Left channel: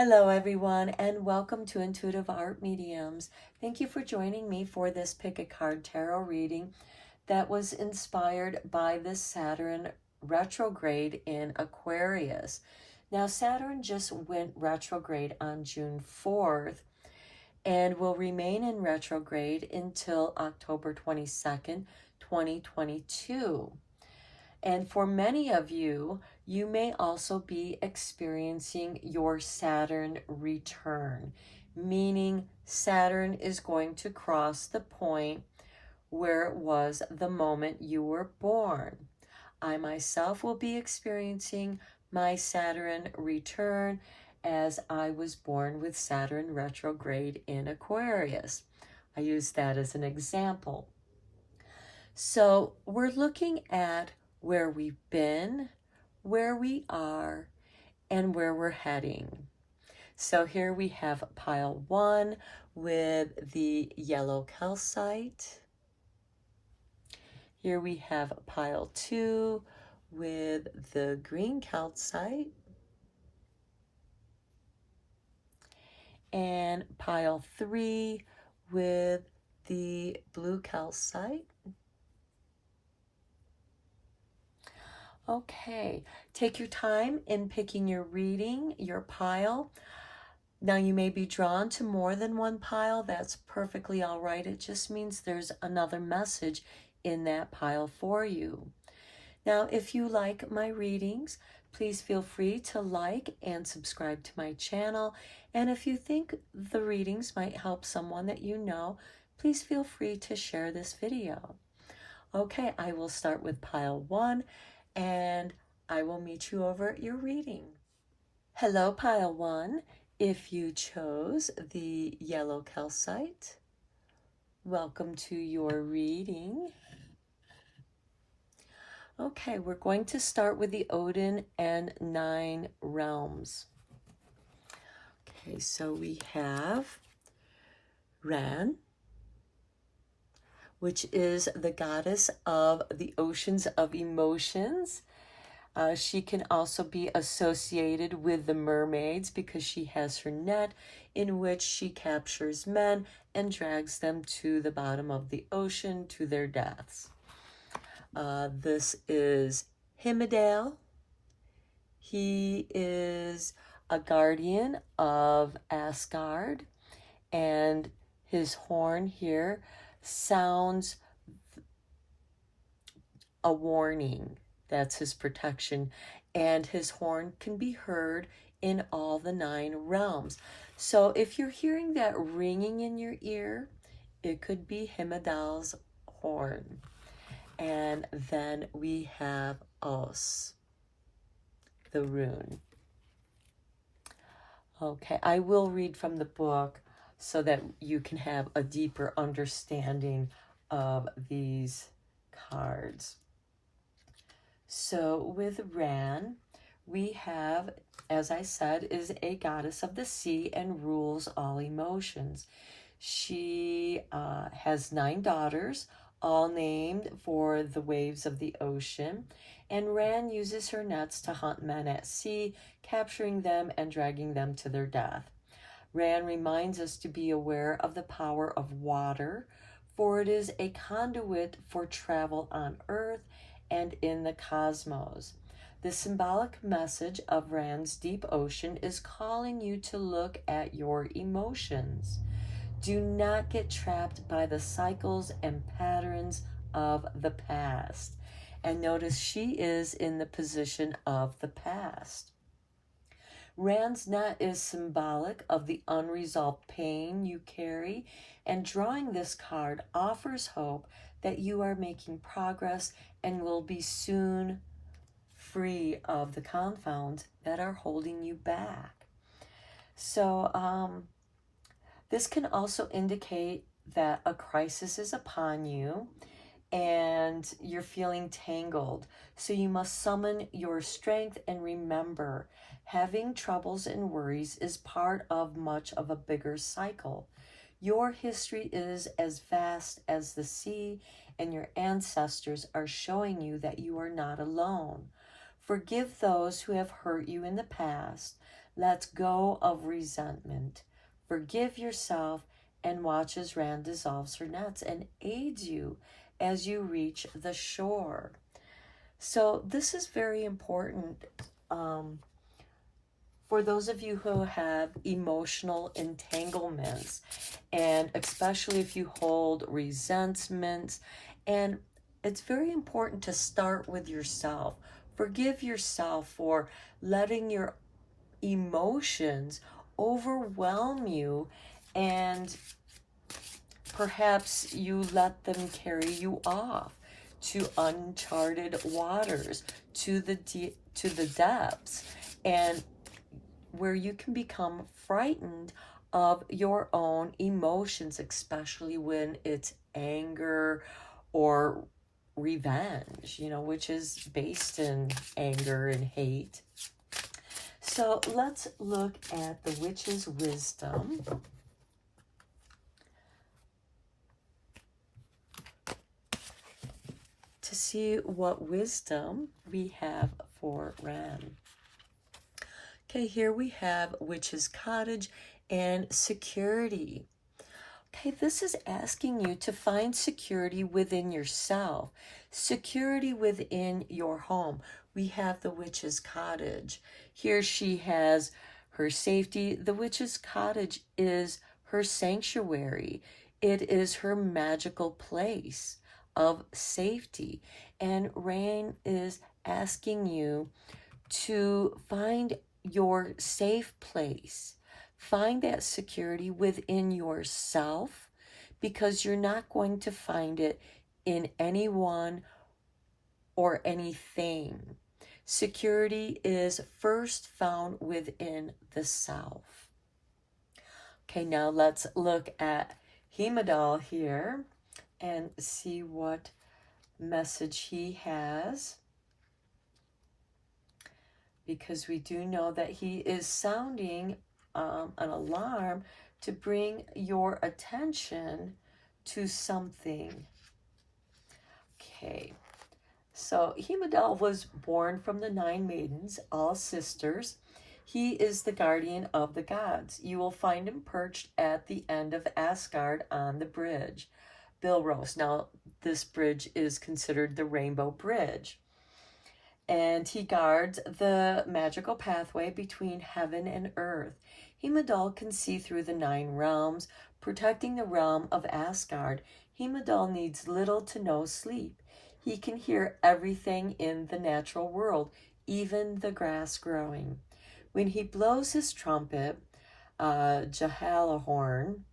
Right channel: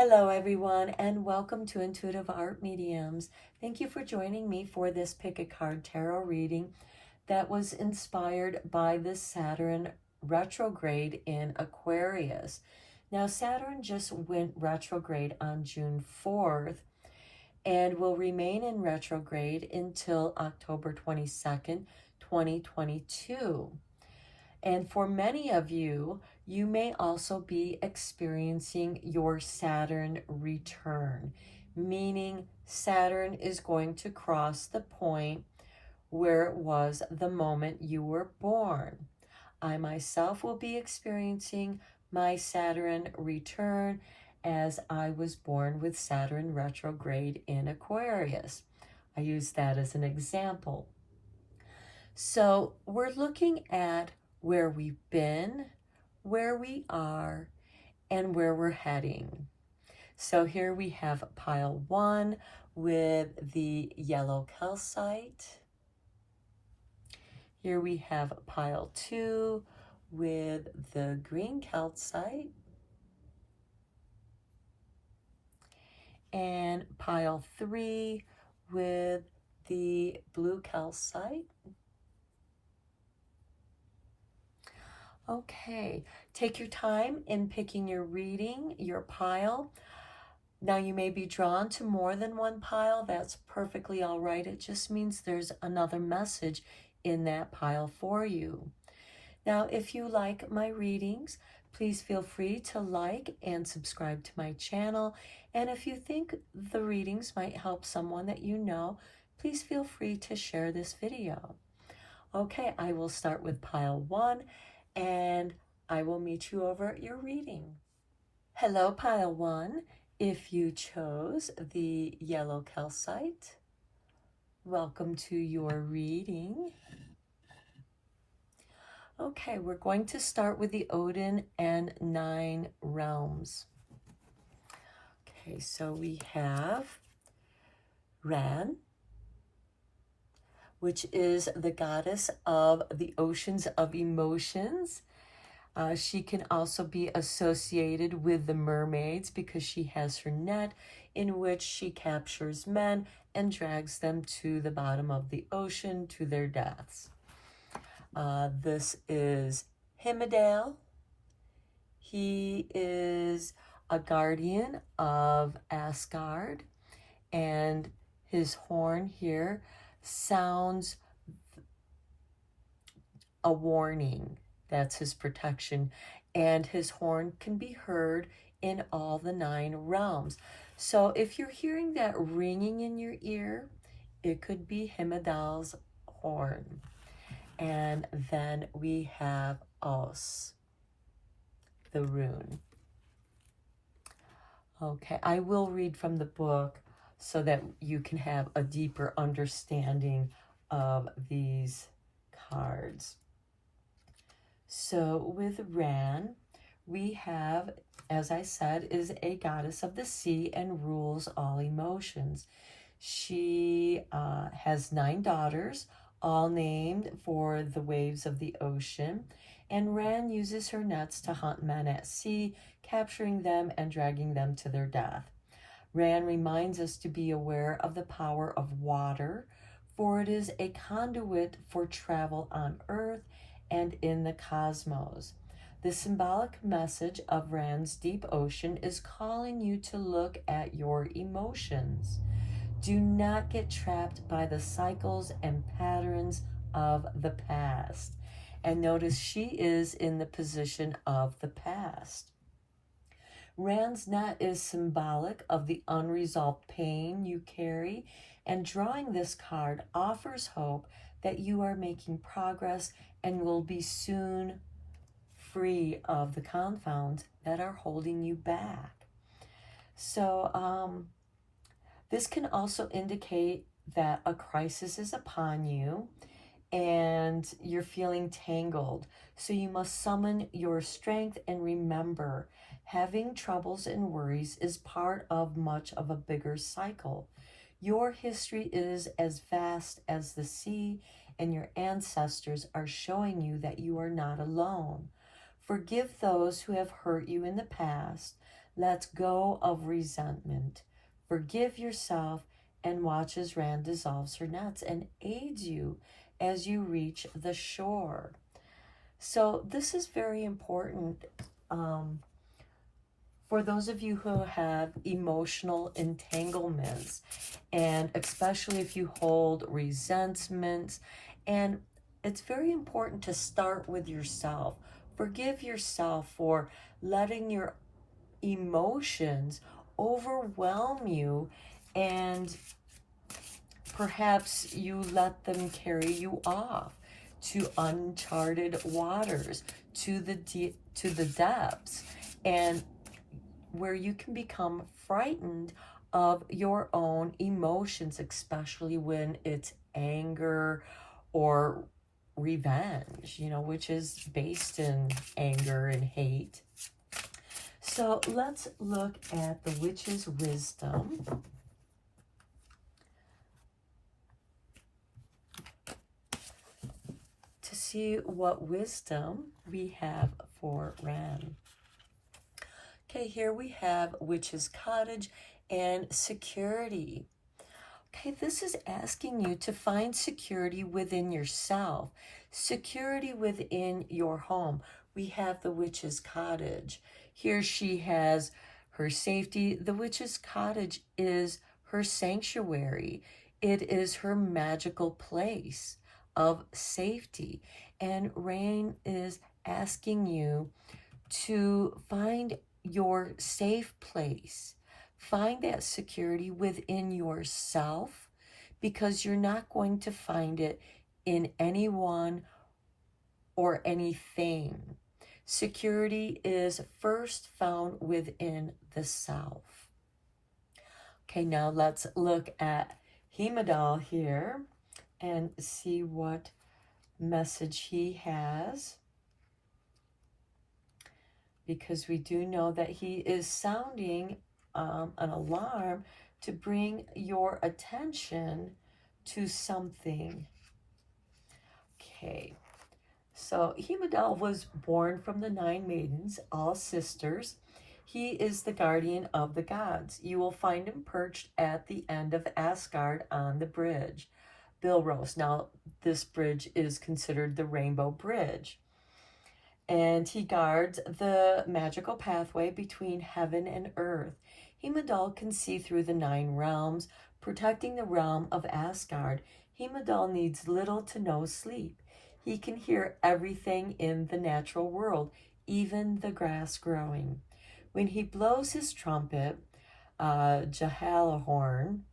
Hello everyone, and welcome to Intuitive Art Mediums. Thank you for joining me for this Pick a Card Tarot reading that was inspired by the Saturn retrograde in Aquarius. Now Saturn just went retrograde on June 4th and will remain in retrograde until October 22nd, 2022. And for many of you, you may also be experiencing your Saturn return, meaning Saturn is going to cross the point where it was the moment you were born. I myself will be experiencing my Saturn return as I was born with Saturn retrograde in Aquarius. I use that as an example. So we're looking at where we've been, where we are, and where we're heading. So here we have pile 1 with the yellow calcite. Here we have pile 2 with the green calcite. And pile 3 with the blue calcite. Okay, take your time in picking your reading, your pile. Now you may be drawn to more than one pile. That's perfectly all right. It just means there's another message in that pile for you. Now, if you like my readings, please feel free to like and subscribe to my channel. And if you think the readings might help someone that you know, please feel free to share this video. Okay, I will start with pile 1. And I will meet you over at your reading. Hello, pile 1. If you chose the yellow calcite, welcome to your reading. Okay, we're going to start with the Odin and 9 realms. Okay, so we have Ran, which is the goddess of the oceans of emotions. She can also be associated with the mermaids because she has her net in which she captures men and drags them to the bottom of the ocean to their deaths. This is Himdall. He is a guardian of Asgard, and his horn here sounds a warning. That's his protection, and his horn can be heard in all the 9 realms. So if you're hearing that ringing in your ear, it could be Himdall's horn. And then we have Os, the rune. Okay, I will read from the book so that you can have a deeper understanding of these cards. So with Ran, we have, as I said, is a goddess of the sea and rules all emotions. She has 9 daughters, all named for the waves of the ocean. And Ran uses her nets to hunt men at sea, capturing them and dragging them to their death. Ran reminds us to be aware of the power of water, for it is a conduit for travel on Earth and in the cosmos. The symbolic message of Ran's deep ocean is calling you to look at your emotions. Do not get trapped by the cycles and patterns of the past. And notice she is in the position of the past. Ran's net is symbolic of the unresolved pain you carry, and drawing this card offers hope that you are making progress and will be soon free of the confounds that are holding you back. So this can also indicate that a crisis is upon you and you're feeling tangled. So you must summon your strength and remember, having troubles and worries is part of much of a bigger cycle. Your history is as vast as the sea, and your ancestors are showing you that you are not alone. Forgive those who have hurt you in the past. Let go of resentment. Forgive yourself and watch as Rand dissolves her nets and aids you as you reach the shore. So this is very important for those of you who have emotional entanglements, and especially if you hold resentments. And it's very important to start with yourself. Forgive yourself for letting your emotions overwhelm you, and perhaps you let them carry you off to uncharted waters, to the depths, and where you can become frightened of your own emotions, especially when it's anger or revenge, which is based in anger and hate. So let's look at the witch's wisdom. To see what wisdom we have for Ram. Okay, here we have witch's cottage and security. Okay, this is asking you to find security within yourself, security within your home. We have the witch's cottage. Here she has her safety. The witch's cottage is her sanctuary. It is her magical place of safety. And Rain is asking you to find your safe place. Find that security within yourself, because you're not going to find it in anyone or anything. Security is first found within the self. Okay, now let's look at Heimdall here and see what message he has, because we do know that he is sounding an alarm to bring your attention to something. Okay, so Heimdall was born from the 9 maidens, all sisters. He is the guardian of the gods. You will find him perched at the end of Asgard on the bridge, Bilros. Now, this bridge is considered the Rainbow Bridge. And he guards the magical pathway between heaven and earth. Heimdall can see through the 9 realms, protecting the realm of Asgard. Heimdall needs little to no sleep. He can hear everything in the natural world, even the grass growing. When he blows his trumpet, Jahalahorn,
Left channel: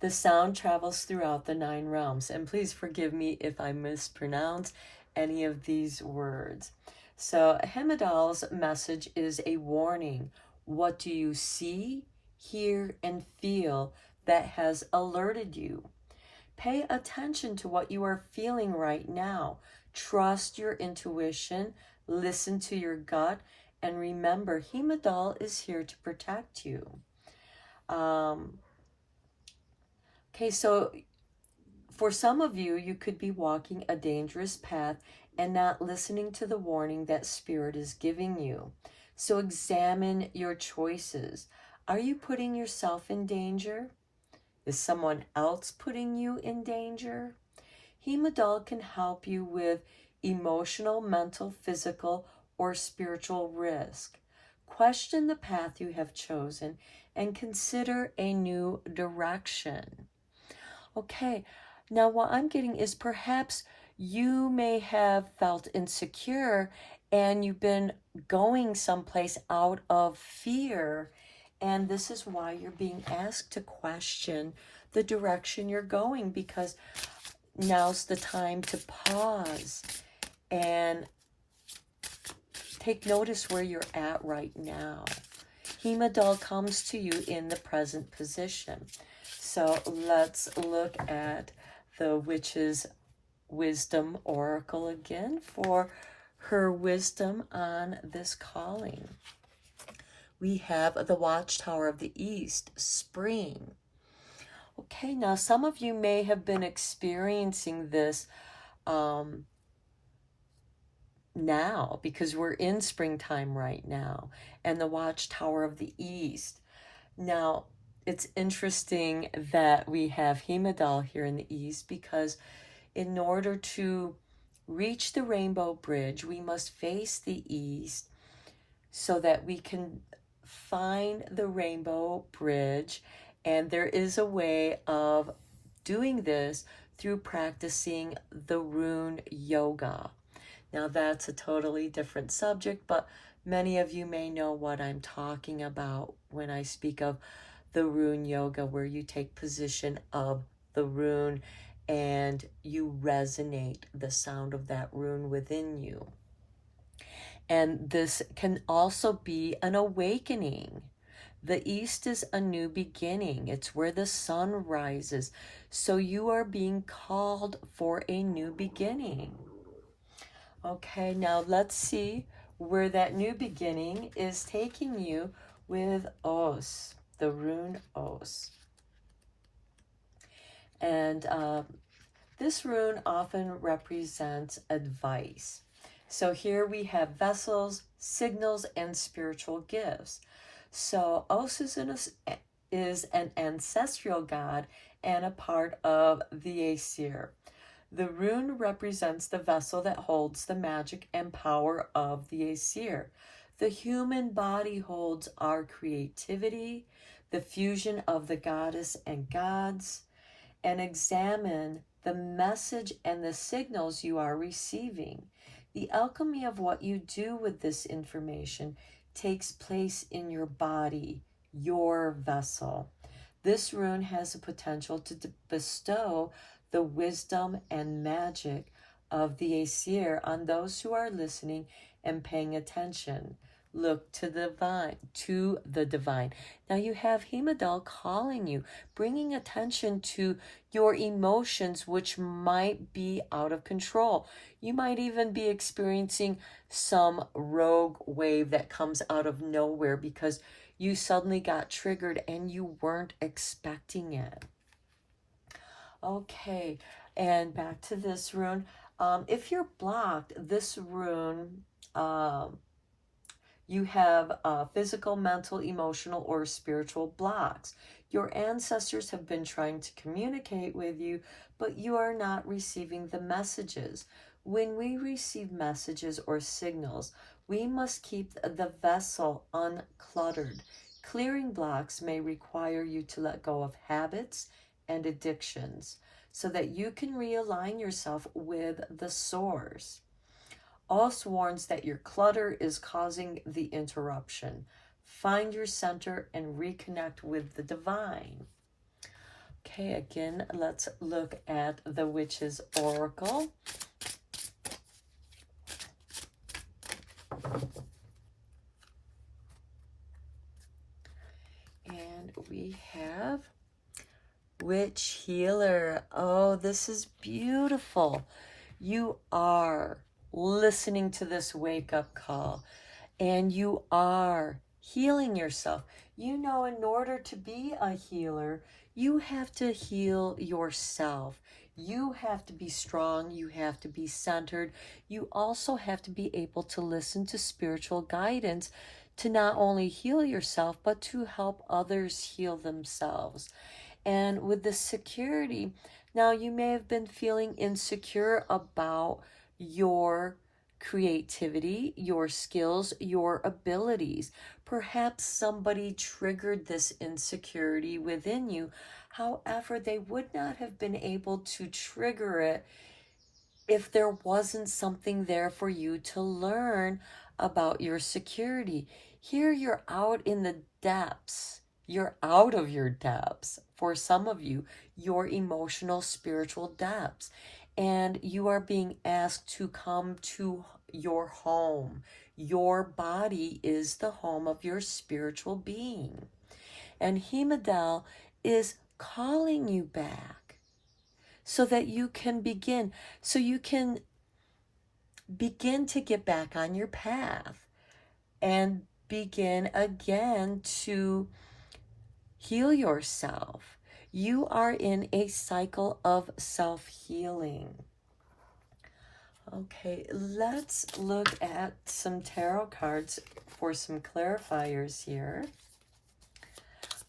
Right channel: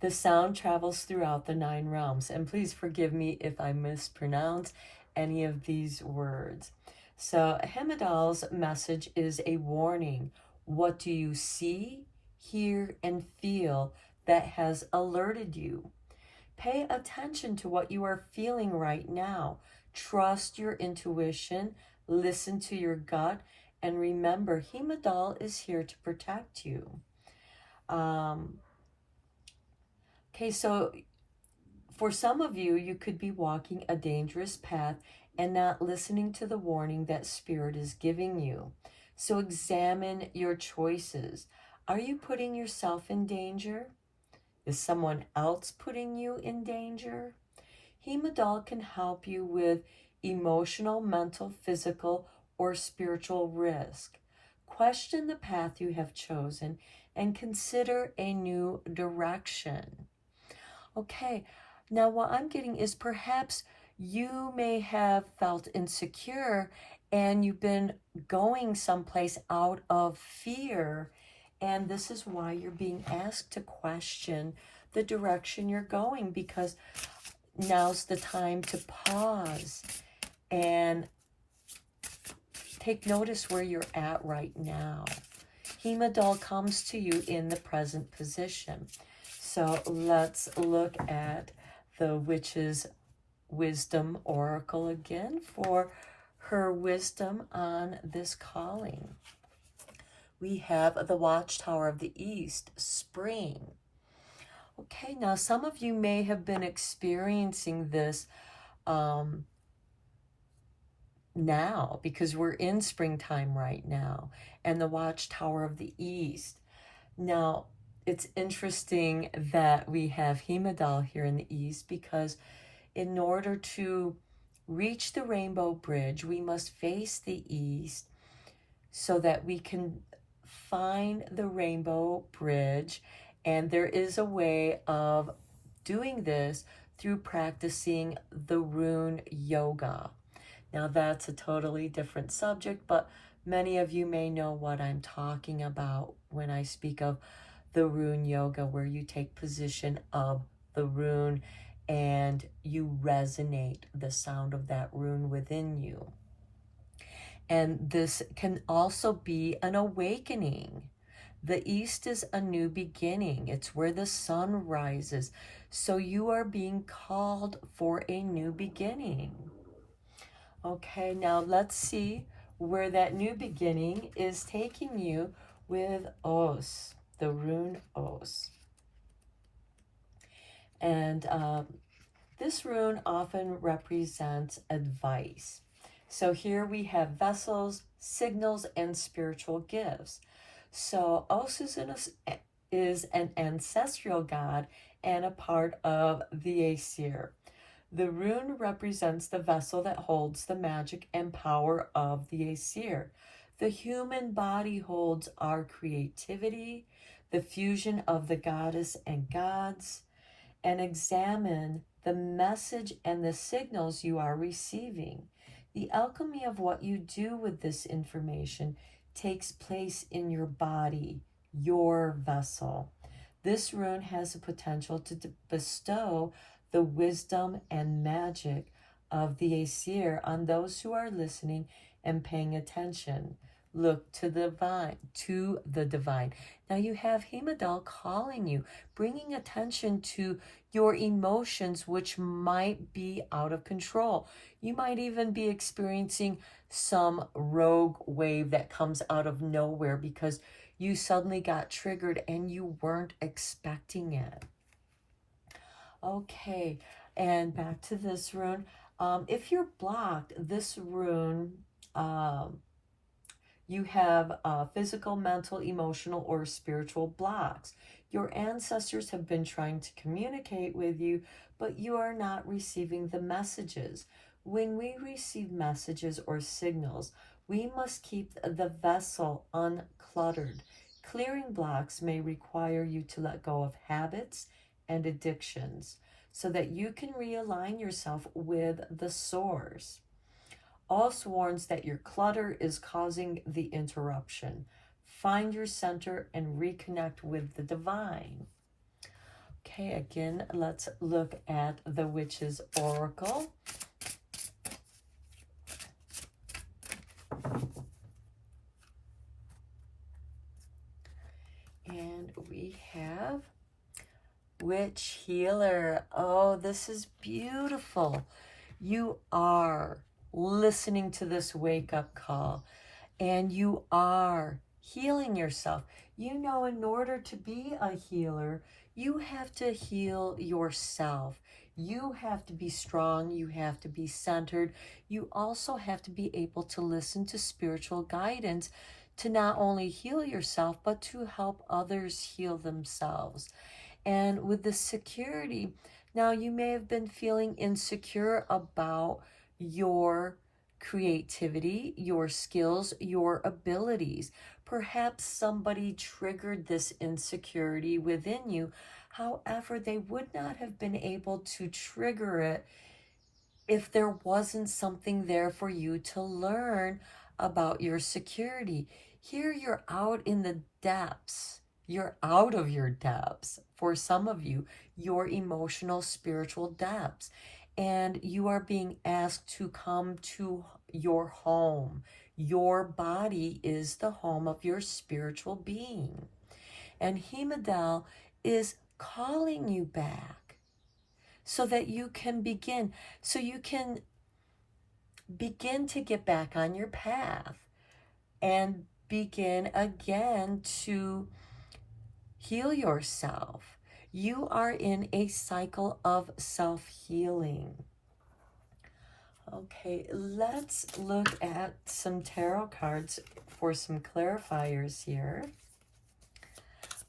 the sound travels throughout the 9 realms. And please forgive me if I mispronounce any of these words. So Heimdall's message is a warning. What do you see, hear, and feel that has alerted you? Pay attention to what you are feeling right now. Trust your intuition, listen to your gut, and remember, Heimdall is here to protect you. Okay, so for some of you, you could be walking a dangerous path and not listening to the warning that Spirit is giving you. So examine your choices. Are you putting yourself in danger? Is someone else putting you in danger? Heimdall can help you with emotional, mental, physical, or spiritual risk. Question the path you have chosen and consider a new direction. Okay, now what I'm getting is perhaps you may have felt insecure and you've been going someplace out of fear, and this is why you're being asked to question the direction you're going, because now's the time to pause and take notice where you're at right now. Heimdall comes to you in the present position. So let's look at the witch's wisdom oracle again for her wisdom on this calling. We have the Watchtower of the East, spring. Okay, now some of you may have been experiencing this now, because we're in springtime right now, and the Watchtower of the East. Now, it's interesting that we have Heimdall here in the East, because in order to reach the Rainbow Bridge, we must face the East so that we can find the Rainbow Bridge. And there is a way of doing this through practicing the rune yoga. Now, that's a totally different subject, but many of you may know what I'm talking about when I speak of the rune yoga, where you take position of the rune and you resonate the sound of that rune within you. And this can also be an awakening. The East is a new beginning. It's where the sun rises. So you are being called for a new beginning. Okay, now let's see where that new beginning is taking you with Os, the rune Os. And this rune often represents advice. So here we have vessels, signals, and spiritual gifts. So Os is an ancestral god and a part of the Aesir. The rune represents the vessel that holds the magic and power of the Aesir. The human body holds our creativity, the fusion of the goddess and gods, and examine the message and the signals you are receiving. The alchemy of what you do with this information takes place in your body, your vessel. This rune has the potential to bestow the wisdom and magic of the Aesir on those who are listening and paying attention. Look to the divine. Now you have Heimdall calling you, bringing attention to your emotions, which might be out of control. You might even be experiencing some rogue wave that comes out of nowhere because you suddenly got triggered and you weren't expecting it. Okay, and back to this rune. If you're blocked, this rune, you have physical, mental, emotional, or spiritual blocks. Your ancestors have been trying to communicate with you, but you are not receiving the messages. When we receive messages or signals, we must keep the vessel uncluttered. Clearing blocks may require you to let go of habits and addictions so that you can realign yourself with the source. Os warns that your clutter is causing the interruption. Find your center and reconnect with the divine. Okay, again, let's look at the Witch's Oracle. And we have Witch Healer. Oh, this is beautiful. You are listening to this wake-up call, and you are healing yourself. You know, in order to be a healer, you have to heal yourself. You have to be strong. You have to be centered. You also have to be able to listen to spiritual guidance to not only heal yourself, but to help others heal themselves. And with the security, now you may have been feeling insecure about your creativity, your skills, your abilities. Perhaps somebody triggered this insecurity within you. However, they would not have been able to trigger it if there wasn't something there for you to learn about your security. Here you're out in the depths. You're out of your depths. For some of you, your emotional, spiritual depths. And you are being asked to come to your home. Your body is the home of your spiritual being. And Heimdall is calling you back so that you can begin. So you can begin to get back on your path and begin again to heal yourself. You are in a cycle of self-healing. Okay, let's look at some tarot cards for some clarifiers here.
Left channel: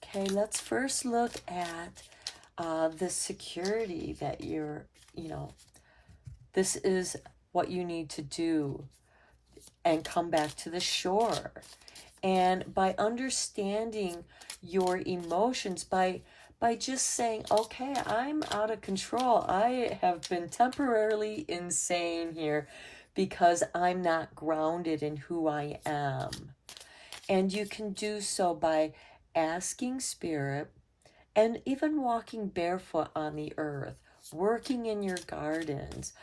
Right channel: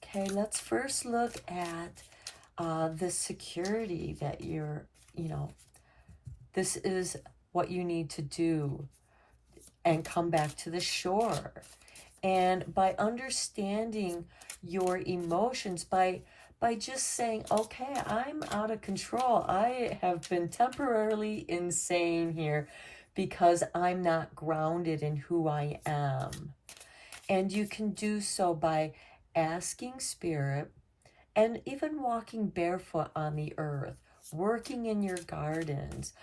Okay, let's first look at the security that this is what you need to do and come back to the shore. And by understanding your emotions, by just saying, okay, I'm out of control. I have been temporarily insane here because I'm not grounded in who I am. And you can do so by asking Spirit and even walking barefoot on the earth, working in your gardens,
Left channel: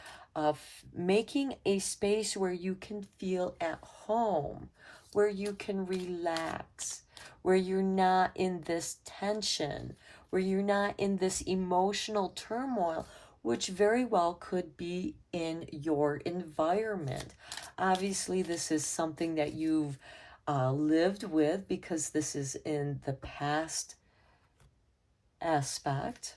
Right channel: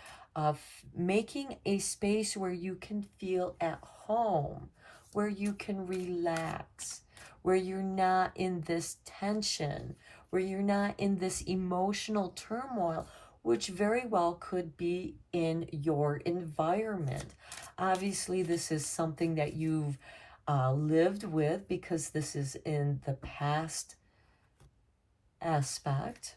making a space where you can feel at home, where you can relax, where you're not in this tension, where you're not in this emotional turmoil, which very well could be in your environment. Obviously, this is something that you've lived with because this is in the past aspect.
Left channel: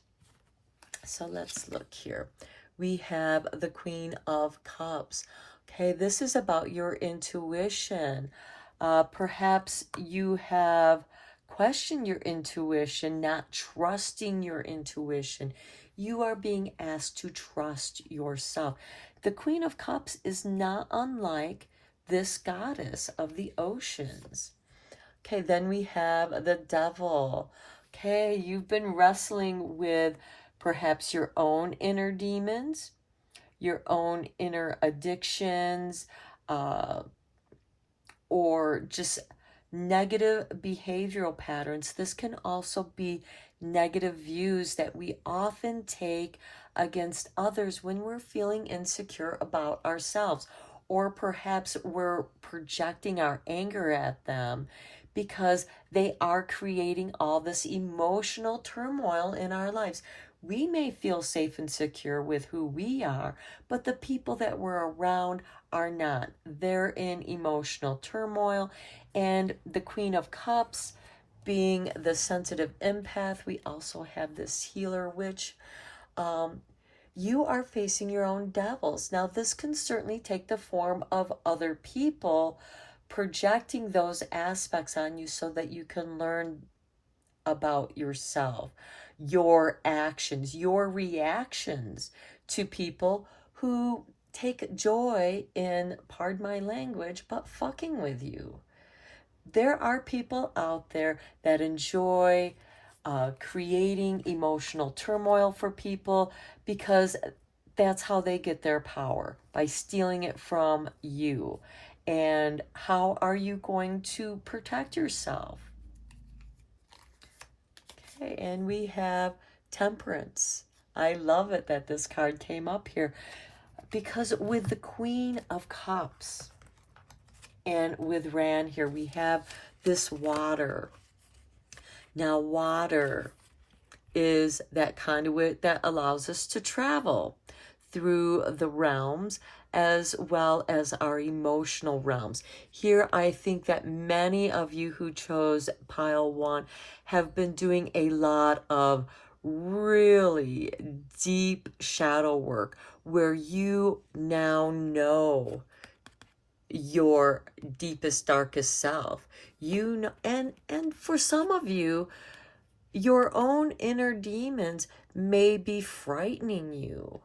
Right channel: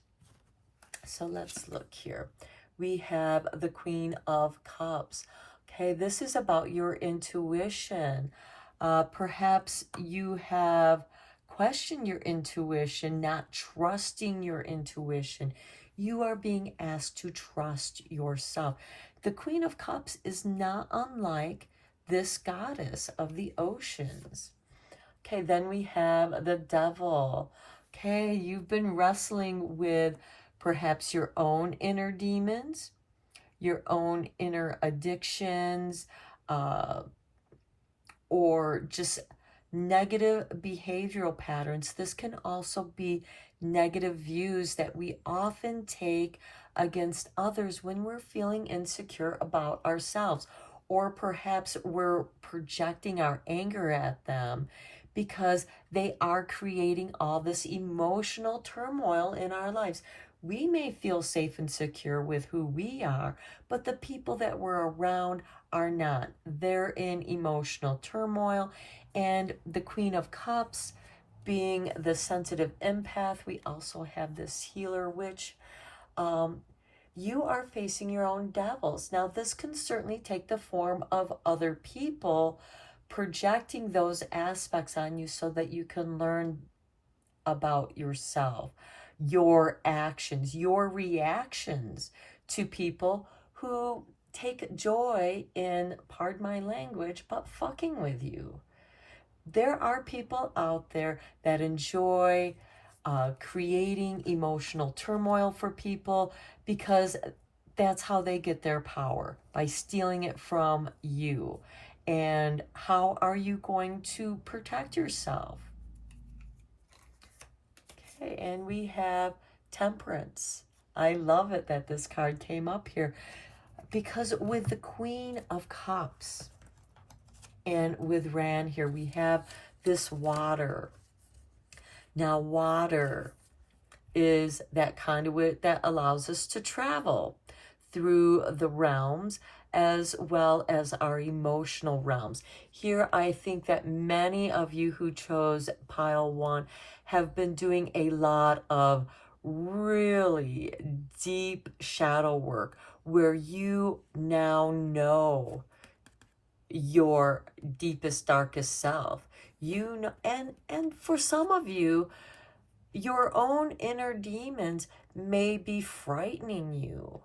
So let's look here. We have the Queen of Cups. Okay, this is about your intuition. Perhaps you have questioned your intuition, not trusting your intuition. You are being asked to trust yourself. The Queen of Cups is not unlike this goddess of the oceans. Okay, then we have the Devil. Okay, you've been wrestling with perhaps your own inner demons, your own inner addictions, or just negative behavioral patterns. This can also be negative views that we often take against others when we're feeling insecure about ourselves, or perhaps we're projecting our anger at them because they are creating all this emotional turmoil in our lives. We may feel safe and secure with who we are, but the people that we're around are not. They're in emotional turmoil. And the Queen of Cups being the sensitive empath, we also have this healer witch. You are facing your own devils. Now, this can certainly take the form of other people projecting those aspects on you so that you can learn about yourself, your actions, your reactions to people who take joy in, pardon my language, but fucking with you. There are people out there that enjoy creating emotional turmoil for people because that's how they get their power, by stealing it from you. And how are you going to protect yourself? Okay, and we have Temperance. I love it that this card came up here because with the Queen of Cups and with Ran here, we have this water. Now, water is that conduit that allows us to travel through the realms as well as our emotional realms. Here, I think that many of you who chose pile 1 have been doing a lot of really deep shadow work where you now know your deepest, darkest self. You know, and for some of you, your own inner demons may be frightening you.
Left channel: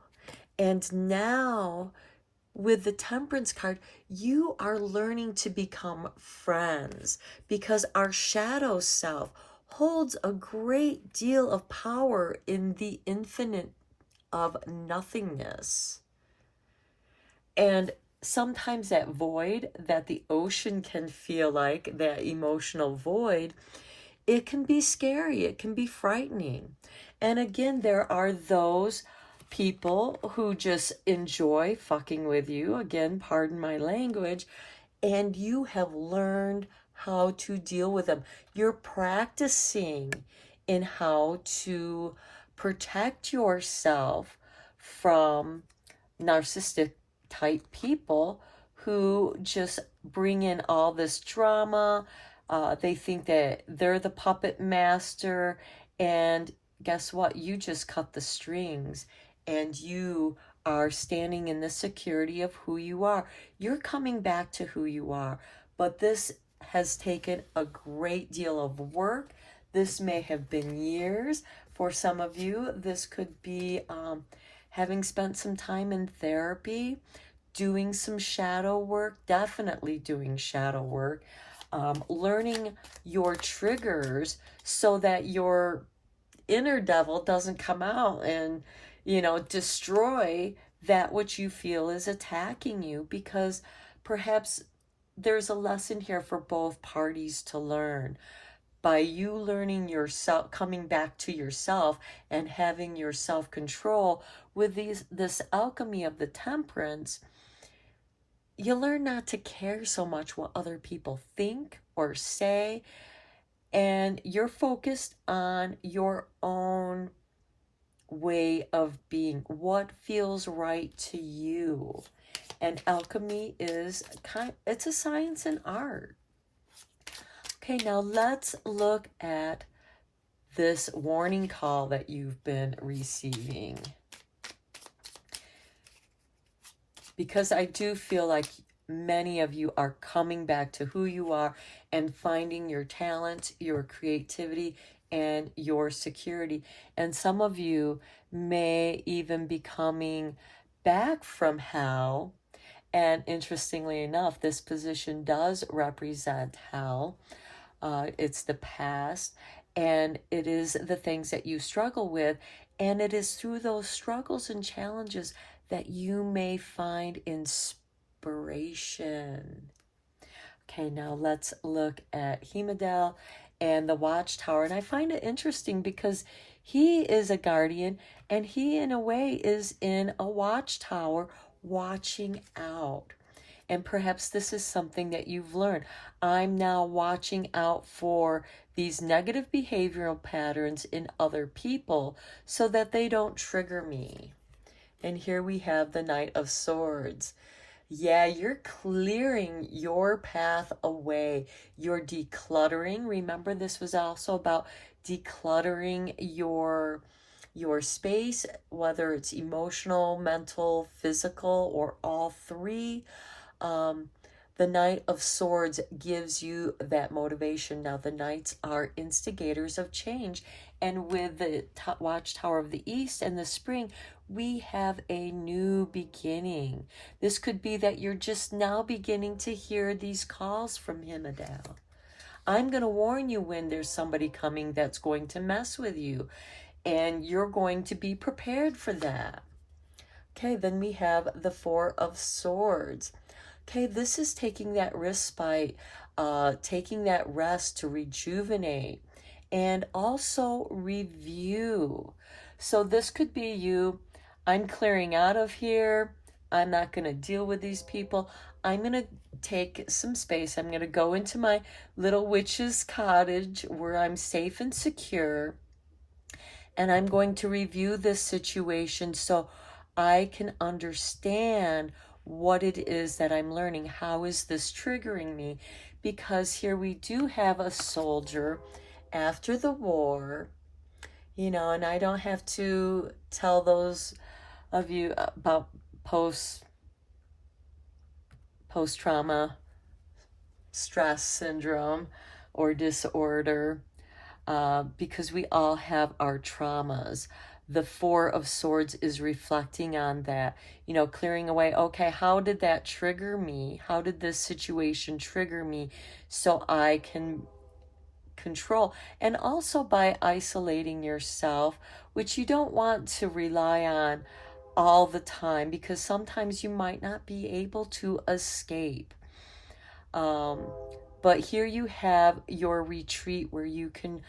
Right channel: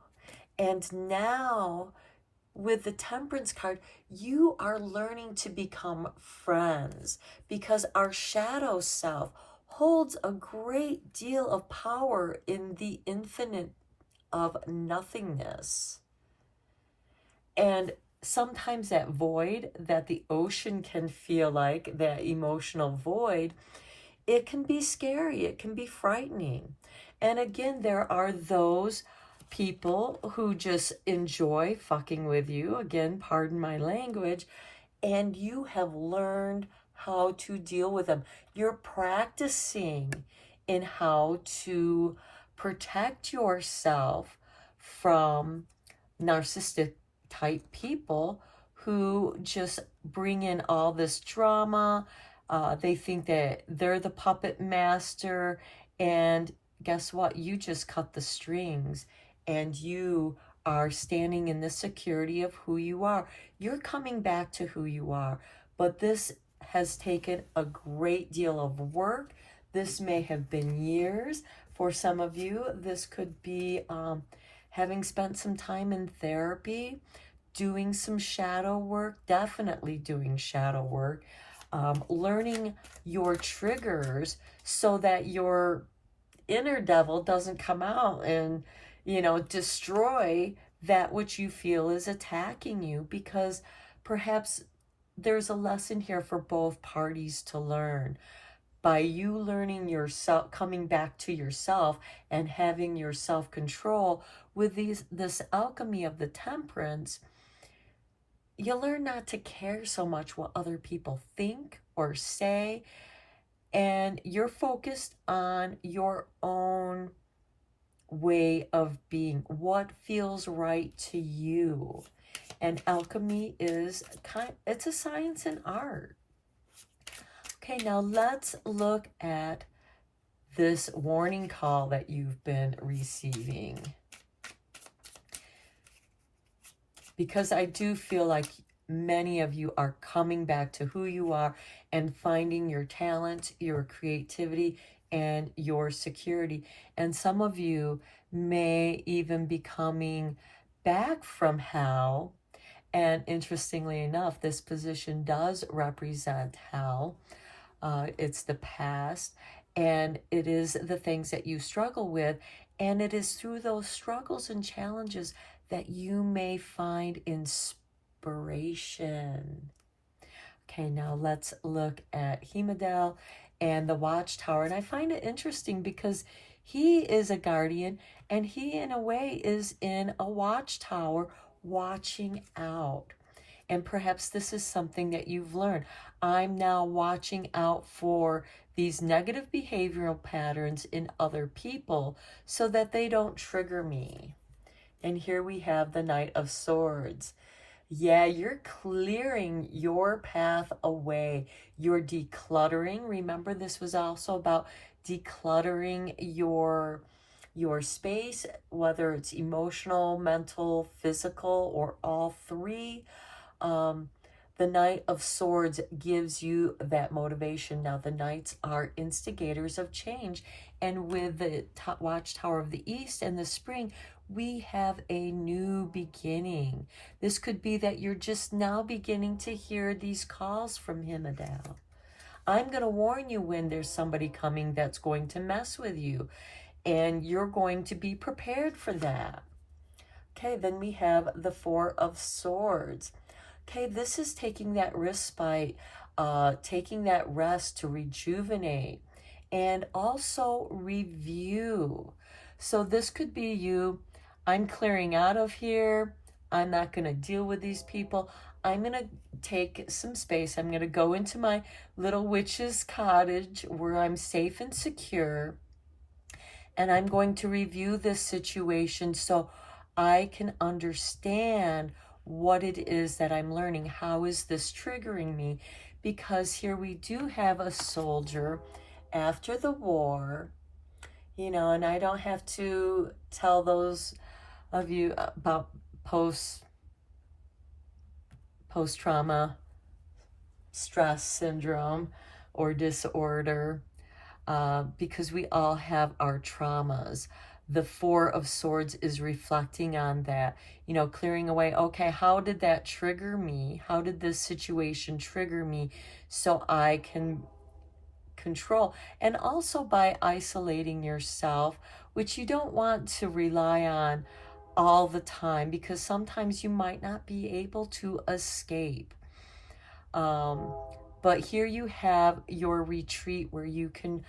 And now, with the Temperance card, you are learning to become friends because our shadow self holds a great deal of power in the infinite of nothingness. And sometimes that void that the ocean can feel like, that emotional void, it can be scary, it can be frightening. And again, there are those people who just enjoy fucking with you, again, pardon my language, and you have learned how to deal with them. You're practicing in how to protect yourself from narcissistic type people who just bring in all this drama. They think that they're the puppet master, and guess what? You just cut the strings, and you are standing in the security of who you are. You're coming back to who you are, but this has taken a great deal of work. This may have been years. For some of you, this could be having spent some time in therapy, doing some shadow work, definitely doing shadow work, learning your triggers so that your inner devil doesn't come out and, destroy that which you feel is attacking you, because perhaps there's a lesson here for both parties to learn. By you learning yourself, coming back to yourself and having your self-control with this alchemy of the temperance, you learn not to care so much what other people think or say, and you're focused on your own way of being, what feels right to you. And alchemy is it's a science and art. Okay, now let's look at this warning call that you've been receiving, because I do feel like many of you are coming back to who you are and finding your talent, your creativity, and your security. And some of you may even be coming back from hell. And interestingly enough, this position does represent hell. It's the past, and it is the things that you struggle with. And it is through those struggles and challenges that you may find inspiration. Okay, now let's look at Hemadel and the Watchtower. And I find it interesting because he is a guardian, and he in a way is in a watchtower watching out. And perhaps this is something that you've learned. I'm now watching out for these negative behavioral patterns in other people so that they don't trigger me. And here we have the Knight of Swords. Yeah, you're clearing your path away. You're decluttering. Remember, this was also about decluttering your space, whether it's emotional, mental, physical, or all three. The Knight of Swords gives you that motivation. Now, the Knights are instigators of change. And with the Watchtower of the East and the Spring, we have a new beginning. This could be that you're just now beginning to hear these calls from Hemadel. I'm going to warn you when there's somebody coming that's going to mess with you, and you're going to be prepared for that. Okay, then we have the Four of Swords. Okay, this is taking that respite, taking that rest to rejuvenate, and also review. So this could be you. I'm clearing out of here. I'm not going to deal with these people. I'm going to take some space. I'm going to go into my little witch's cottage where I'm safe and secure. And I'm going to review this situation so I can understand what it is that I'm learning. How is this triggering me? Because here we do have a soldier after the war, and I don't have to tell those of you about post-trauma stress syndrome or disorder, because we all have our traumas. The Four of Swords is reflecting on that, clearing away, okay, how did that trigger me? How did this situation trigger me so I can control? And also by isolating yourself, which you don't want to rely on all the time, because sometimes you might not be able to escape. But here you have your retreat where you can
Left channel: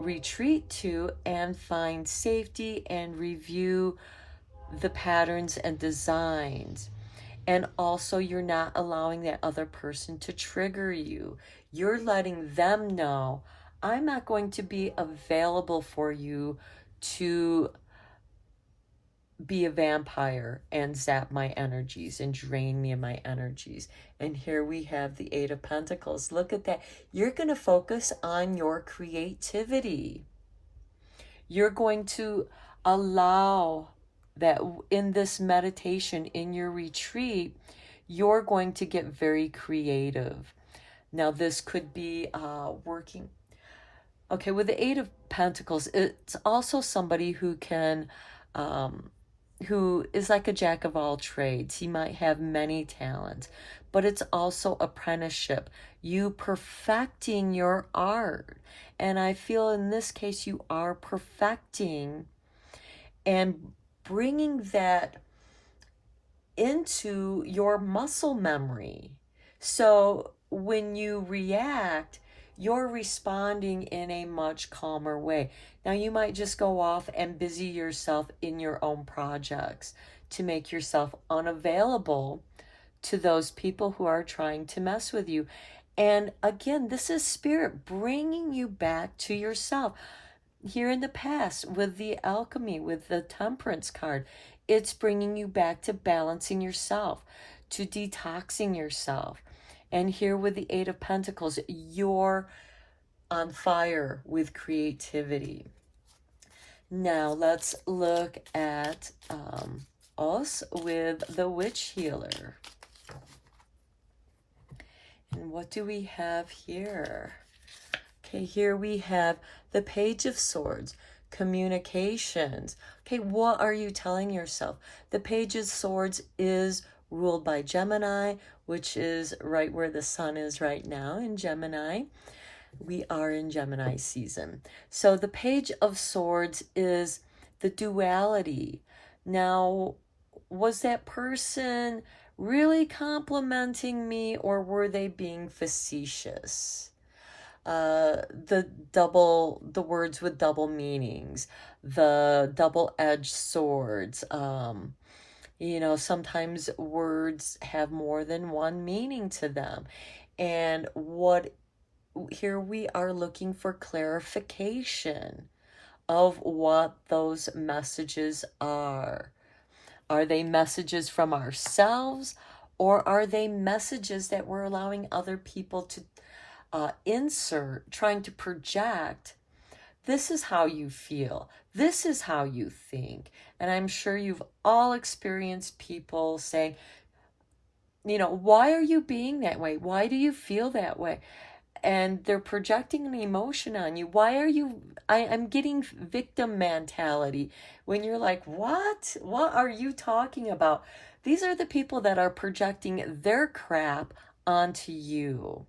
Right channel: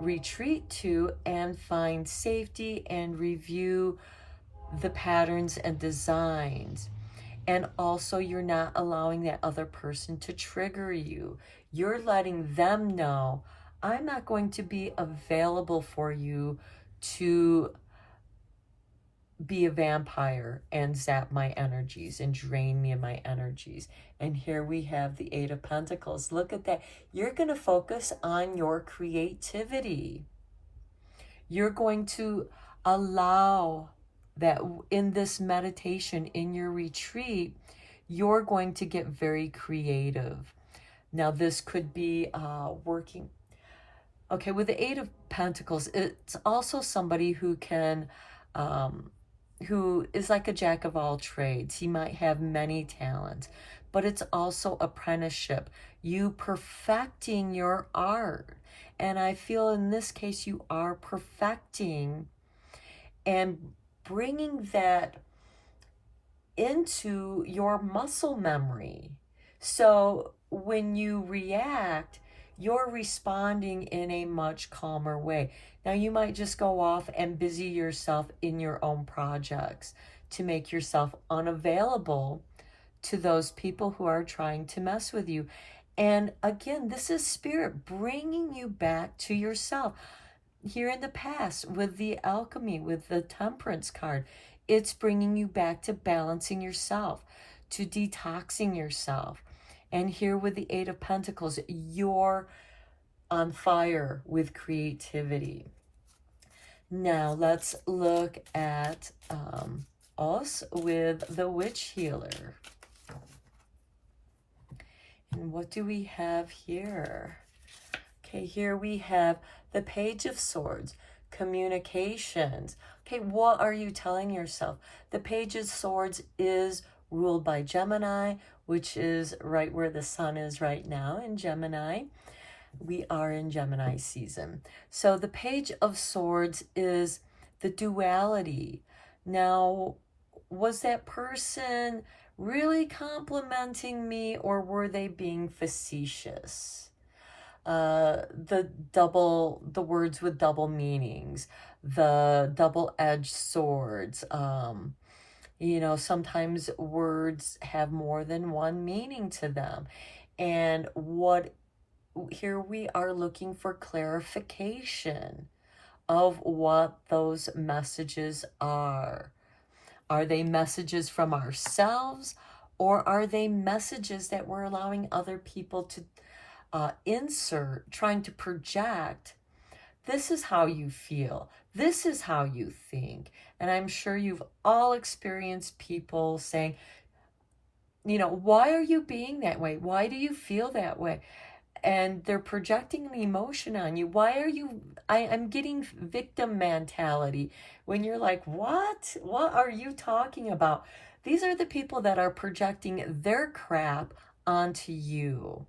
retreat to and find safety and review the patterns and designs. And also, you're not allowing that other person to trigger you. You're letting them know, I'm not going to be available for you to be a vampire and zap my energies and drain me of my energies. And here we have the Eight of Pentacles. Look at that. You're going to focus on your creativity. You're going to allow that in this meditation, in your retreat, you're going to get very creative. Now, this could be working. Okay, with the Eight of Pentacles, it's also somebody who can, who is like a jack of all trades. He might have many talents, but it's also apprenticeship. You perfecting your art. And I feel in this case, you are perfecting and bringing that into your muscle memory. So when you react, you're responding in a much calmer way. Now, you might just go off and busy yourself in your own projects to make yourself unavailable to those people who are trying to mess with you. And again, this is spirit bringing you back to yourself. Here in the past, with the alchemy, with the temperance card, it's bringing you back to balancing yourself, to detoxing yourself. And here with the Eight of Pentacles, you're on fire with creativity. Now let's look at us with the Witch Healer. And what do we have here? Okay, here we have the Page of Swords, communications. Okay, what are you telling yourself? The Page of Swords is ruled by Gemini, which is right where the sun is right now in Gemini. We are in Gemini season. So the Page of Swords is the duality. Now, was that person really complimenting me, or were they being facetious? The words with double meanings, the double-edged swords. You know, sometimes words have more than one meaning to them. And here we are looking for clarification of what those messages are. Are they messages from ourselves, or are they messages that we're allowing other people to insert, trying to project? This is how you feel. This is how you think. And I'm sure you've all experienced people saying, you know, why are you being that way? Why do you feel that way? And they're projecting an emotion on you. Why are you, I'm getting victim mentality. When you're like, what? What are you talking about? These are the people that are projecting their crap onto you.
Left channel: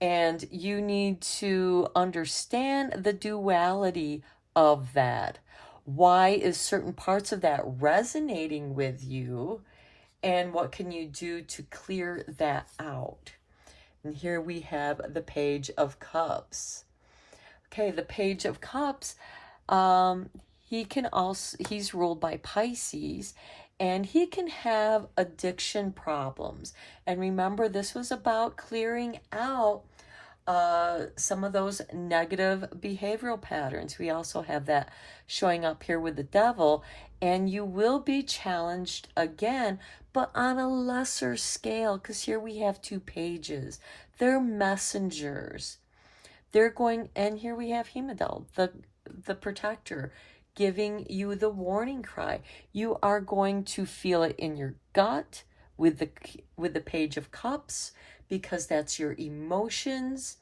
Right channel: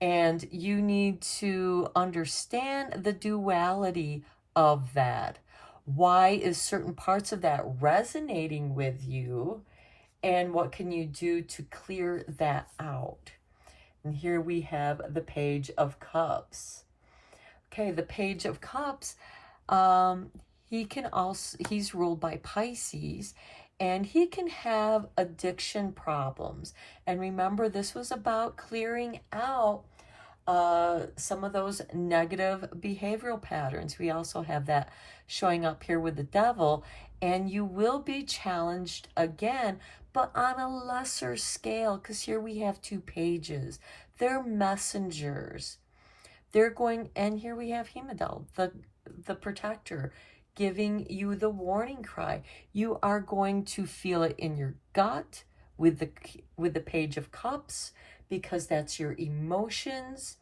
And you need to understand the duality of that. Why is certain parts of that resonating with you? And what can you do to clear that out? And here we have the Page of Cups. Okay, the Page of Cups, he's ruled by Pisces, and he can have addiction problems. And remember, this was about clearing out some of those negative behavioral patterns. We also have that showing up here with the Devil, and you will be challenged again, but on a lesser scale, because here we have two pages. They're messengers. They're going, and here we have Heimdall, the protector, giving you the warning cry. You are going to feel it in your gut with the Page of Cups, because that's your emotions,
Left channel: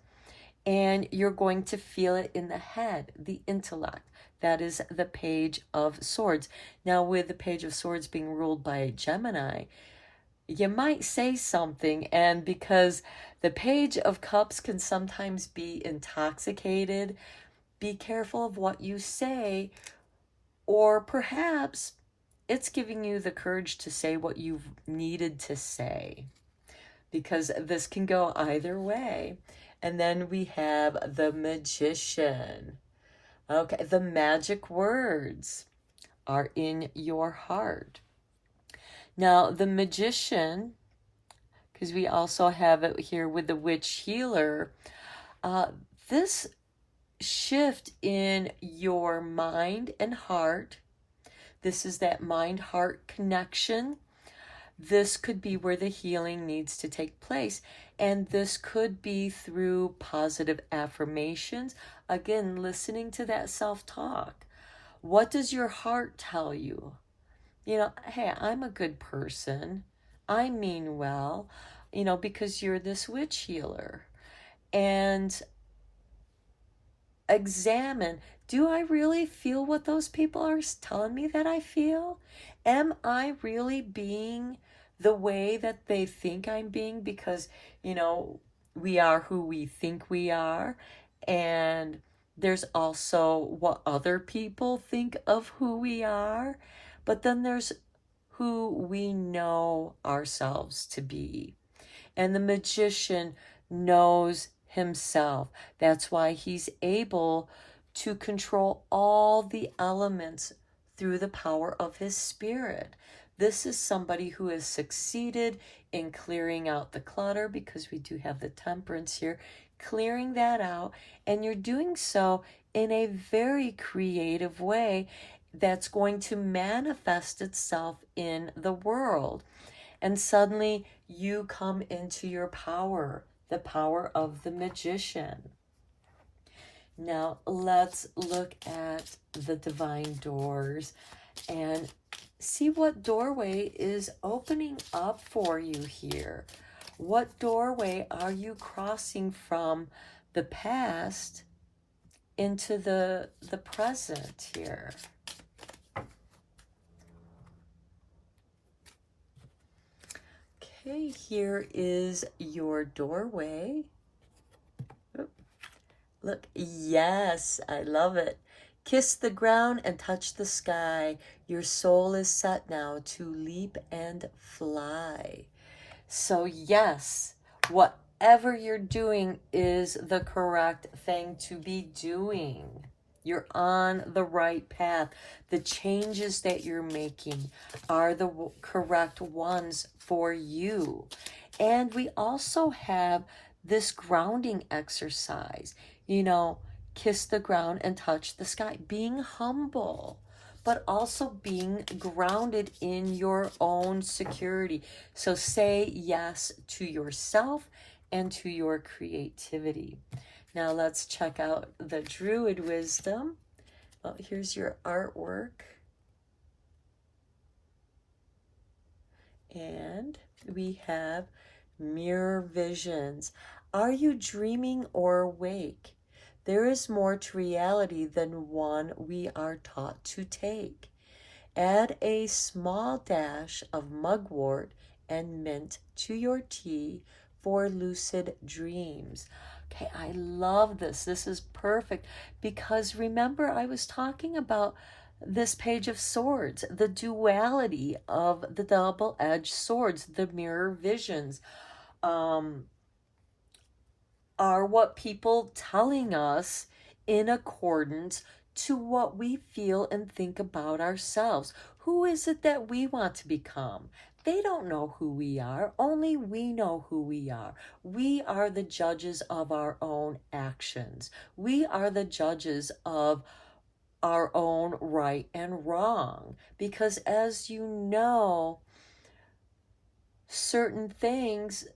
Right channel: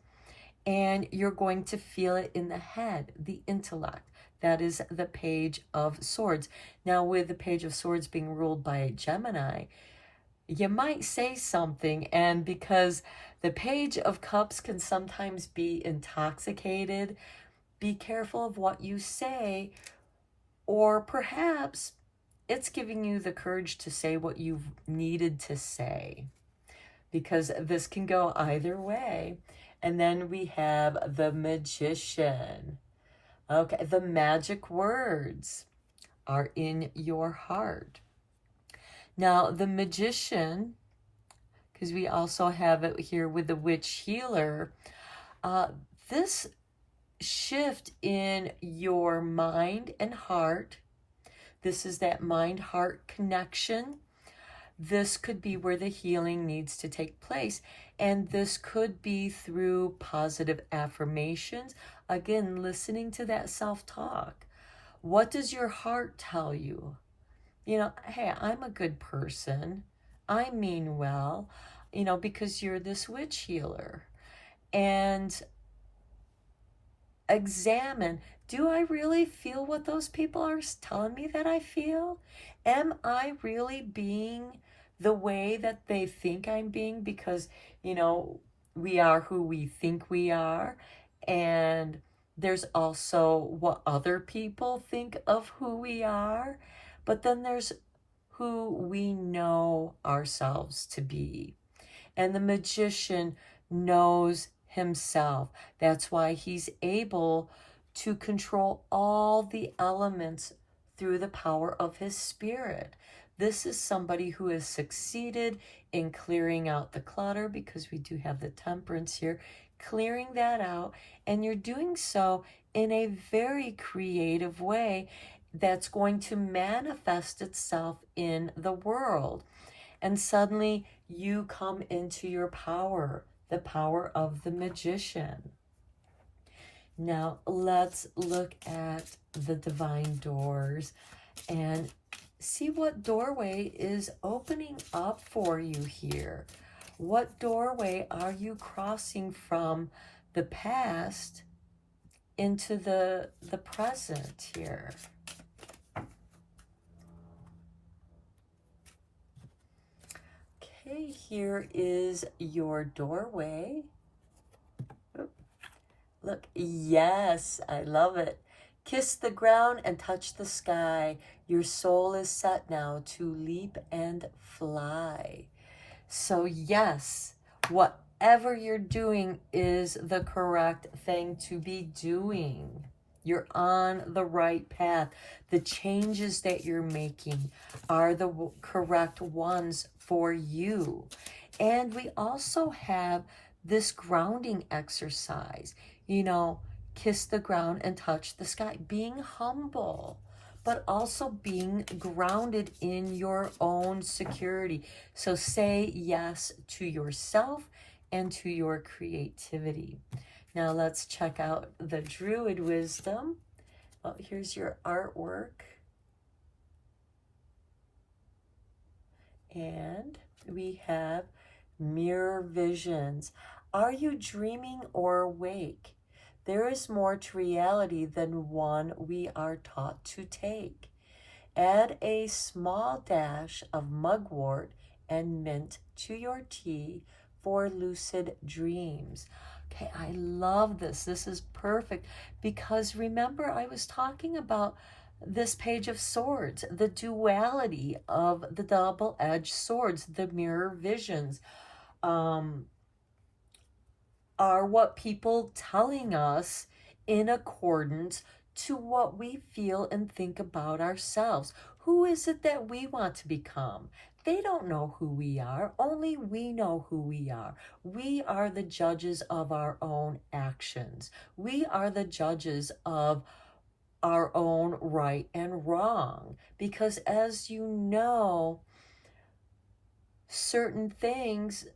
and you're going to feel it in the head, the intellect. That is the Page of Swords. Now, with the Page of Swords being ruled by Gemini, you might say something, and because the Page of Cups can sometimes be intoxicated, be careful of what you say, or perhaps it's giving you the courage to say what you've needed to say, because this can go either way. And then we have the Magician. Okay, the magic words are in your heart. Now, the Magician, because we also have it here with the Witch Healer, this shift in your mind and heart, this is that mind-heart connection. This could be where the healing needs to take place. And this could be through positive affirmations. Again, listening to that self-talk. What does your heart tell you? hey, I'm a good person. I mean well, because you're this witch healer. And examine, do I really feel what those people are telling me that I feel? Am I really being the way that they think I'm being? Because, you know, we are who we think we are. And there's also what other people think of who we are. But then there's who we know ourselves to be. And the magician knows himself. That's why he's able to control all the elements through the power of his spirit. This is somebody who has succeeded in clearing out the clutter, because we do have the temperance here, clearing that out. And you're doing so in a very creative way that's going to manifest itself in the world. And suddenly you come into your power, the power of the magician. Now let's look at the divine doors and see what doorway is opening up for you here. What doorway are you crossing from the past into the present here? Okay, here is your doorway. Look, yes, I love it. Kiss the ground and touch the sky. Your soul is set now to leap and fly. So yes, whatever you're doing is the correct thing to be doing. You're on the right path. The changes that you're making are the correct ones for you. And we also have this grounding exercise. Kiss the ground and touch the sky. Being humble, but also being grounded in your own security. So say yes to yourself and to your creativity. Now let's check out the Druid wisdom. Oh, here's your artwork. And we have mirror visions. Are you dreaming or awake? There is more to reality than one we are taught to take. Add a small dash of mugwort and mint to your tea for lucid dreams. Okay, I love this. This is perfect because remember I was talking about this Page of Swords, the duality of the double-edged swords, the mirror visions. Are what people telling us in accordance to what we feel and think about ourselves? Who is it that we want to become? They don't know who we are. Only we know who we are. We are the judges of our own actions. We are the judges of our own right and wrong. Because as you know, certain things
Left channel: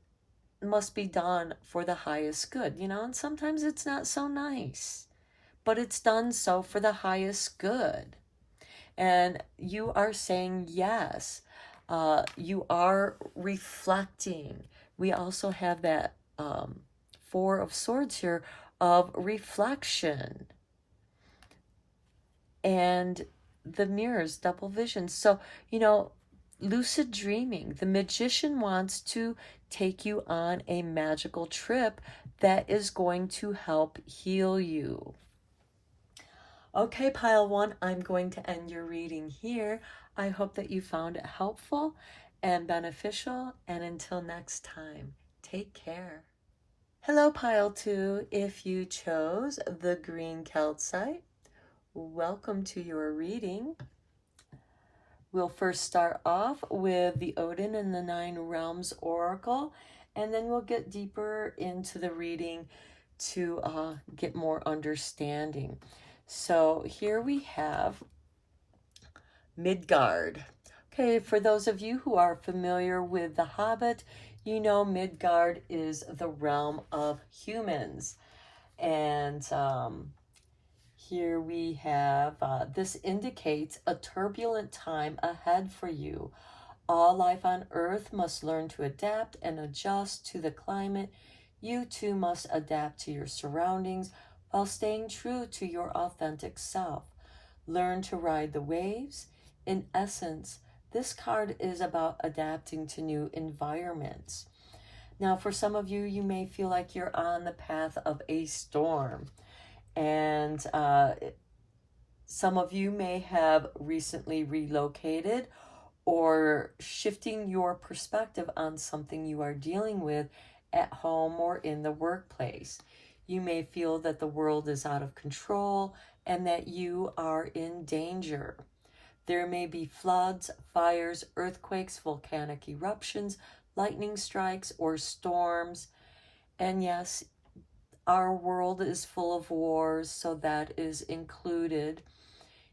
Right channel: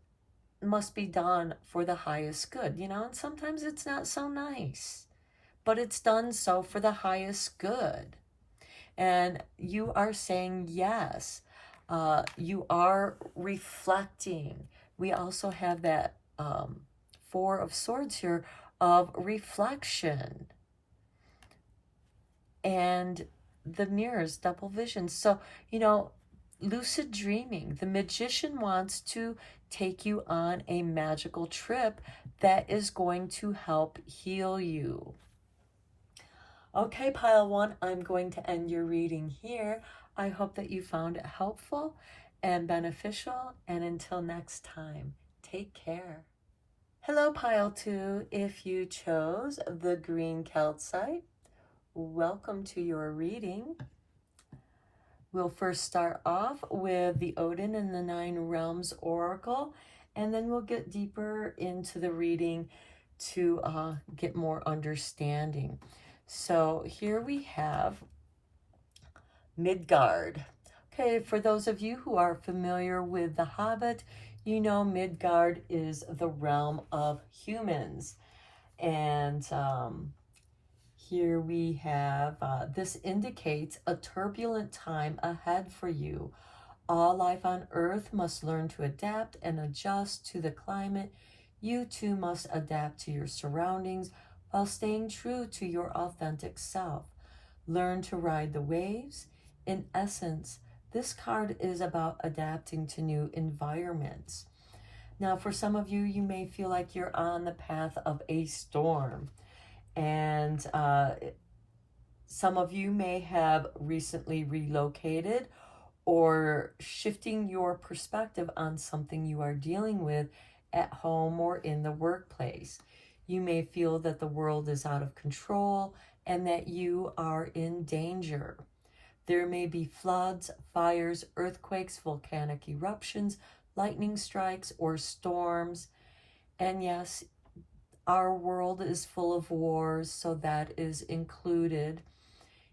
must be done for the highest good, and sometimes it's not so nice, but it's done so for the highest good. And you are saying yes. You are reflecting. We also have that Four of Swords here of reflection. And the mirrors, double vision. So, lucid dreaming. The magician wants to take you on a magical trip that is going to help heal you. Okay, pile one, I'm going to end your reading here. I hope that you found it helpful and beneficial. And until next time, take care. Hello, pile two. If you chose the green calcite, welcome to your reading. We'll first start off with the Odin and the Nine Realms Oracle, and then we'll get deeper into the reading to get more understanding. So here we have Midgard. Okay, for those of you who are familiar with The Hobbit, you know Midgard is the realm of humans. And Here we have, this indicates a turbulent time ahead for you. All life on Earth must learn to adapt and adjust to the climate. You too must adapt to your surroundings while staying true to your authentic self. Learn to ride the waves. In essence, this card is about adapting to new environments. Now, for some of you, you may feel like you're on the path of a storm. And some of you may have recently relocated or shifting your perspective on something you are dealing with at home or in the workplace. You may feel that the world is out of control and that you are in danger. There may be floods, fires, earthquakes, volcanic eruptions, lightning strikes, or storms. And yes, our world is full of wars, so that is included,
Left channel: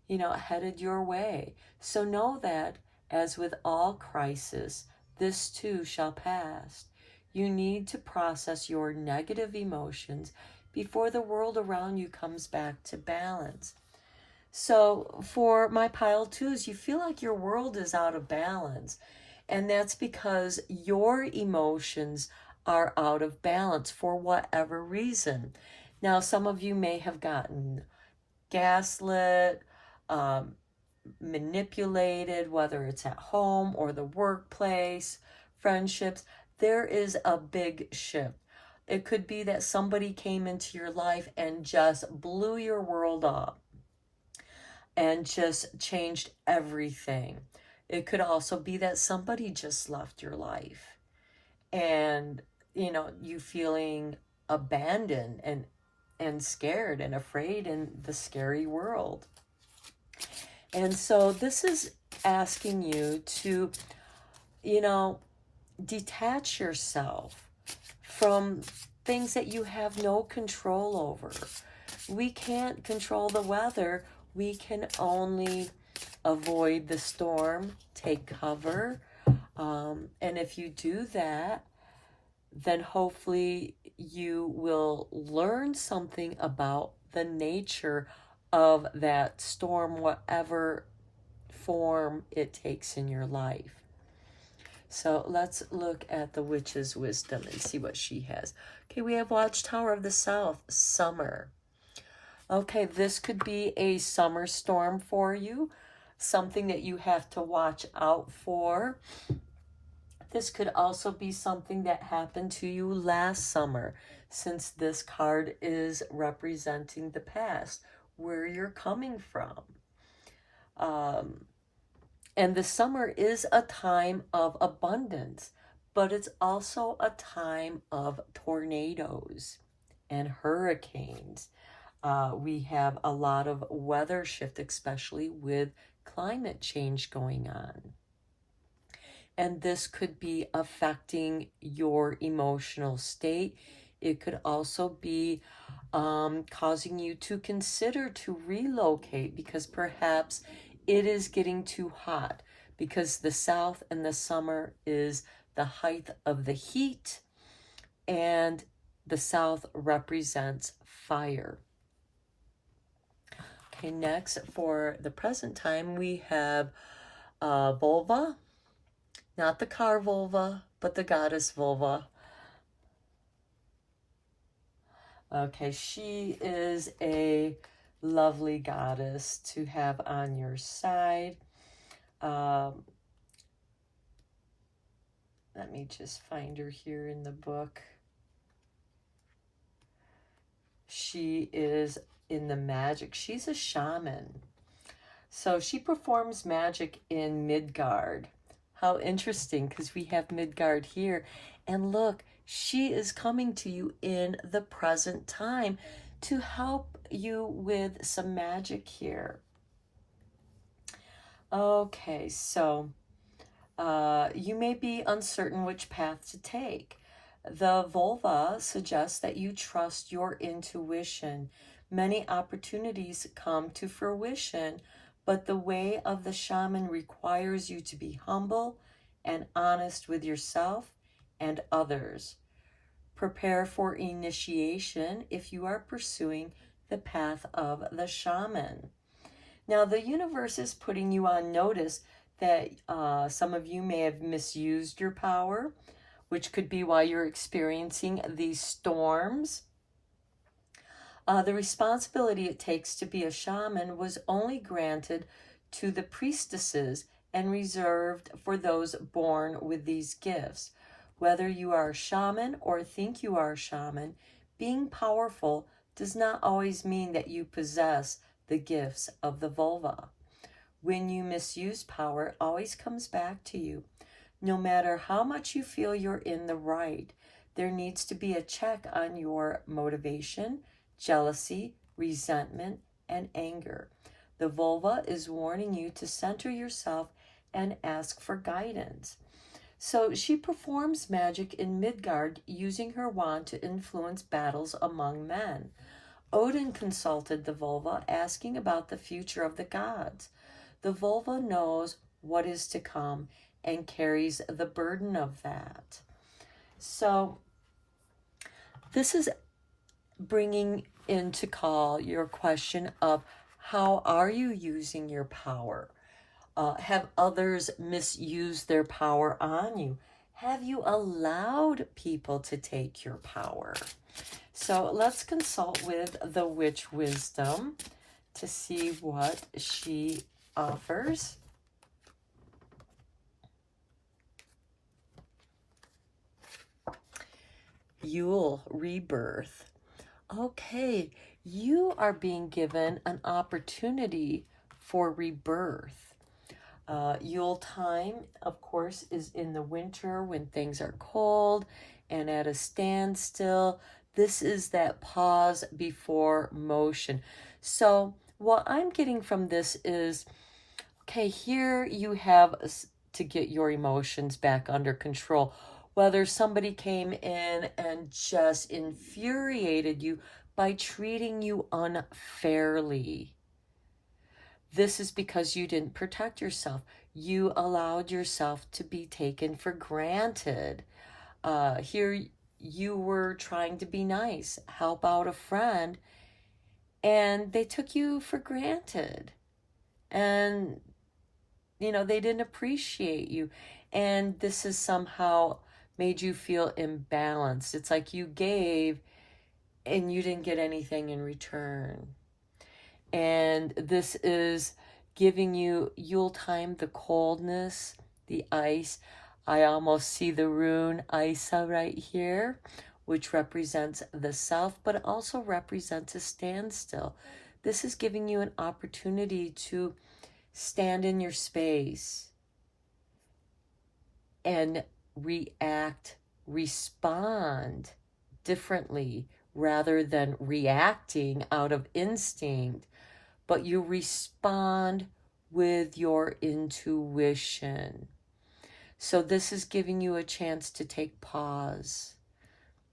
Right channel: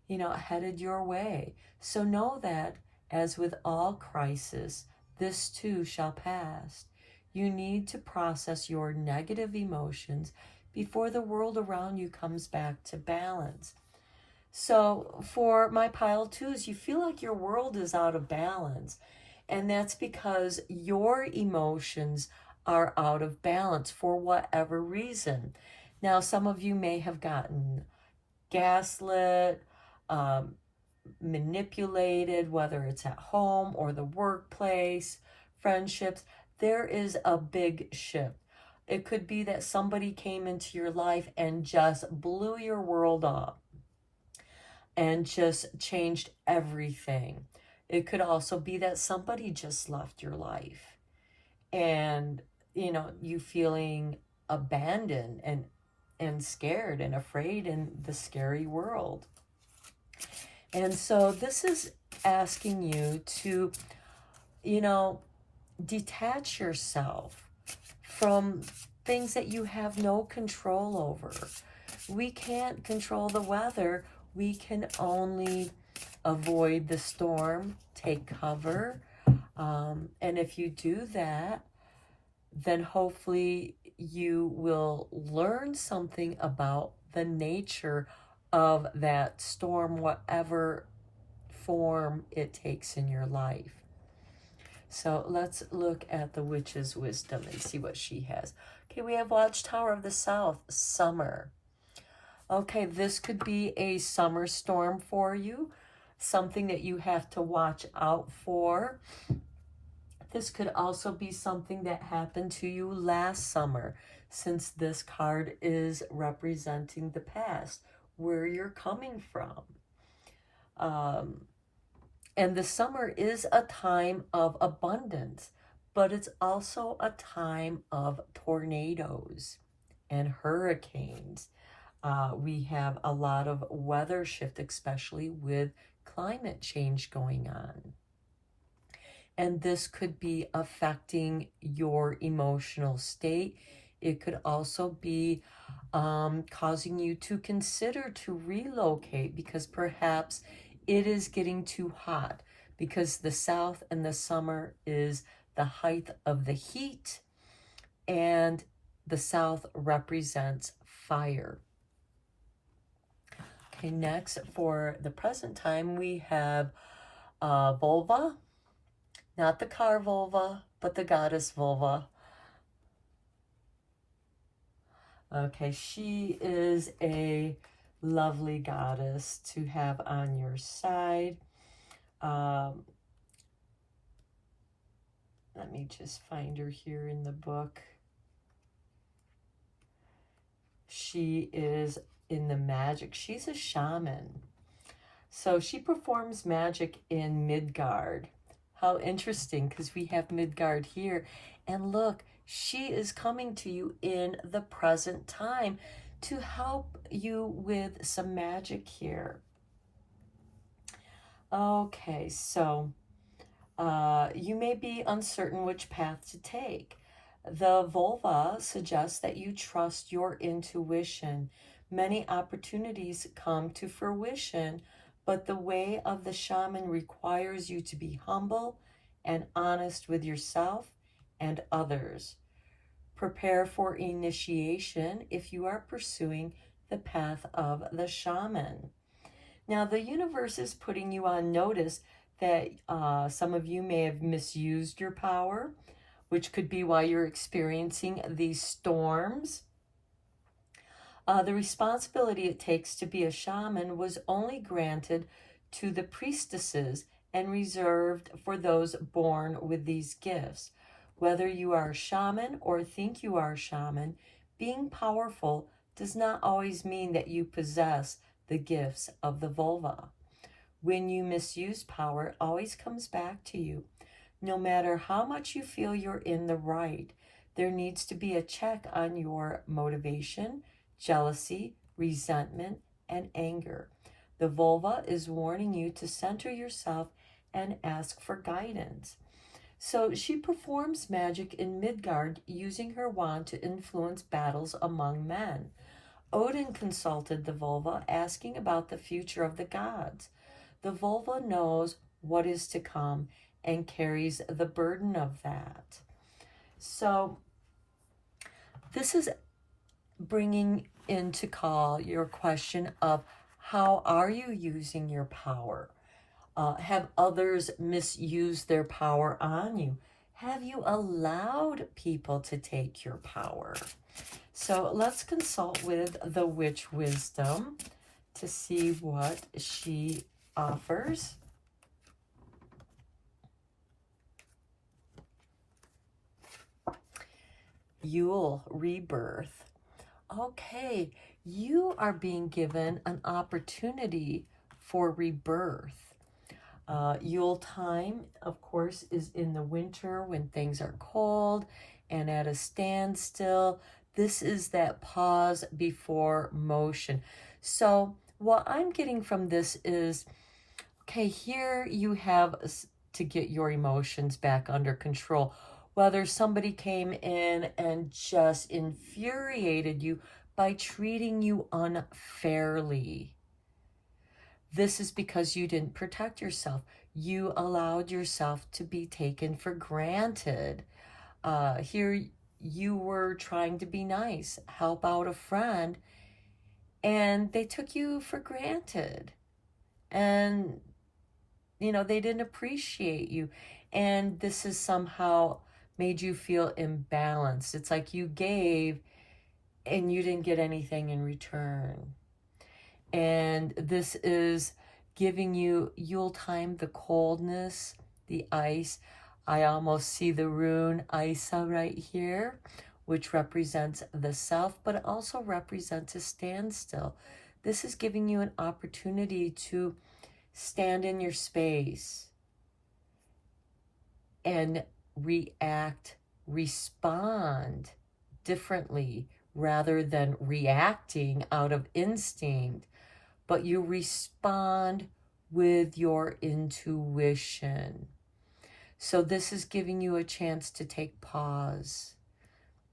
headed your way. So know that, as with all crisis, this too shall pass. You need to process your negative emotions before the world around you comes back to balance. So for my pile twos, you feel like your world is out of balance. And that's because your emotions are out of balance for whatever reason. Now, some of you may have gotten gaslit, manipulated, whether it's at home or the workplace, friendships. There is a big shift. It could be that somebody came into your life and just blew your world up and just changed everything. It could also be that somebody just left your life and, you feeling abandoned and scared and afraid in the scary world. And so this is asking you to, detach yourself from things that you have no control over. We can't control the weather. We can only avoid the storm, take cover. And if you do that, then hopefully you will learn something about the nature of that storm, whatever form it takes in your life. So let's look at the witch's wisdom and see what she has. Okay, we have Watchtower of the South, summer. Okay, this could be a summer storm for you, something that you have to watch out for. This could also be something that happened to you last summer, since this card is representing the past, where you're coming from. And the summer is a time of abundance, but it's also a time of tornadoes and hurricanes. We have a lot of weather shift, especially with climate change going on. And this could be affecting your emotional state. It could also be causing you to consider to relocate because perhaps it is getting too hot, because the South in the summer is the height of the heat, and the South represents fire. Okay, next for the present time, we have vulva. Not the car vulva, but the goddess vulva. Okay, she is a lovely goddess to have on your side. Let me just find her here in the book. She is in the magic. She's a shaman. So she performs magic in Midgard. How interesting, because we have Midgard here. And look, she is coming to you in the present time to help you with some magic here. Okay, so you may be uncertain which path to take. The vulva suggests that you trust your intuition. Many opportunities come to fruition, but the way of the shaman requires you to be humble and honest with yourself and others. Prepare for initiation if you are pursuing the path of the shaman. Now, the universe is putting you on notice that some of you may have misused your power, which could be why you're experiencing these storms. The responsibility it takes to be a shaman was only granted to the priestesses and reserved for those born with these gifts. Whether you are a shaman or think you are a shaman, being powerful does not always mean that you possess the gifts of the vulva. When you misuse power, it always comes back to you. No matter how much you feel you're in the right, there needs to be a check on your motivation, jealousy, resentment, and anger. The vulva is warning you to center yourself and ask for guidance. So she performs magic in Midgard using her wand to influence battles among men. Odin consulted the vulva, asking about the future of the gods. The vulva knows what is to come and carries the burden of that. So this is bringing into call your question of how are you using your power? Have others misused their power on you? Have you allowed people to take your power? So let's consult with the Witch Wisdom to see what she offers. Yule, rebirth. Okay, you are being given an opportunity for rebirth. Yule time, of course, is in the winter when things are cold and at a standstill. This is that pause before motion. So what I'm getting from this is, okay, here you have to get your emotions back under control. Whether somebody came in and just infuriated you by treating you unfairly, this is because you didn't protect yourself. You allowed yourself to be taken for granted. Here you were trying to be nice, help out a friend, and they took you for granted. And, they didn't appreciate you. And this has somehow made you feel imbalanced. It's like you gave and you didn't get anything in return. And this is giving you Yule time, the coldness, the ice. I almost see the rune Isa right here, which represents the self, but it also represents a standstill. This is giving you an opportunity to stand in your space and respond differently rather than reacting out of instinct. But you respond with your intuition. So this is giving you a chance to take pause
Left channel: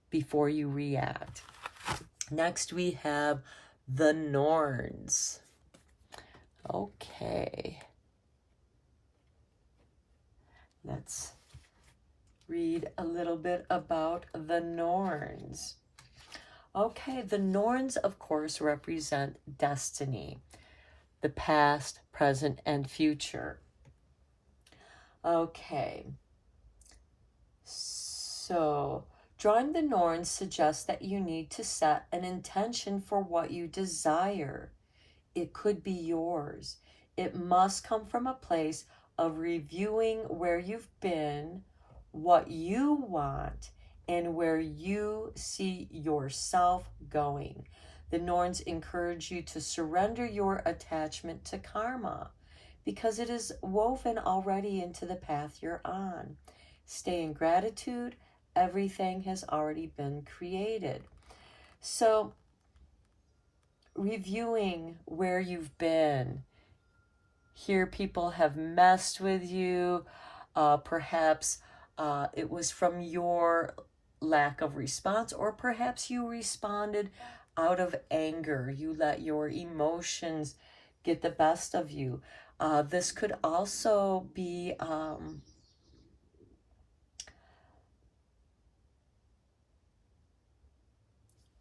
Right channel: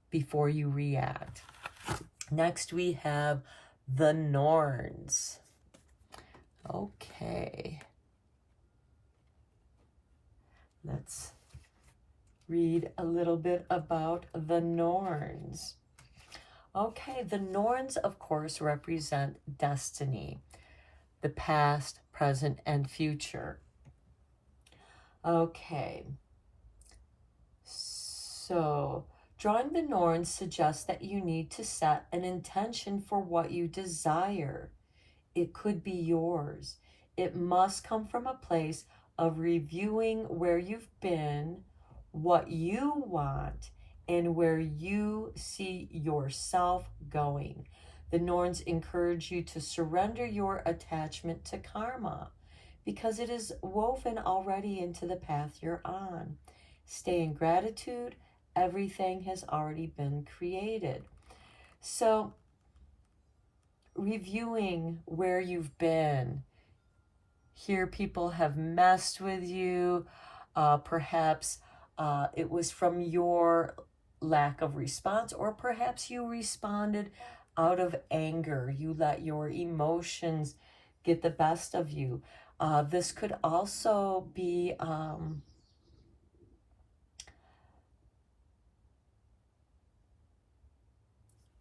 before you react. Next we have the Norns. Okay. Let's read a little bit about the Norns. Okay, the Norns, of course, represent destiny, the past, present, and future. Okay, so drawing the Norns suggests that you need to set an intention for what you desire. It could be yours. It must come from a place of reviewing where you've been, what you want, and where you see yourself going. The Norns encourage you to surrender your attachment to karma because it is woven already into the path you're on. Stay in gratitude. Everything has already been created. So, reviewing where you've been. Here people have messed with you. Perhaps it was from your lack of response, or perhaps you responded out of anger. You let your emotions get the best of you. This could also be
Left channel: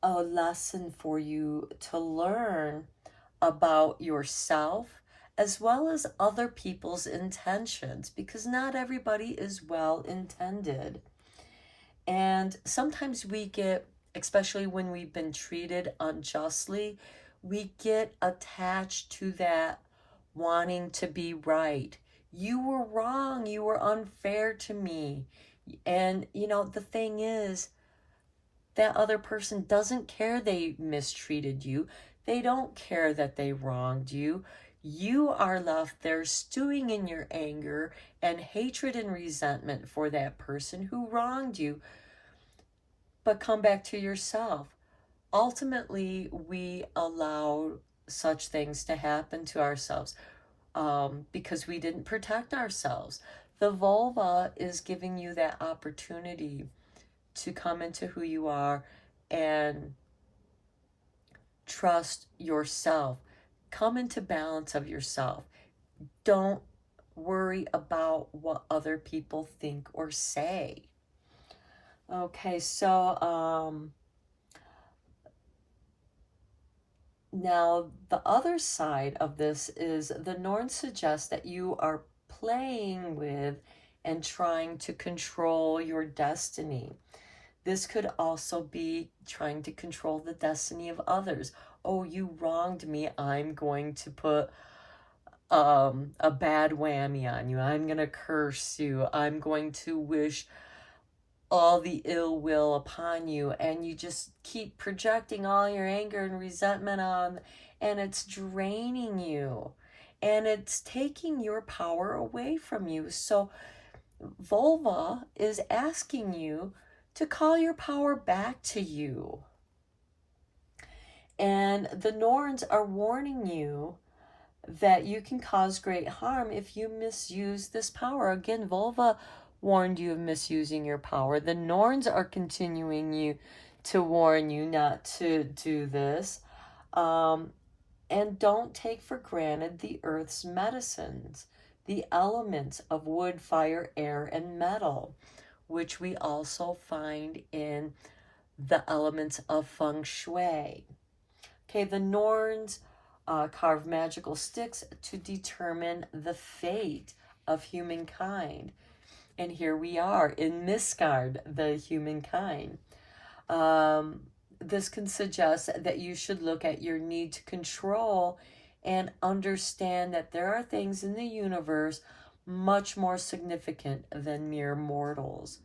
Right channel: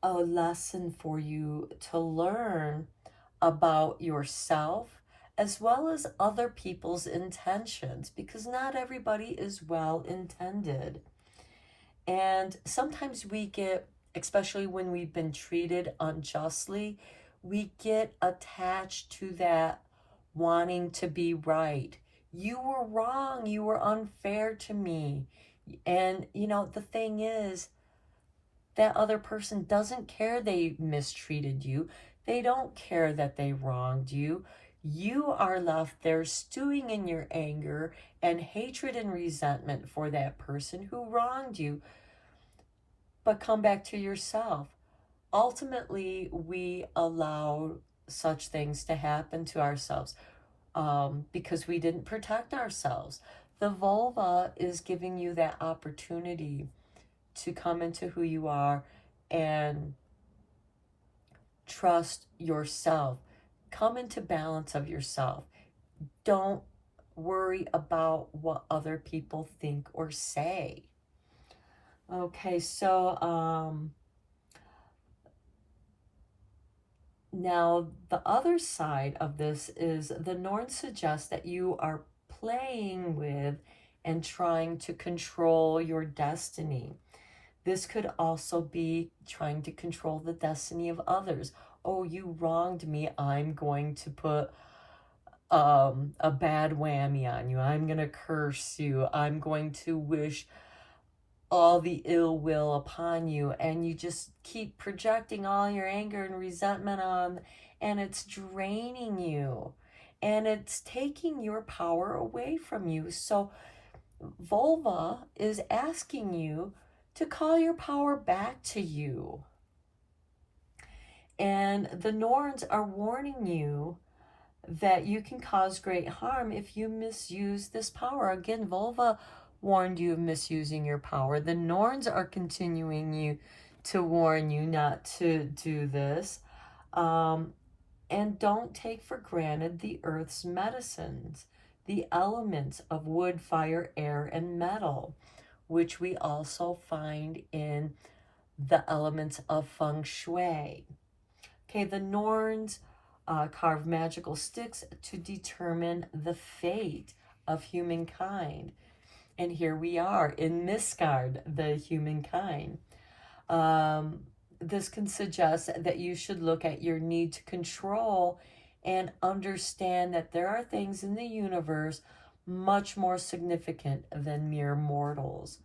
a lesson for you to learn about yourself as well as other people's intentions, because not everybody is well intended. And sometimes we get, especially when we've been treated unjustly, we get attached to that wanting to be right. You were wrong. You were unfair to me. And, the thing is, that other person doesn't care they mistreated you. They don't care that they wronged you. You are left there stewing in your anger and hatred and resentment for that person who wronged you. But come back to yourself. Ultimately, we allow such things to happen to ourselves because we didn't protect ourselves. The vulva is giving you that opportunity to come into who you are and trust yourself. Come into balance of yourself. Don't worry about what other people think or say. Okay, so now the other side of this is the Norns suggest that you are playing with and trying to control your destiny. This could also be trying to control the destiny of others. Oh, you wronged me. I'm going to put a bad whammy on you. I'm going to curse you. I'm going to wish all the ill will upon you. And you just keep projecting all your anger and resentment on, and it's draining you. And it's taking your power away from you. So vulva is asking you to call your power back to you. And the Norns are warning you that you can cause great harm if you misuse this power. Again, vulva warned you of misusing your power. The Norns are continuing to warn you not to do this. And don't take for granted the earth's medicines, the elements of wood, fire, air, and metal, which we also find in the elements of feng shui. Okay, the Norns carve magical sticks to determine the fate of humankind. And here we are in Misgard, the humankind. This can suggest that you should look at your need to control and understand that there are things in the universe much more significant than mere mortals.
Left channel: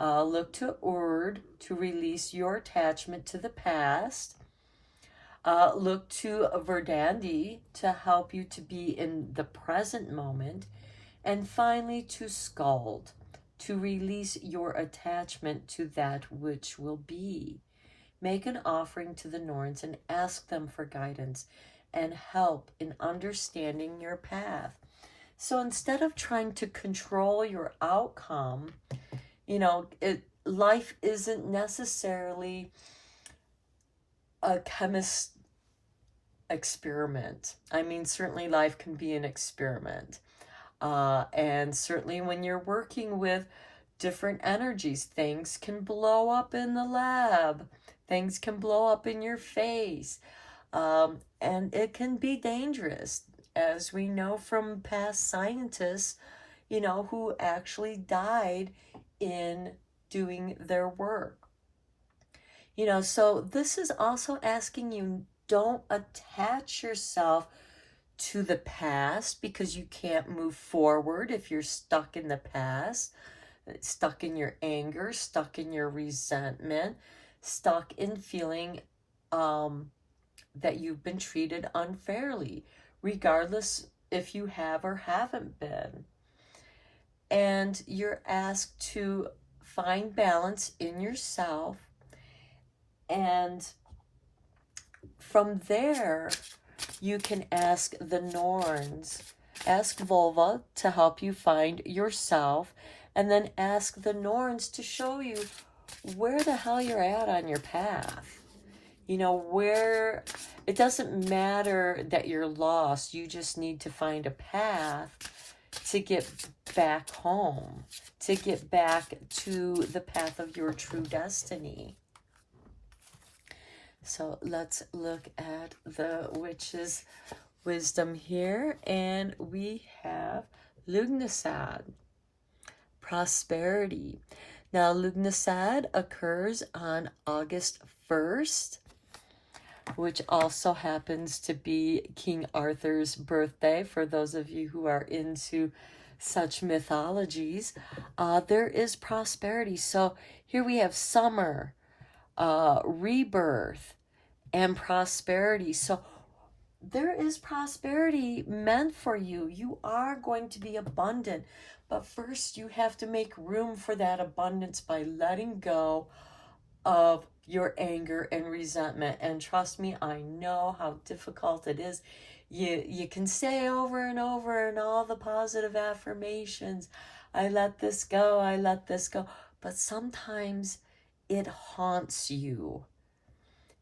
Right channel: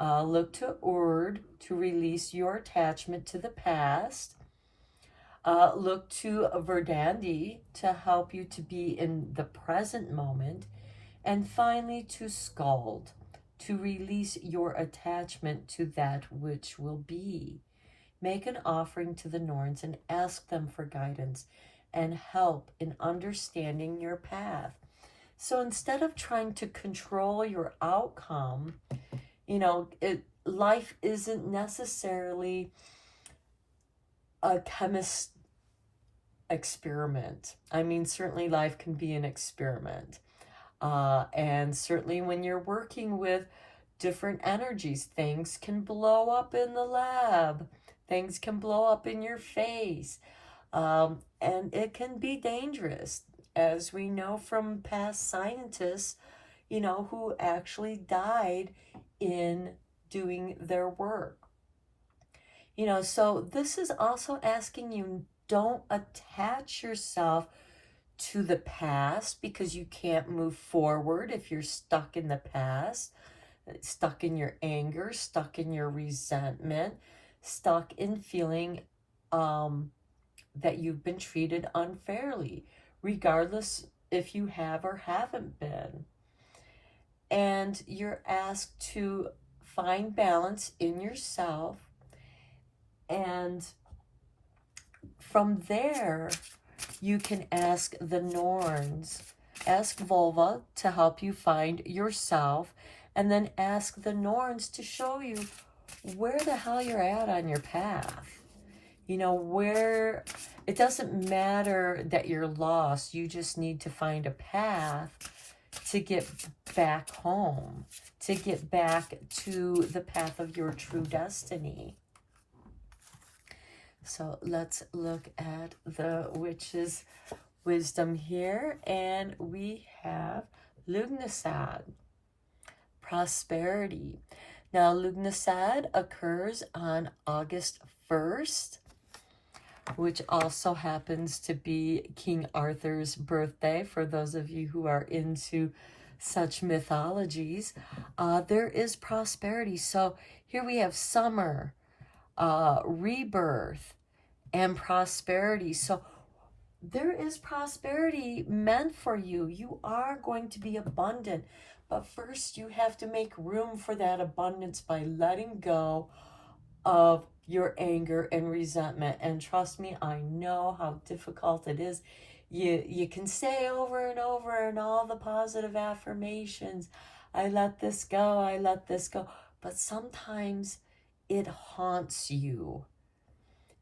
Look to Urd to release your attachment to the past. Look to Verdandi to help you to be in the present moment. And finally to Skald to release your attachment to that which will be. Make an offering to the Norns and ask them for guidance and help in understanding your path. So instead of trying to control your outcome, life isn't necessarily a chemist experiment. I mean, certainly life can be an experiment. And certainly when you're working with different energies, things can blow up in the lab. Things can blow up in your face. And it can be dangerous, as we know from past scientists, who actually died in doing their work. So this is also asking you, don't attach yourself to the past because you can't move forward if you're stuck in the past, stuck in your anger, stuck in your resentment, stuck in feeling that you've been treated unfairly, regardless if you have or haven't been. And you're asked to find balance in yourself, and from there you can ask the Norns, ask vulva to help you find yourself, and then ask the Norns to show you where the hell you're at on your path. Where it doesn't matter that you're lost, you just need to find a path to get back home, to get back to the path of your true destiny. So let's look at the witch's wisdom here. And we have Lugnasad, prosperity. Now, Lugnasad occurs on August 1st, which also happens to be King Arthur's birthday, for those of you who are into such mythologies. There is prosperity. So here we have summer, rebirth, and prosperity. So there is prosperity meant for you. You are going to be abundant. But first, you have to make room for that abundance by letting go of your anger and resentment. And trust me, I know how difficult it is. You can say over and over and all the positive affirmations, I let this go, I let this go. But sometimes it haunts you.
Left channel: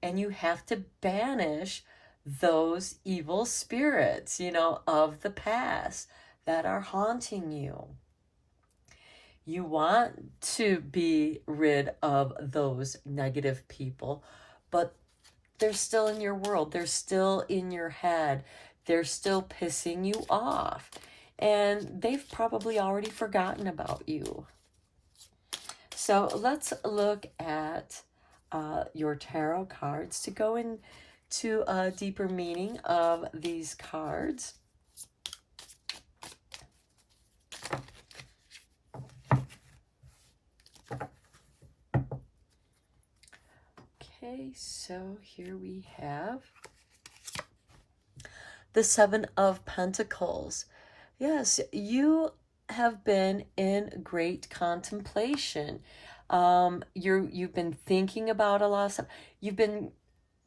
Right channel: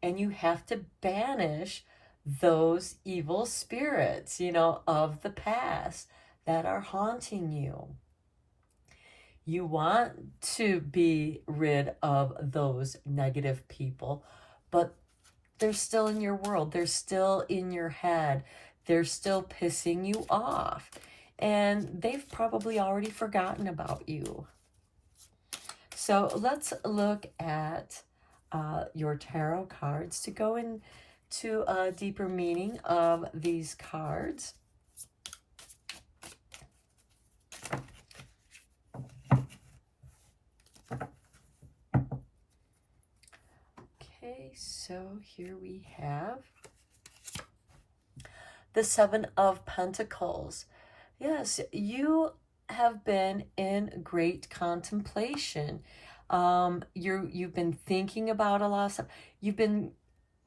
And you have to banish those evil spirits, of the past that are haunting you. You want to be rid of those negative people, but they're still in your world. They're still in your head. They're still pissing you off. And they've probably already forgotten about you. So let's look at your tarot cards to go into a deeper meaning of these cards. Okay, so here we have the Seven of Pentacles. Yes, you have been in great contemplation. You've been thinking about a lot of stuff.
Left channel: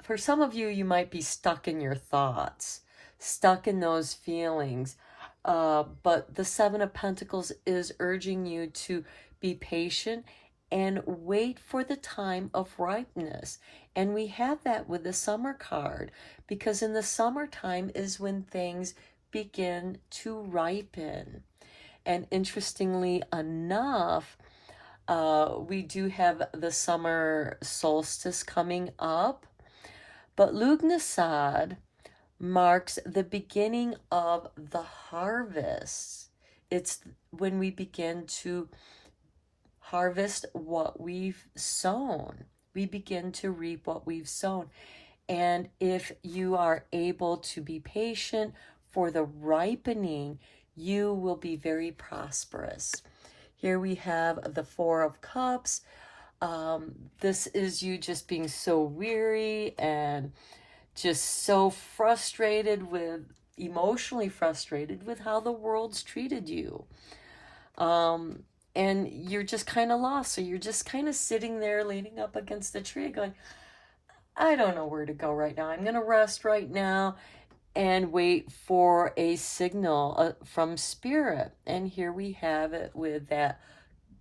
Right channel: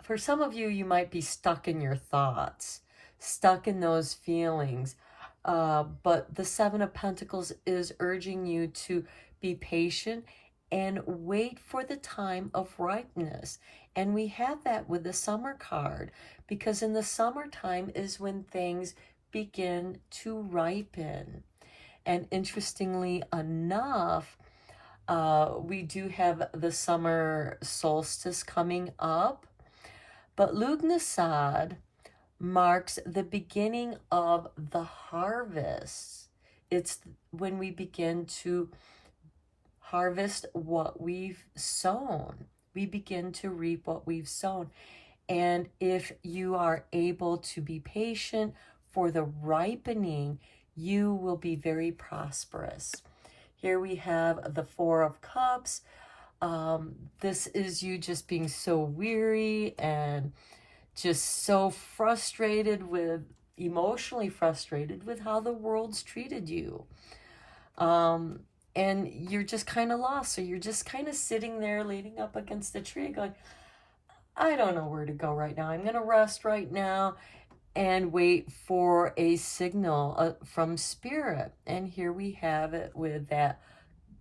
For some of you, you might be stuck in your thoughts, stuck in those feelings. But the Seven of Pentacles is urging you to be patient and wait for the time of ripeness. And we have that with the summer card, because in the summertime is when things begin to ripen. And interestingly enough, we do have the summer solstice coming up, but Lugnasad marks the beginning of the harvest. It's when we begin to harvest what we've sown. We begin to reap what we've sown. And if you are able to be patient for the ripening, you will be very prosperous. Here we have the Four of Cups. This is you just being so weary and just so emotionally frustrated with how the world's treated you. And you're just kind of lost. So you're just kind of sitting there leaning up against the tree going, I don't know where to go right now. I'm going to rest right now and wait for a signal from Spirit. And here we have it with that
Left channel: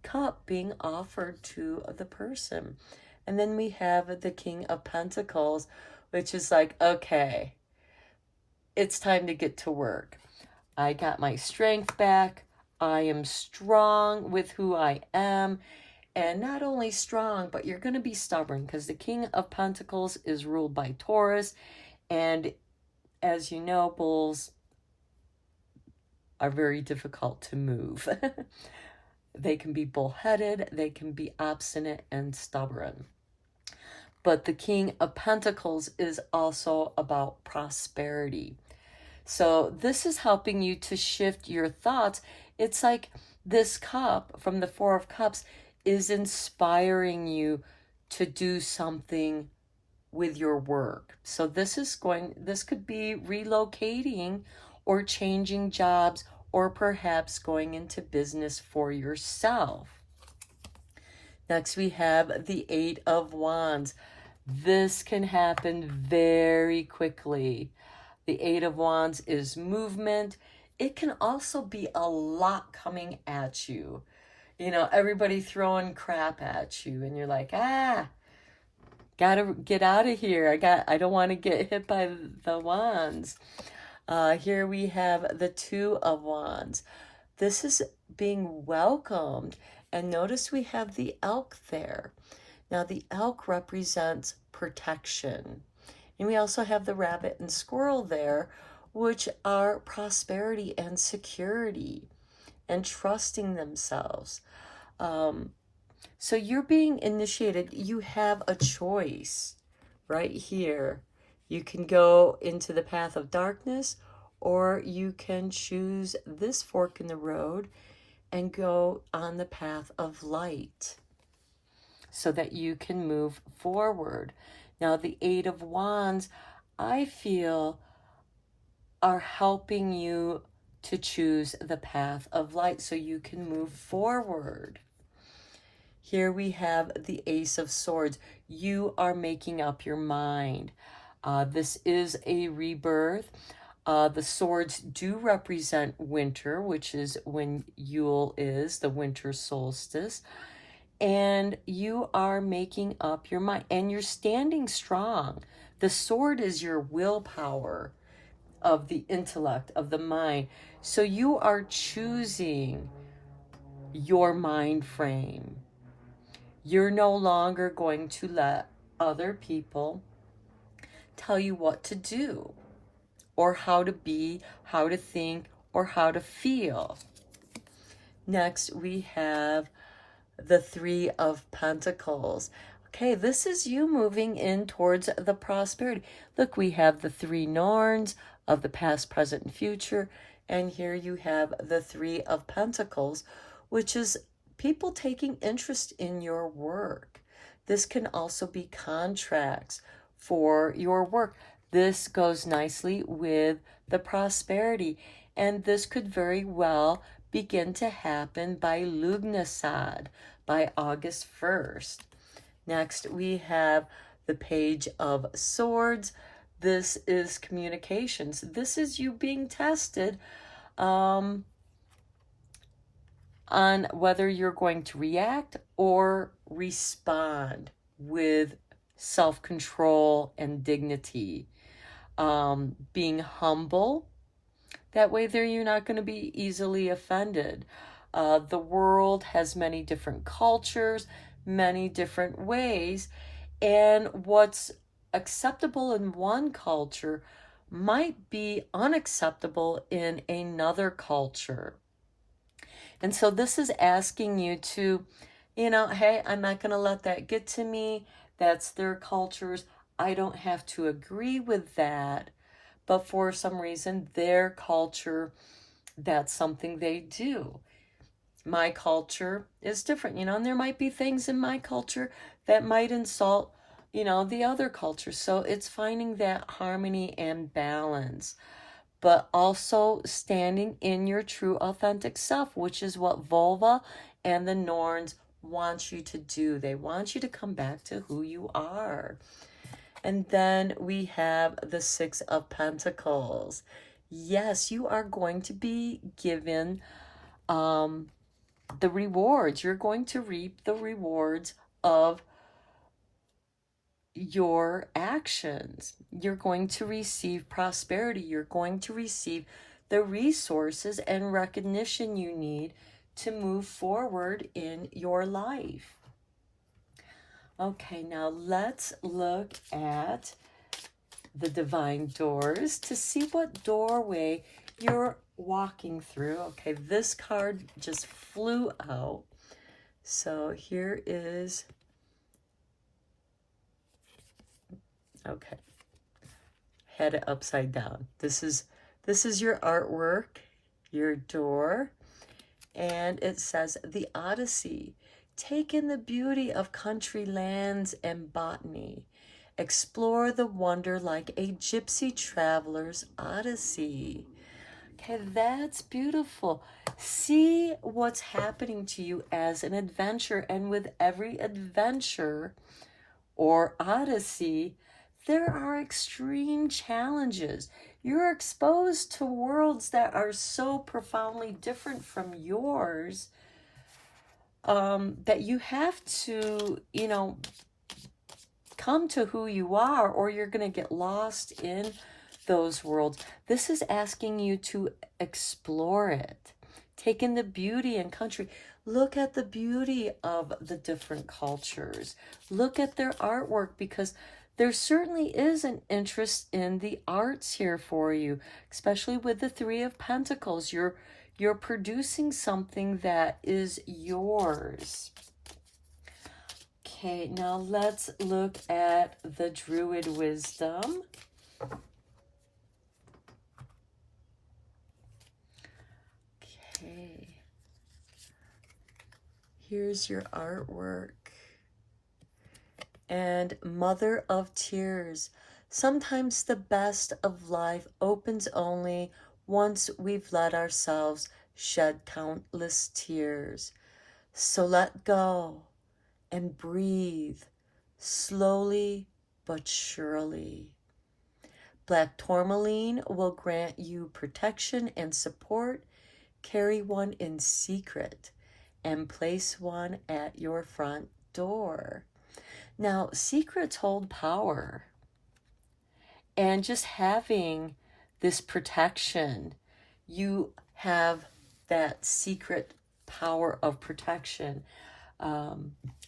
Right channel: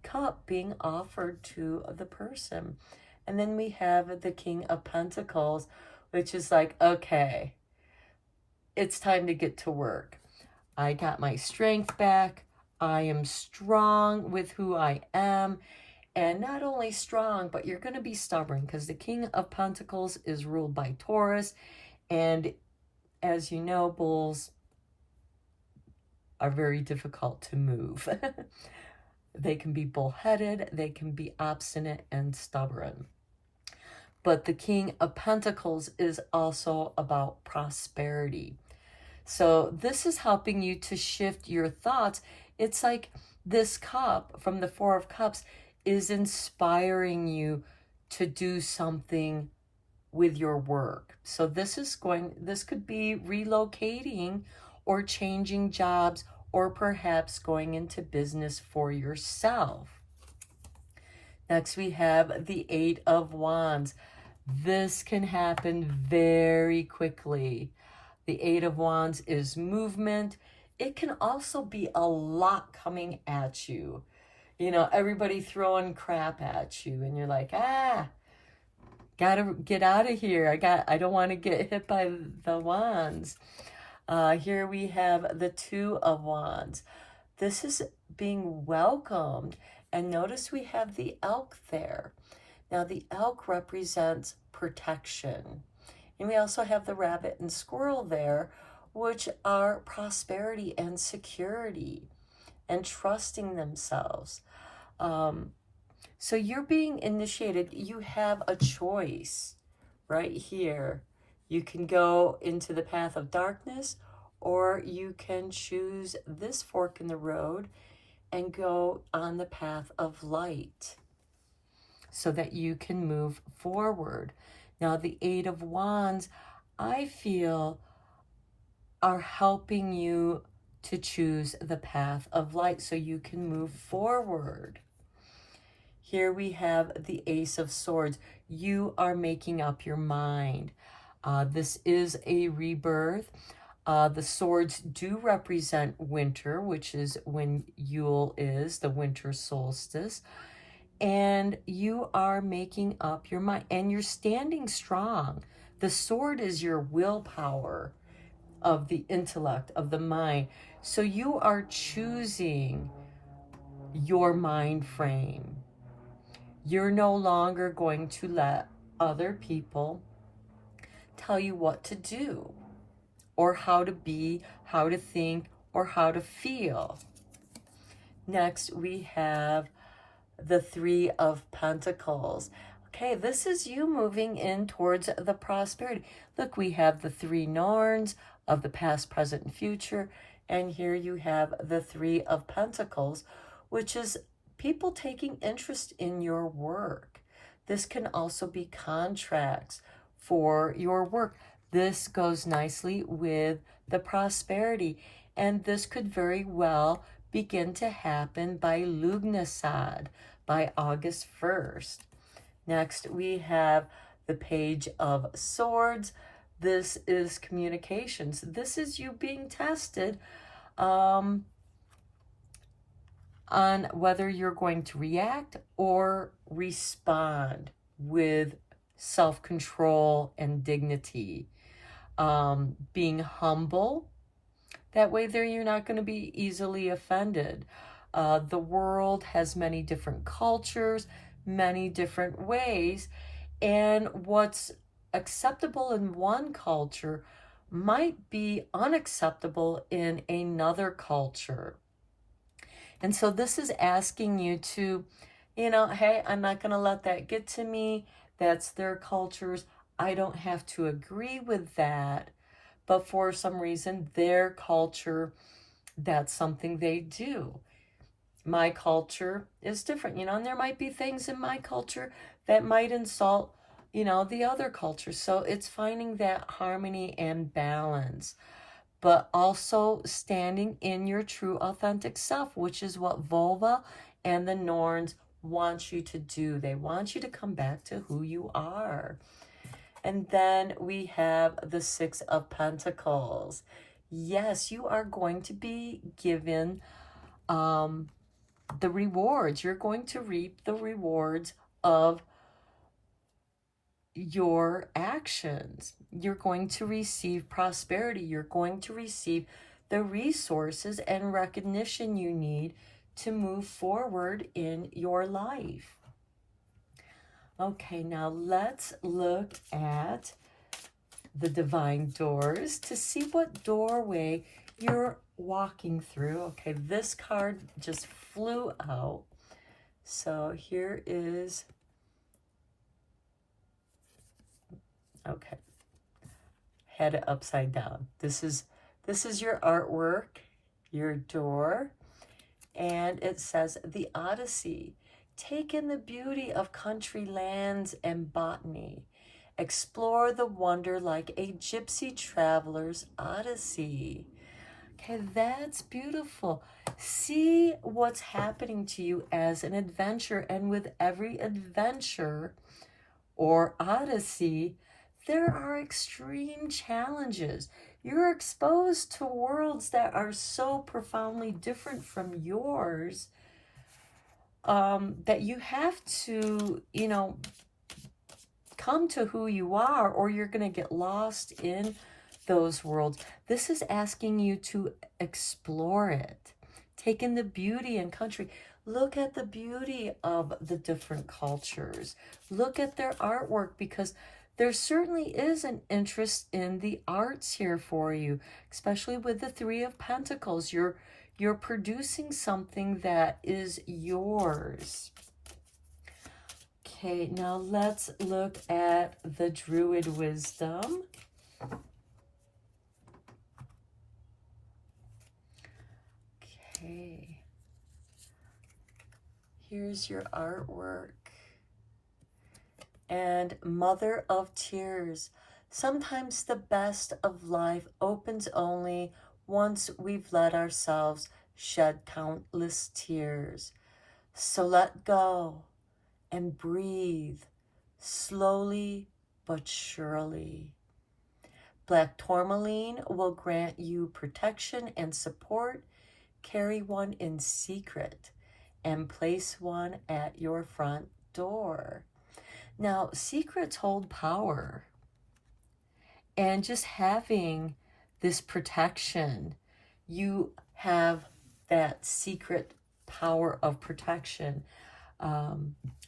cup being offered to the person. And then we have the King of Pentacles, which is like, okay, it's time to get to work. I got my strength back. I am strong with who I am. And not only strong, but you're going to be stubborn, because the King of Pentacles is ruled by Taurus. And as you know, bulls are very difficult to move. They can be bullheaded, they can be obstinate and stubborn. But the King of Pentacles is also about prosperity. So this is helping you to shift your thoughts. It's like this cup from the Four of Cups is inspiring you to do something with your work. So this could be relocating or changing jobs, or perhaps going into business for yourself. Next, we have the Eight of Wands. This can happen very quickly. The Eight of Wands is movement. It can also be a lot coming at you. Everybody throwing crap at you, and you're like, gotta get out of here. I don't want to get hit by the wands. Here we have the Two of Wands. This is being welcomed. And notice we have the elk there. Now the elk represents protection. And we also have the rabbit and squirrel there, which are prosperity and security and trusting themselves. So you're being initiated. You have a choice right here. You can go into the path of darkness, or you can choose this fork in the road and go on the path of light so that you can move forward. Now, the Eight of Wands, I feel, are helping you to choose the path of light so you can move forward. Here we have the Ace of Swords. You are making up your mind. This is a rebirth. The swords do represent winter, which is when Yule is, the winter solstice. And you are making up your mind. And you're standing strong. The sword is your willpower of the intellect, of the mind. So you are choosing your mind frame. You're no longer going to let other people tell you what to do or how to be, how to think, or how to feel. Next, we have the Three of Pentacles. Okay, this is you moving in towards the prosperity. Look, we have the three Norns of the past, present, and future. And here you have the Three of Pentacles, which is people taking interest in your work. This can also be contracts for your work. This goes nicely with the prosperity. And this could very well begin to happen by Lugnasad, by August 1st. Next, we have the Page of Swords. This is communications. This is you being tested on whether you're going to react or respond with self-control and dignity. Being humble. That way there you're not going to be easily offended. The world has many different cultures, many different ways, and what's acceptable in one culture might be unacceptable in another culture. And so this is asking you to, hey, I'm not going to let that get to me. That's their cultures. I don't have to agree with that. But for some reason, their culture, that's something they do. My culture is different, and there might be things in my culture that might insult, the other culture. So it's finding that harmony and balance, but also standing in your true authentic self, which is what Volva and the Norns want you to do. They want you to come back to who you are. And then we have the Six of Pentacles. Yes, you are going to be given the rewards. You're going to reap the rewards of your actions. You're going to receive prosperity. You're going to receive the resources and recognition you need to move forward in your life. Okay, now let's look at the divine doors to see what doorway you're walking through. Okay, this card just flew out. So here is, okay, had it upside down. This is your artwork, your door, and it says the Odyssey. Take in the beauty of country lands and botany. Explore the wonder like a gypsy traveler's odyssey. Okay, that's beautiful. See what's happening to you as an adventure, and with every adventure or odyssey, there are extreme challenges. You're exposed to worlds that are so profoundly different from yours that you have to, come to who you are, or you're going to get lost in those worlds. This is asking you to explore it. Take in the beauty and country. Look at the beauty of the different cultures. Look at their artwork, because there certainly is an interest in the arts here for you, especially with the Three of Pentacles. You're producing something that is yours. Okay, now let's look at the Druid wisdom. Okay. Here's your artwork. And Mother of Tears. Sometimes the best of life opens only once we've let ourselves shed countless tears. So let go and breathe, slowly but surely. Black tourmaline will grant you protection and support. Carry one in secret and place one at your front door. Now, secrets hold power. And just having this protection, you have that secret power of protection.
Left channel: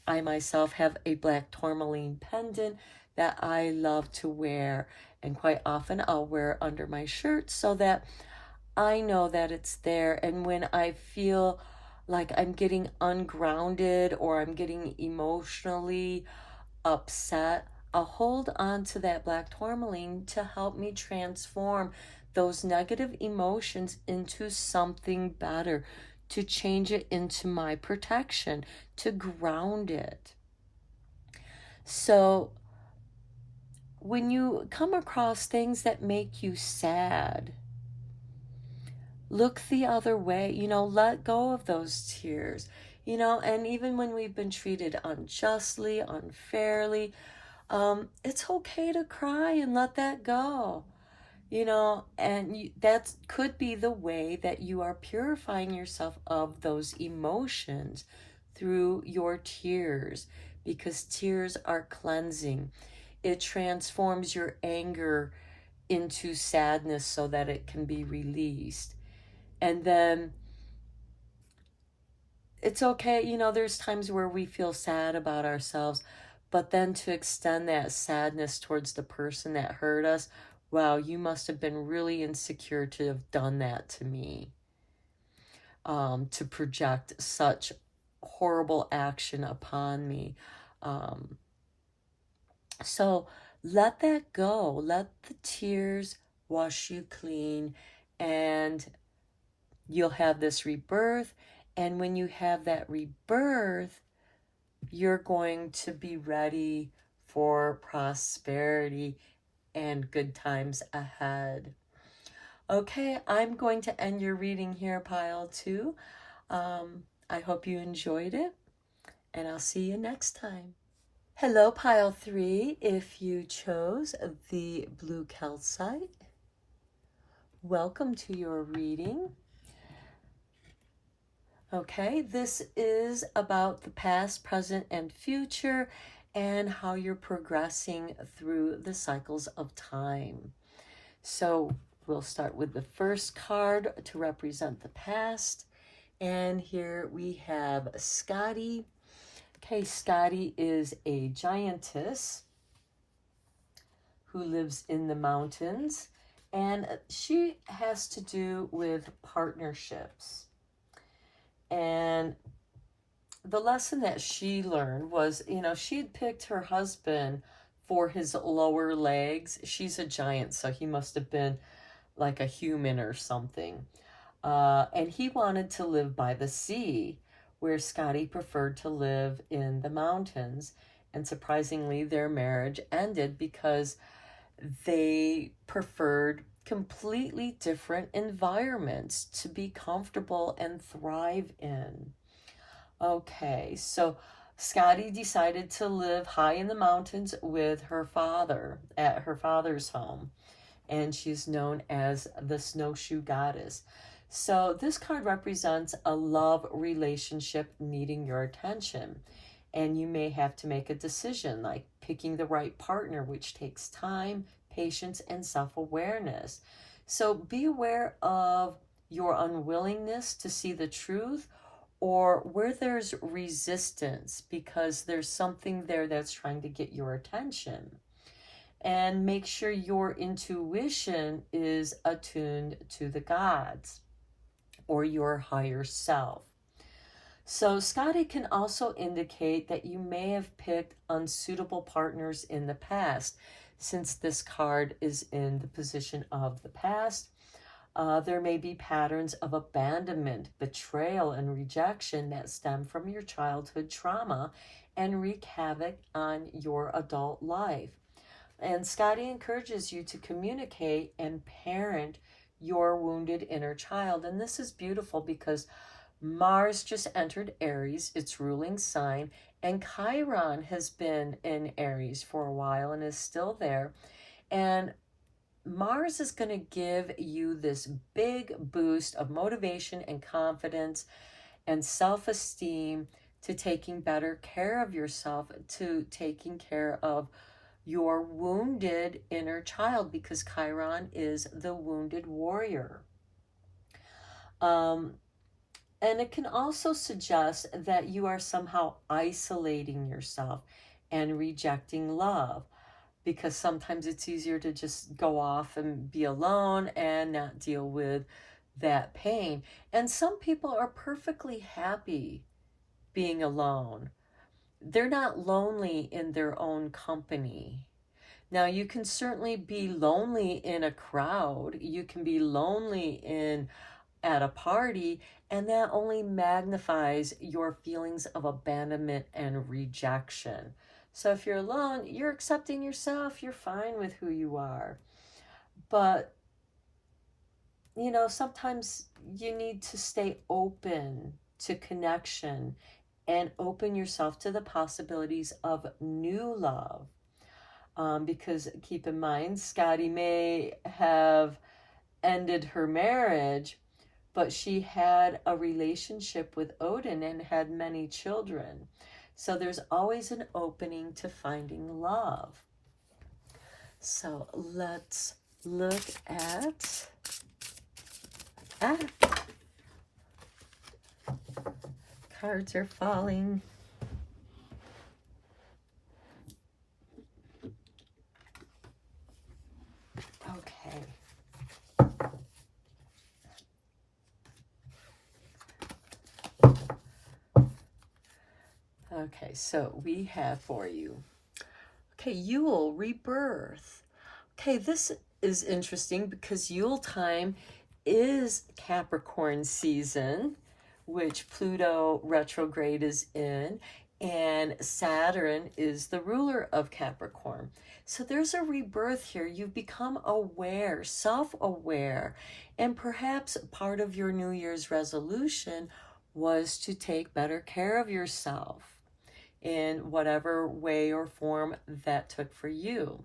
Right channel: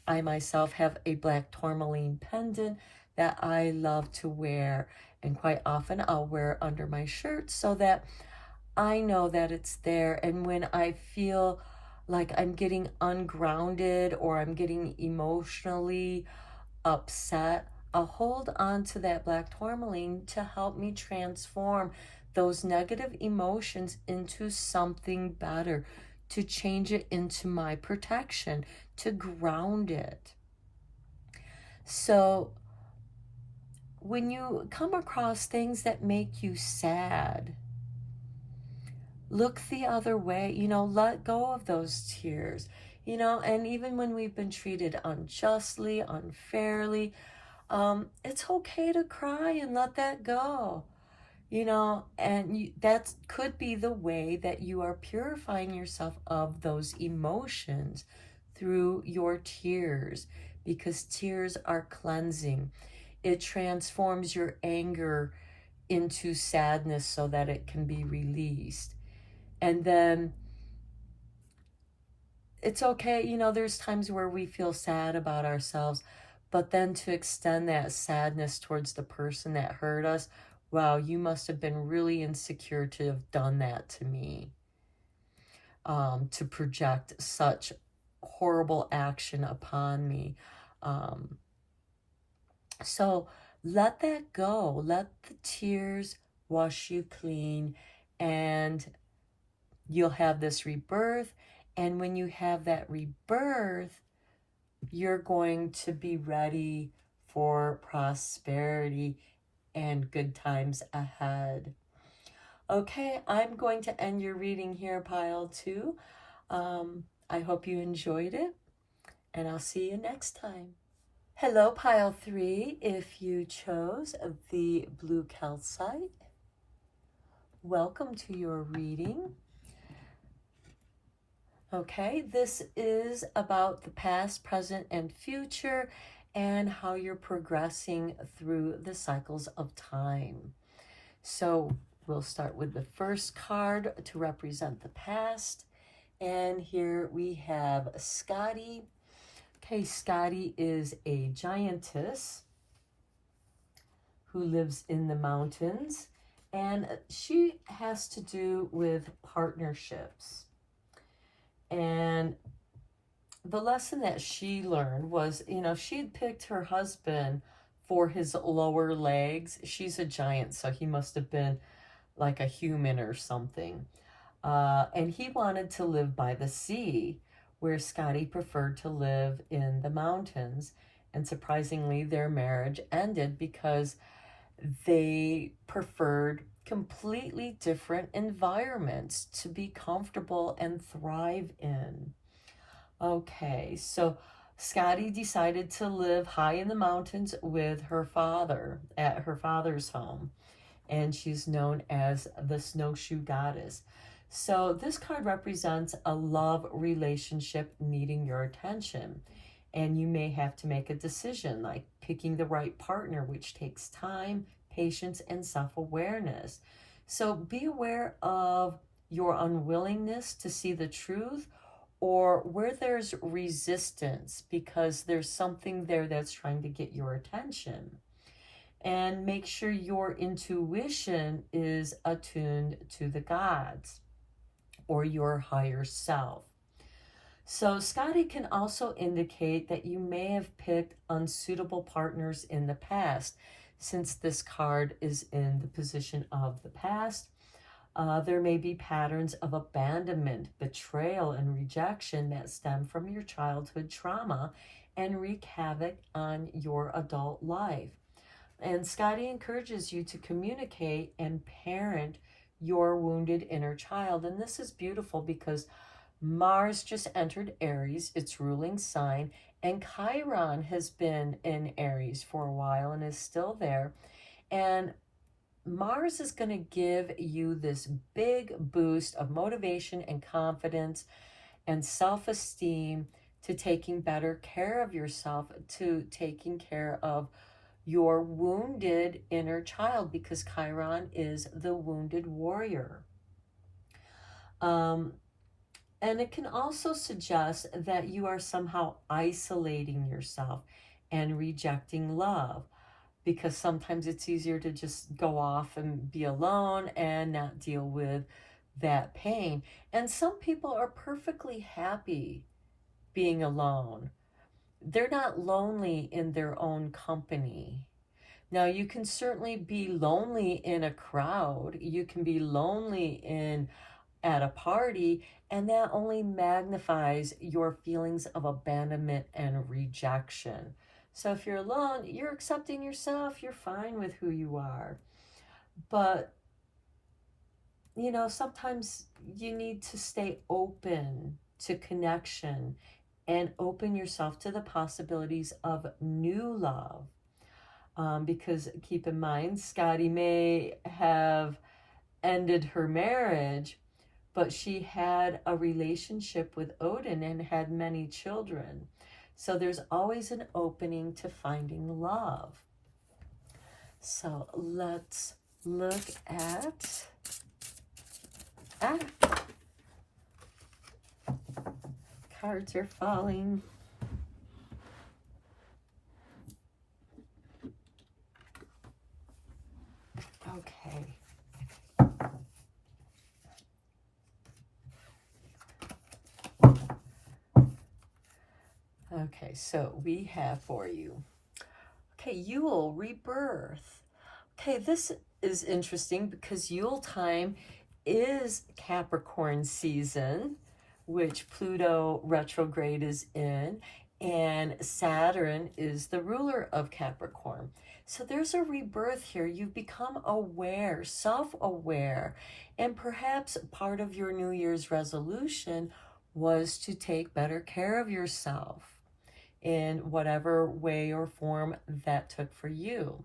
I myself have a black tourmaline pendant that I love to wear, and quite often I'll wear it under my shirt so that I know that it's there. And when I feel like I'm getting ungrounded or I'm getting emotionally upset, I'll hold on to that black tourmaline to help me transform those negative emotions into something better, to change it into my protection, to ground it. So when you come across things that make you sad, look the other way, let go of those tears, and even when we've been treated unjustly, unfairly, it's okay to cry and let that go, and that could be the way that you are purifying yourself of those emotions through your tears, because tears are cleansing. It transforms your anger into sadness so that it can be released. And then it's okay, there's times where we feel sad about ourselves, but then to extend that sadness towards the person that hurt us. Wow, you must have been really insecure to have done that to me, to project such horrible action upon me. So let that go. Let the tears wash you clean, and you'll have this rebirth. And when you have that rebirth, you're going to be ready for prosperity and good times ahead. Okay, I'm going to end your reading here, Pile 2. I hope you enjoyed it, and I'll see you next time. Hello, Pile 3. If you chose the blue calcite, welcome to your reading. Okay, this is about the past, present, and future, and how you're progressing through the cycles of time. So we'll start with the first card to represent the past. And here we have Scotty. Okay, Scotty is a giantess who lives in the mountains, and she has to do with partnerships. And the lesson that she learned was, she'd picked her husband for his lower legs. She's a giant, so he must have been like a human or something. And he wanted to live by the sea, where Scotty preferred to live in the mountains. And surprisingly, their marriage ended because they preferred completely different environments to be comfortable and thrive in. Okay, so Scotty decided to live high in the mountains with her father at her father's home, and she's known as the Snowshoe Goddess. So this card represents a love relationship needing your attention, and you may have to make a decision, like picking the right partner, which takes time, patience, and self-awareness. So be aware of your unwillingness to see the truth, or where there's resistance because there's something there that's trying to get your attention. And make sure your intuition is attuned to the gods or your higher self. So, Scotty can also indicate that you may have picked unsuitable partners in the past, since this card is in the position of the past. There may be patterns of abandonment, betrayal, and rejection that stem from your childhood trauma and wreak havoc on your adult life. And Scotty encourages you to communicate and parent your wounded inner child. And this is beautiful because Mars just entered Aries, its ruling sign, and Chiron has been in Aries for a while and is still there. And Mars is going to give you this big boost of motivation and confidence and self-esteem to taking better care of yourself, to taking care of your wounded inner child, because Chiron is the wounded warrior. And it can also suggest that you are somehow isolating yourself and rejecting love, because sometimes it's easier to just go off and be alone and not deal with that pain. And some people are perfectly happy being alone. They're not lonely in their own company. Now, you can certainly be lonely in a crowd. You can be lonely at a party, and that only magnifies your feelings of abandonment and rejection. So if you're alone, you're accepting yourself, you're fine with who you are. But, sometimes you need to stay open to connection and open yourself to the possibilities of new love. Because keep in mind, Scotty may have ended her marriage, but she had a relationship with Odin and had many children. So there's always an opening to finding love. So let's look at cards are falling. Okay. Okay, so we have for you, Yule, rebirth. Okay, this is interesting because Yule time is Capricorn season, which Pluto retrograde is in, and Saturn is the ruler of Capricorn. So there's a rebirth here. You've become aware, self-aware, and perhaps part of your New Year's resolution was to take better care of yourself in whatever way or form that took for you.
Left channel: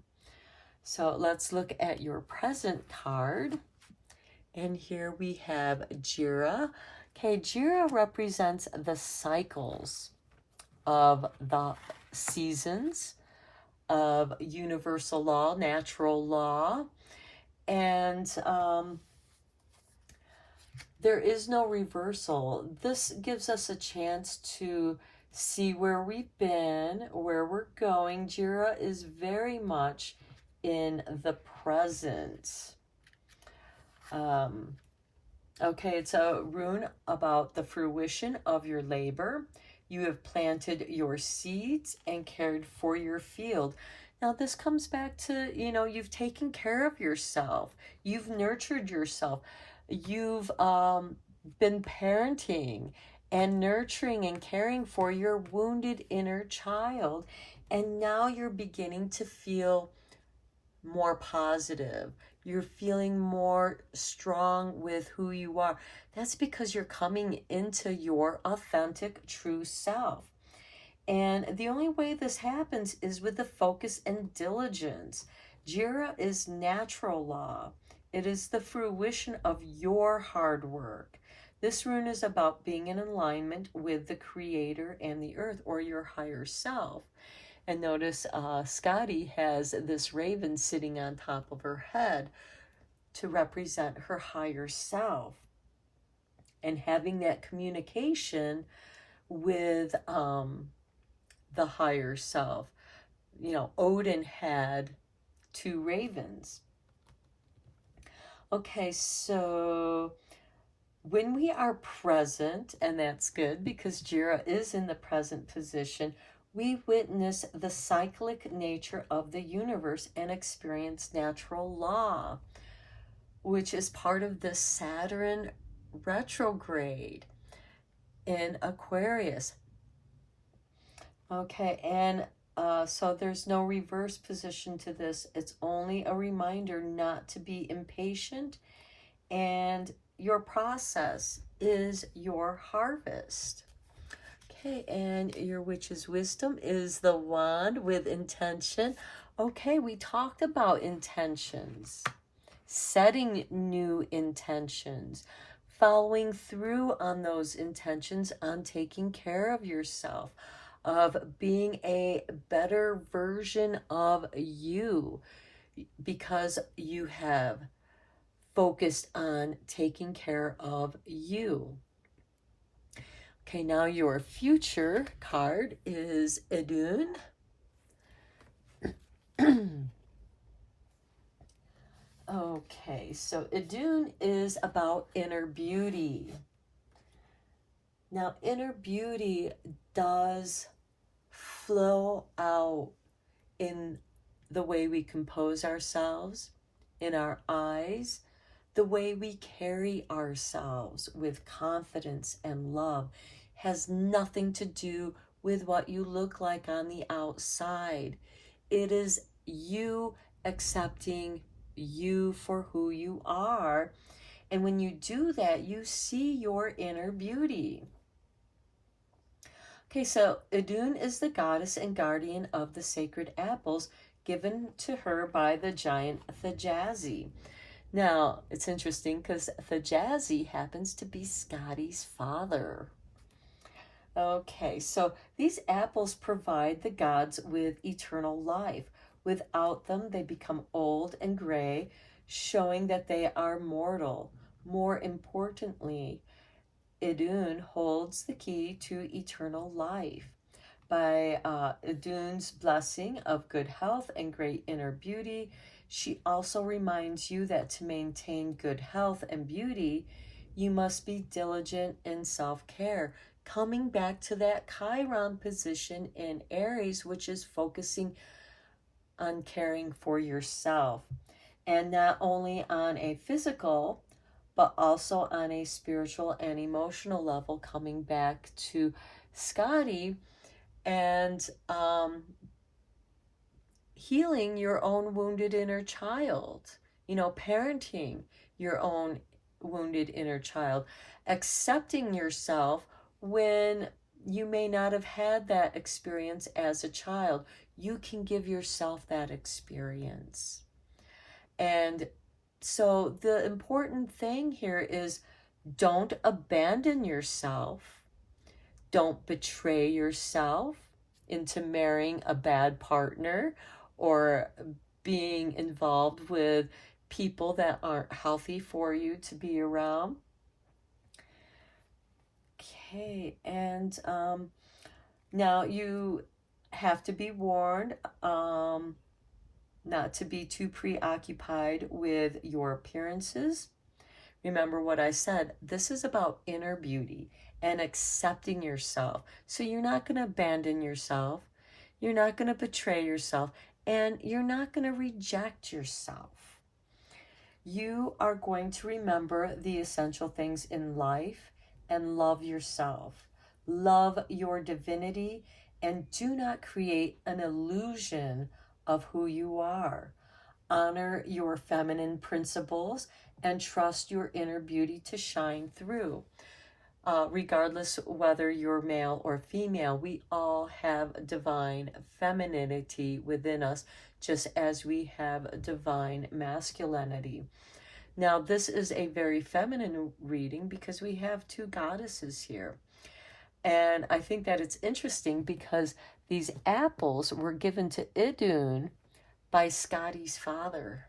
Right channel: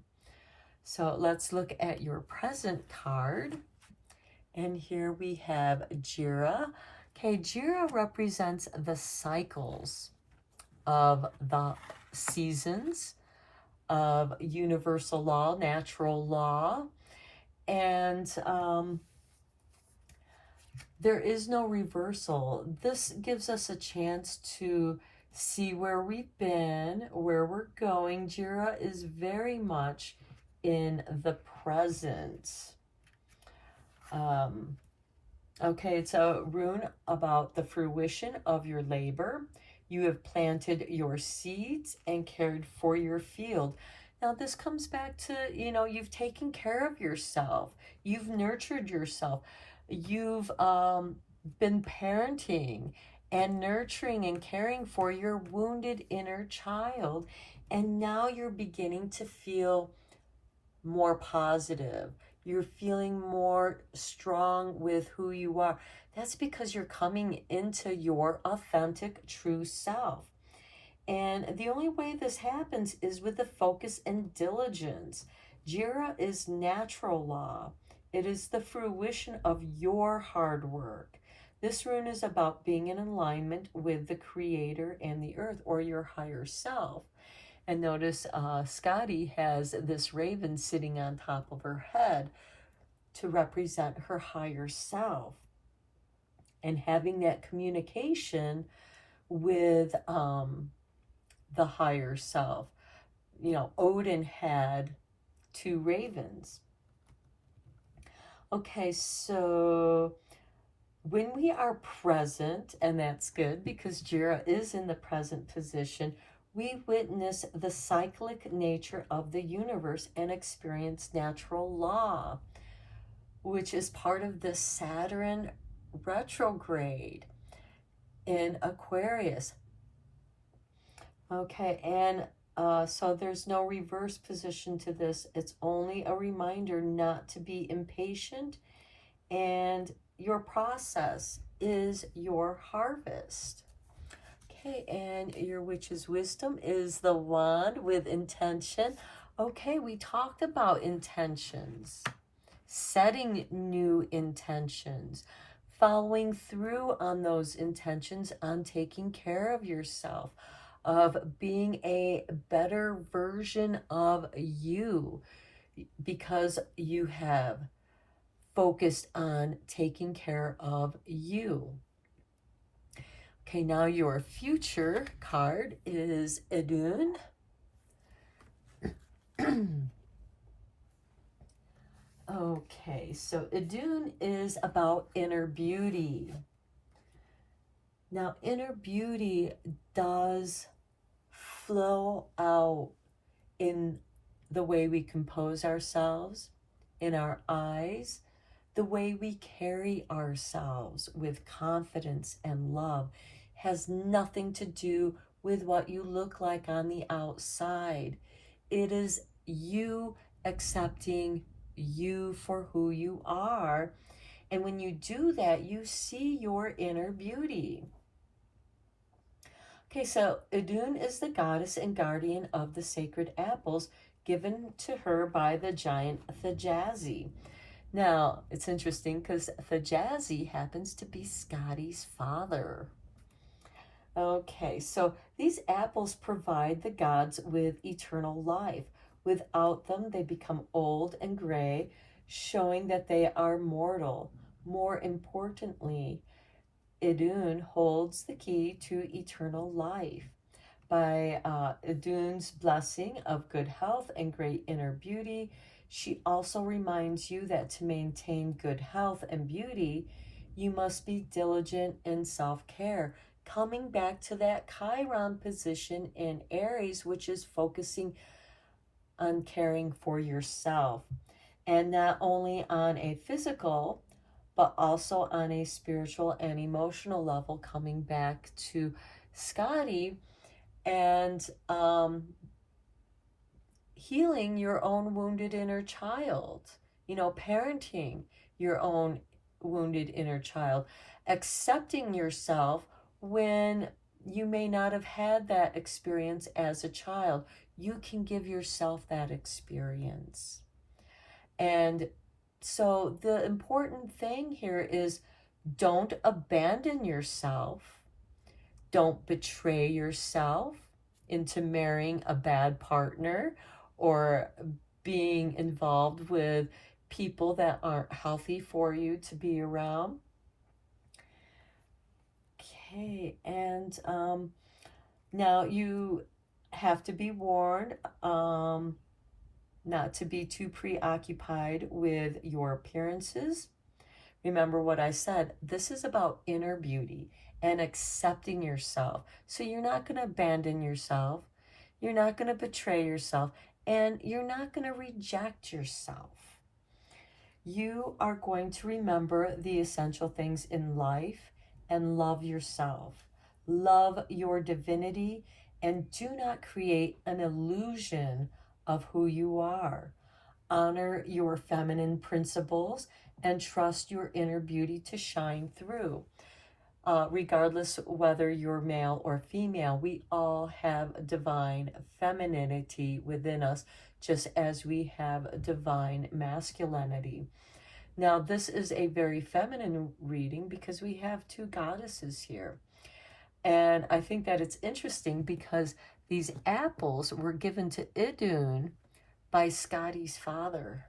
So let's look at your present card. And here we have Jira. Okay, Jira represents the cycles of the seasons, of universal law, natural law, and there is no reversal. This gives us a chance to see where we've been, where we're going. Jira is very much in the present. Okay, it's a rune about the fruition of your labor. You have planted your seeds and cared for your field. Now, this comes back to, you've taken care of yourself. You've nurtured yourself. You've been parenting and nurturing and caring for your wounded inner child. And now you're beginning to feel more positive. You're feeling more strong with who you are. That's because you're coming into your authentic, true self. And the only way this happens is with the focus and diligence. Jira is natural law. It is the fruition of your hard work. This rune is about being in alignment with the Creator and the earth, or your higher self. And notice Scotty has this raven sitting on top of her head to represent her higher self. and having that communication with the higher self. You know, Odin had 2 ravens. Okay, so when we are present, and that's good because Jira is in the present position, we witness the cyclic nature of the universe and experience natural law, which is part of the Saturn retrograde in Aquarius. Okay, and so there's no reverse position to this. It's only a reminder not to be impatient, and your process is your harvest. Okay, and your witch's wisdom is the wand with intention. Okay, we talked about intentions, setting new intentions, following through on those intentions, on taking care of yourself, of being a better version of you because you have focused on taking care of you. Okay, now your future card is Idun. Okay, so Idun is about inner beauty. Now, inner beauty does flow out in the way we compose ourselves, in our eyes, the way we carry ourselves with confidence and love. Has nothing to do with what you look like on the outside. It is you accepting you for who you are. And when you do that, you see your inner beauty. Okay, so Idun is the goddess and guardian of the sacred apples given to her by the giant Thjazi. Now, it's interesting because Thjazi happens to be Scotty's father. Okay, so these apples provide the gods with eternal life. Without them, they become old and gray, showing that they are mortal. More importantly, Idun holds the key to eternal life. By Idun's blessing of good health and great inner beauty, she also reminds you that to maintain good health and beauty, you must be diligent in self-care. Coming back to that Chiron position in Aries, which is focusing on caring for yourself. And not only on a physical, but also on a spiritual and emotional level, coming back to Scotty and healing your own wounded inner child, you know, parenting your own wounded inner child, accepting yourself when you may not have had that experience as a child. You can give yourself that experience. And so the important thing here is don't abandon yourself. Don't betray yourself into marrying a bad partner or being involved with people that aren't healthy for you to be around. Okay, and now you have to be warned not to be too preoccupied with your appearances. Remember what I said, this is about inner beauty and accepting yourself. So you're not going to abandon yourself, you're not going to betray yourself, and you're not going to reject yourself. You are going to remember the essential things in life and love yourself. Love your divinity and do not create an illusion of who you are. Honor your feminine principles and trust your inner beauty to shine through. Regardless whether you're male or female, we all have divine femininity within us, just as we have divine masculinity. Now, this is a very feminine reading because we have 2 goddesses here. And I think that it's interesting because these apples were given to Idun by Scotty's father.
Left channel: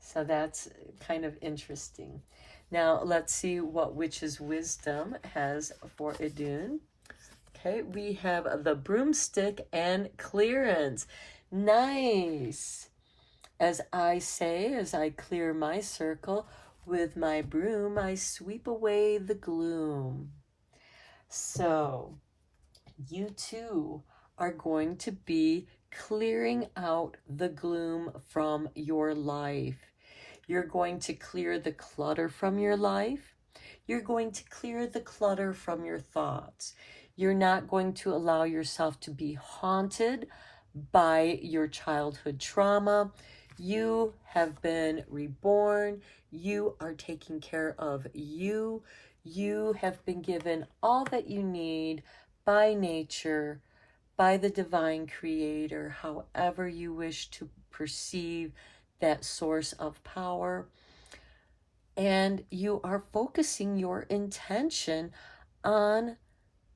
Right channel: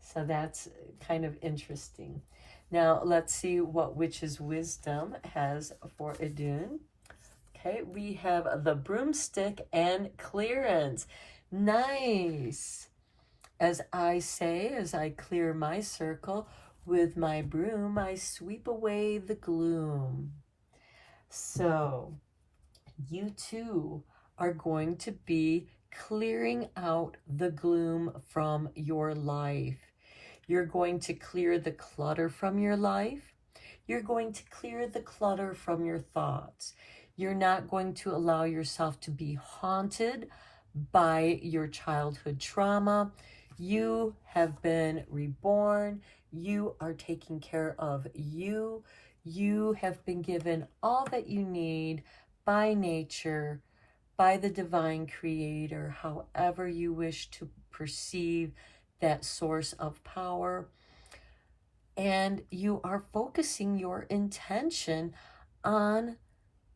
So that's kind of interesting. Now, let's see what Witch's Wisdom has for Idun. Okay, we have the broomstick and clearance. Nice. As I say, as I clear my circle, with my broom, I sweep away the gloom. So, you too are going to be clearing out the gloom from your life. You're going to clear the clutter from your life. You're going to clear the clutter from your thoughts. You're not going to allow yourself to be haunted by your childhood trauma. You have been reborn. You are taking care of you. You have been given all that you need by nature, by the divine creator, however you wish to perceive that source of power. And you are focusing your intention on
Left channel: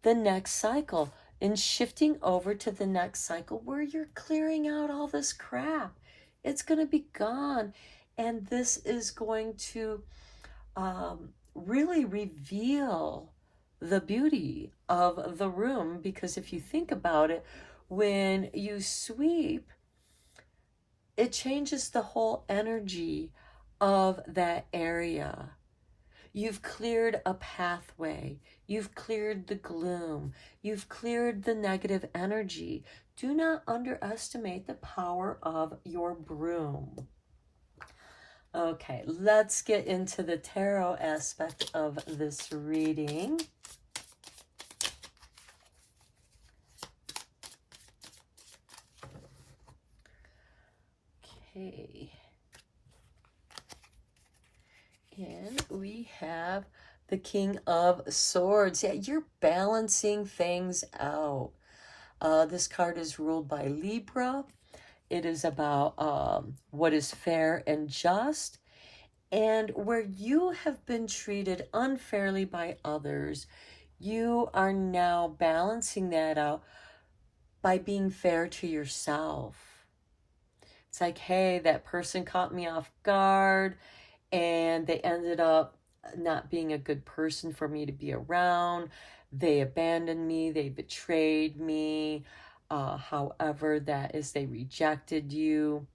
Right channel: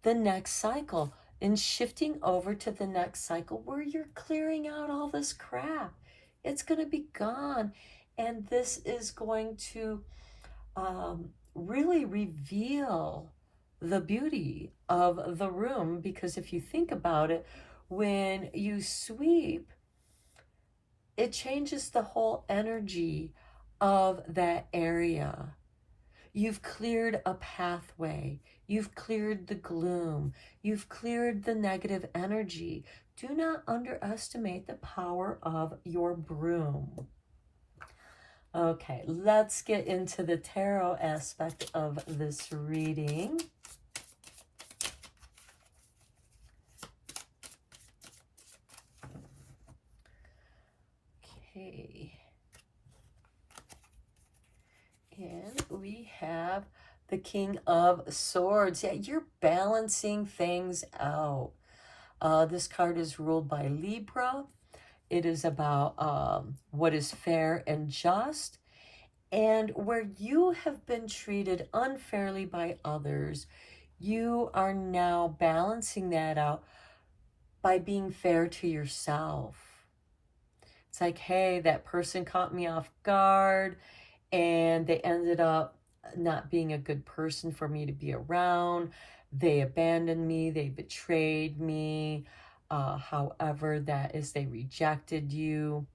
the next cycle and shifting over to the next cycle where you're clearing out all this crap. It's going to be gone. And this is going to really reveal the beauty of the room, because if you think about it, when you sweep, it changes the whole energy of that area. You've cleared a pathway. You've cleared the gloom. You've cleared the negative energy. Do not underestimate the power of your broom. Okay, let's get into the tarot aspect of this reading. Okay. And we have the King of Swords. Yeah, you're balancing things out. This card is ruled by Libra. It is about what is fair and just. And where you have been treated unfairly by others, you are now balancing that out by being fair to yourself. It's like, hey, that person caught me off guard and they ended up not being a good person for me to be around. They abandoned me, they betrayed me. However that is, they rejected you.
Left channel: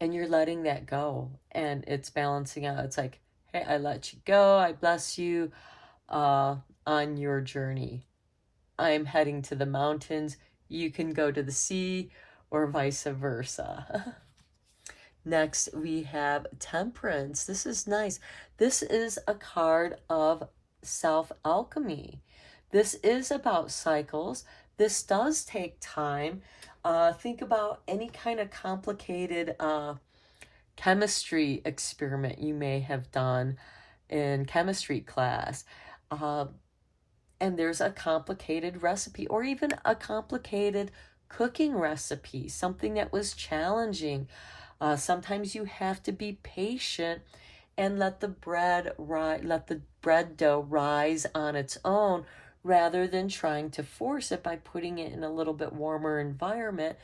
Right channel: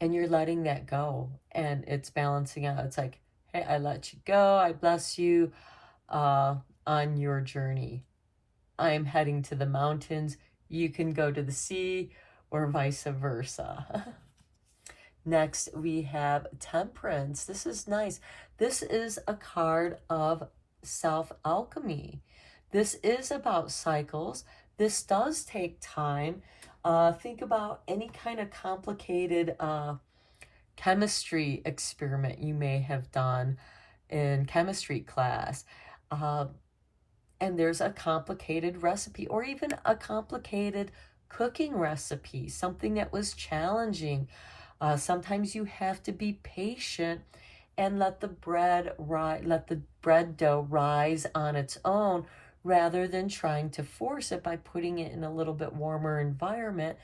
And you're letting that go. And it's balancing out. It's like, hey, I let you go. I bless you on your journey. I'm heading to the mountains. You can go to the sea, or vice versa. Next, we have Temperance. This is nice. This is a card of self-alchemy. This is about cycles. This does take time. Think about any kind of complicated chemistry experiment you may have done in chemistry class. And there's a complicated recipe, or even a complicated cooking recipe, something that was challenging. Sometimes you have to be patient and let the bread dough rise on its own, rather than trying to force it by putting it in a little bit warmer environment,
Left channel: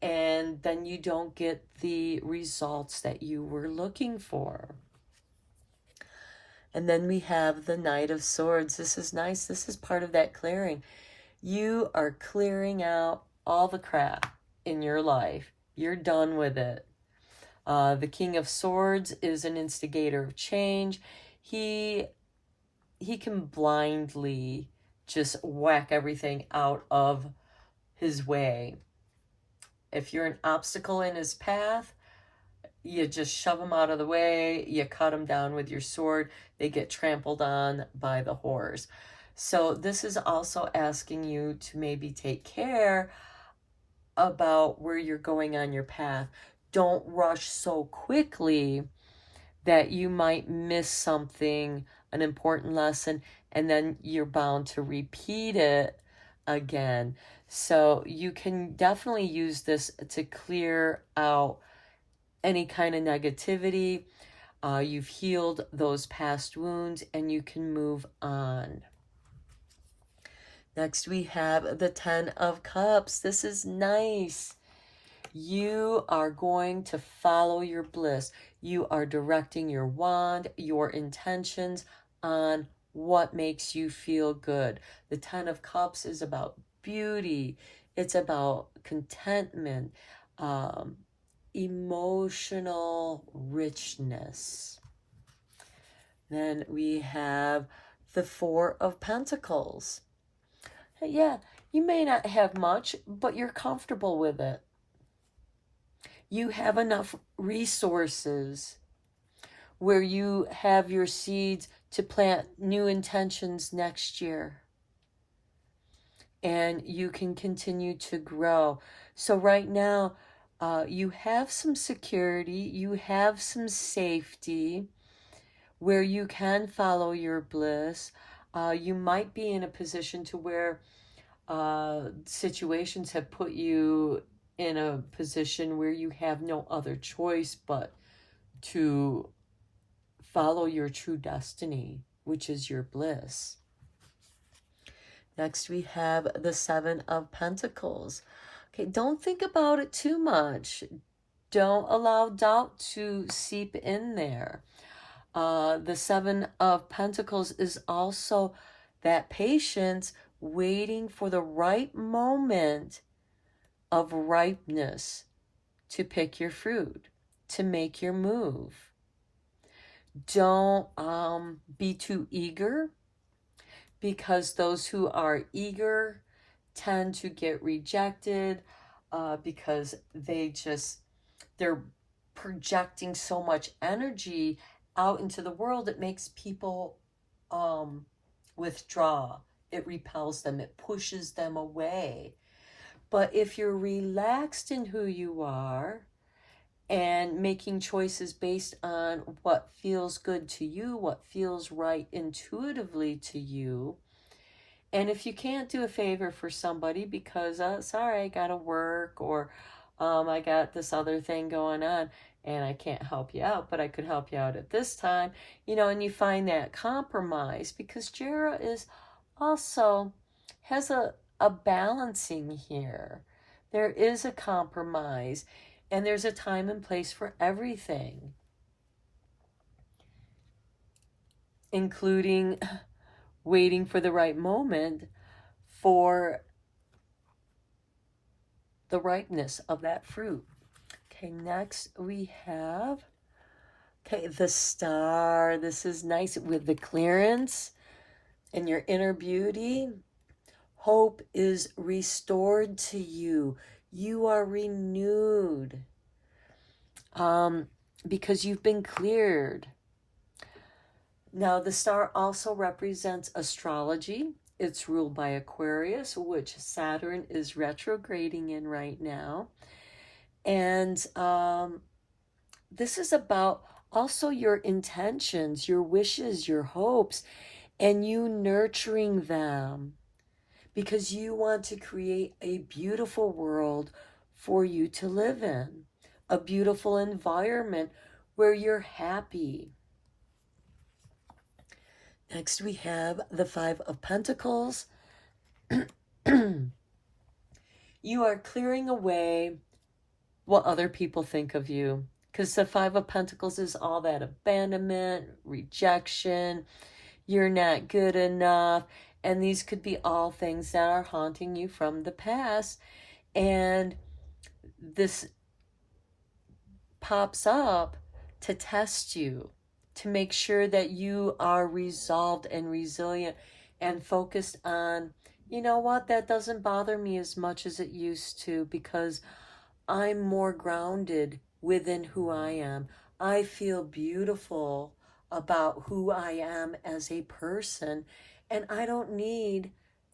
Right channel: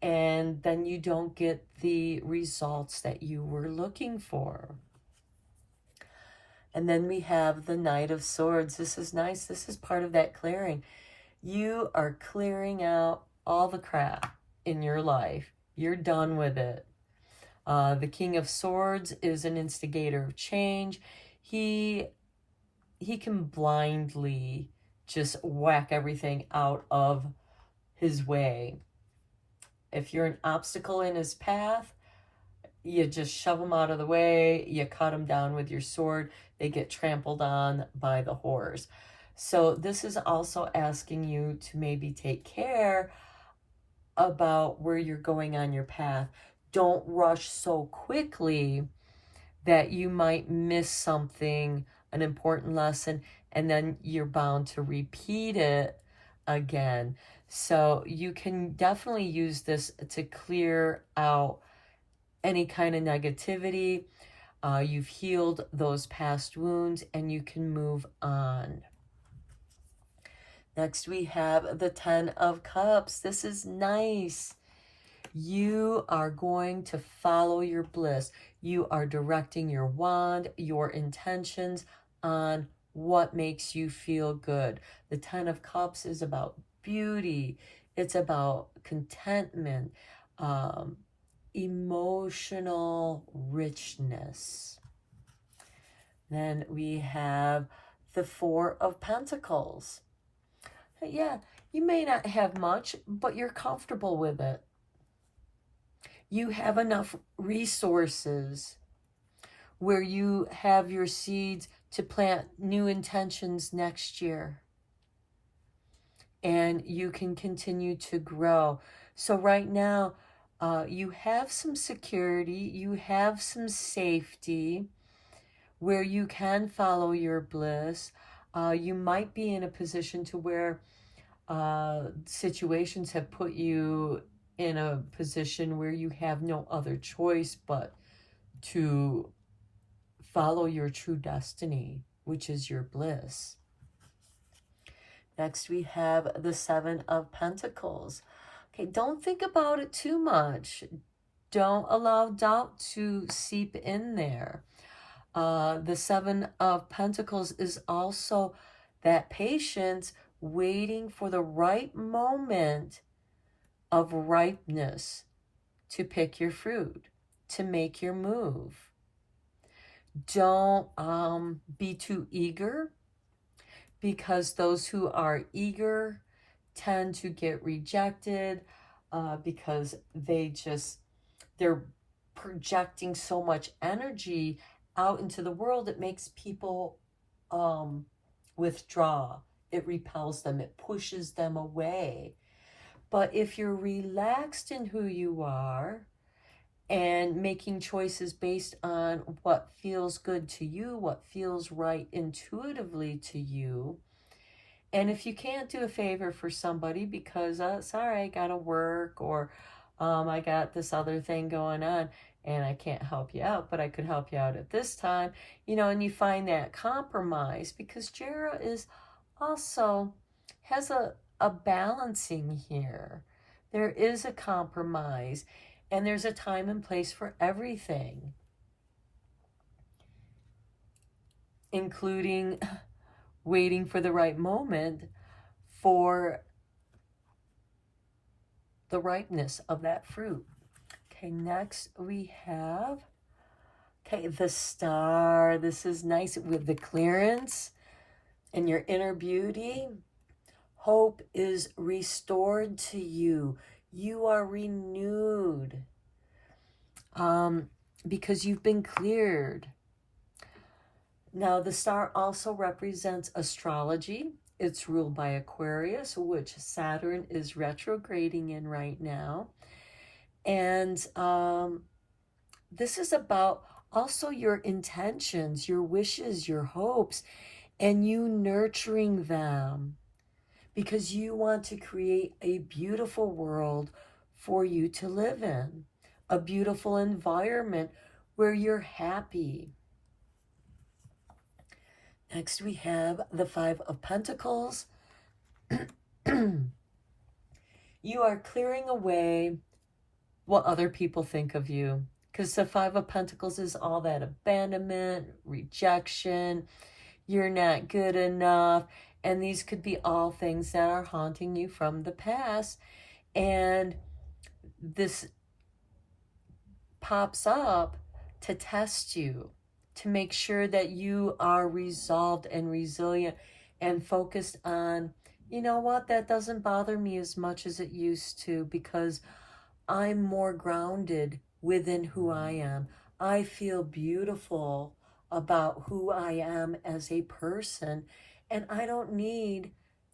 and then you don't get the results that you were looking for. And then we have the Knight of Swords. This is nice. This is part of that clearing. You are clearing out all the crap in your life. You're done with it. The King of Swords is an instigator of change. He can blindly just whack everything out of his way. If you're an obstacle in his path, you just shove them out of the way. You cut them down with your sword. They get trampled on by the horse. So this is also asking you to maybe take care about where you're going on your path. Don't rush so quickly that you might miss something, an important lesson, and then you're bound to repeat it again. So you can definitely use this to clear out any kind of negativity. You've healed those past wounds and you can move on. Next, we have the Ten of Cups. This is nice. You are going to follow your bliss. You are directing your wand, your intentions on what makes you feel good. The Ten of Cups is about beauty. It's about contentment, emotional richness. Then we have the Four of Pentacles. Yeah, you may not have much, but you're comfortable with it. You have enough resources where you have your seeds to plant new intentions next year. And you can continue to grow. So right now, you have some security, you have some safety where you can follow your bliss. You might be in a position to where situations have put you in a position where you have no other choice but to follow your true destiny, which is your bliss. Next, we have the Seven of Pentacles. Okay, don't think about it too much. Don't allow doubt to seep in there. The Seven of Pentacles is also that patience, waiting for the right moment of ripeness to pick your fruit, to make your move. Don't be too eager, because those who are eager tend to get rejected because they're projecting so much energy out into the world. It makes people withdraw. It repels them. It pushes them away. But if you're relaxed in who you are and making choices based on what feels good to you, what feels right intuitively to you, and if you can't do a favor for somebody because, sorry, I gotta work, or I got this other thing going on and I can't help you out, but I could help you out at this time, and you find that compromise, because Jera is also has a balancing here. There is a compromise, and there's a time and place for everything, including waiting for the right moment for the ripeness of that fruit. Okay, next we have, the Star. This is nice with the clearance and your inner beauty. Hope is restored to you. You are renewed because you've been cleared. Now, the Star also represents astrology. It's ruled by Aquarius, which Saturn is retrograding in right now. And this is about also your intentions, your wishes, your hopes, and you nurturing them, because you want to create a beautiful world for you to live in, a beautiful environment where you're happy. Next, we have the Five of Pentacles. You are clearing away what other people think of you, because the Five of Pentacles is all that abandonment, rejection, you're not good enough, and these could be all things that are haunting you from the past, and this pops up to test you, to make sure that you are resolved and resilient and focused on, you know what, that doesn't bother me as much as it used to, because I'm more grounded within who I am. I feel beautiful about who I am as a person, and I don't need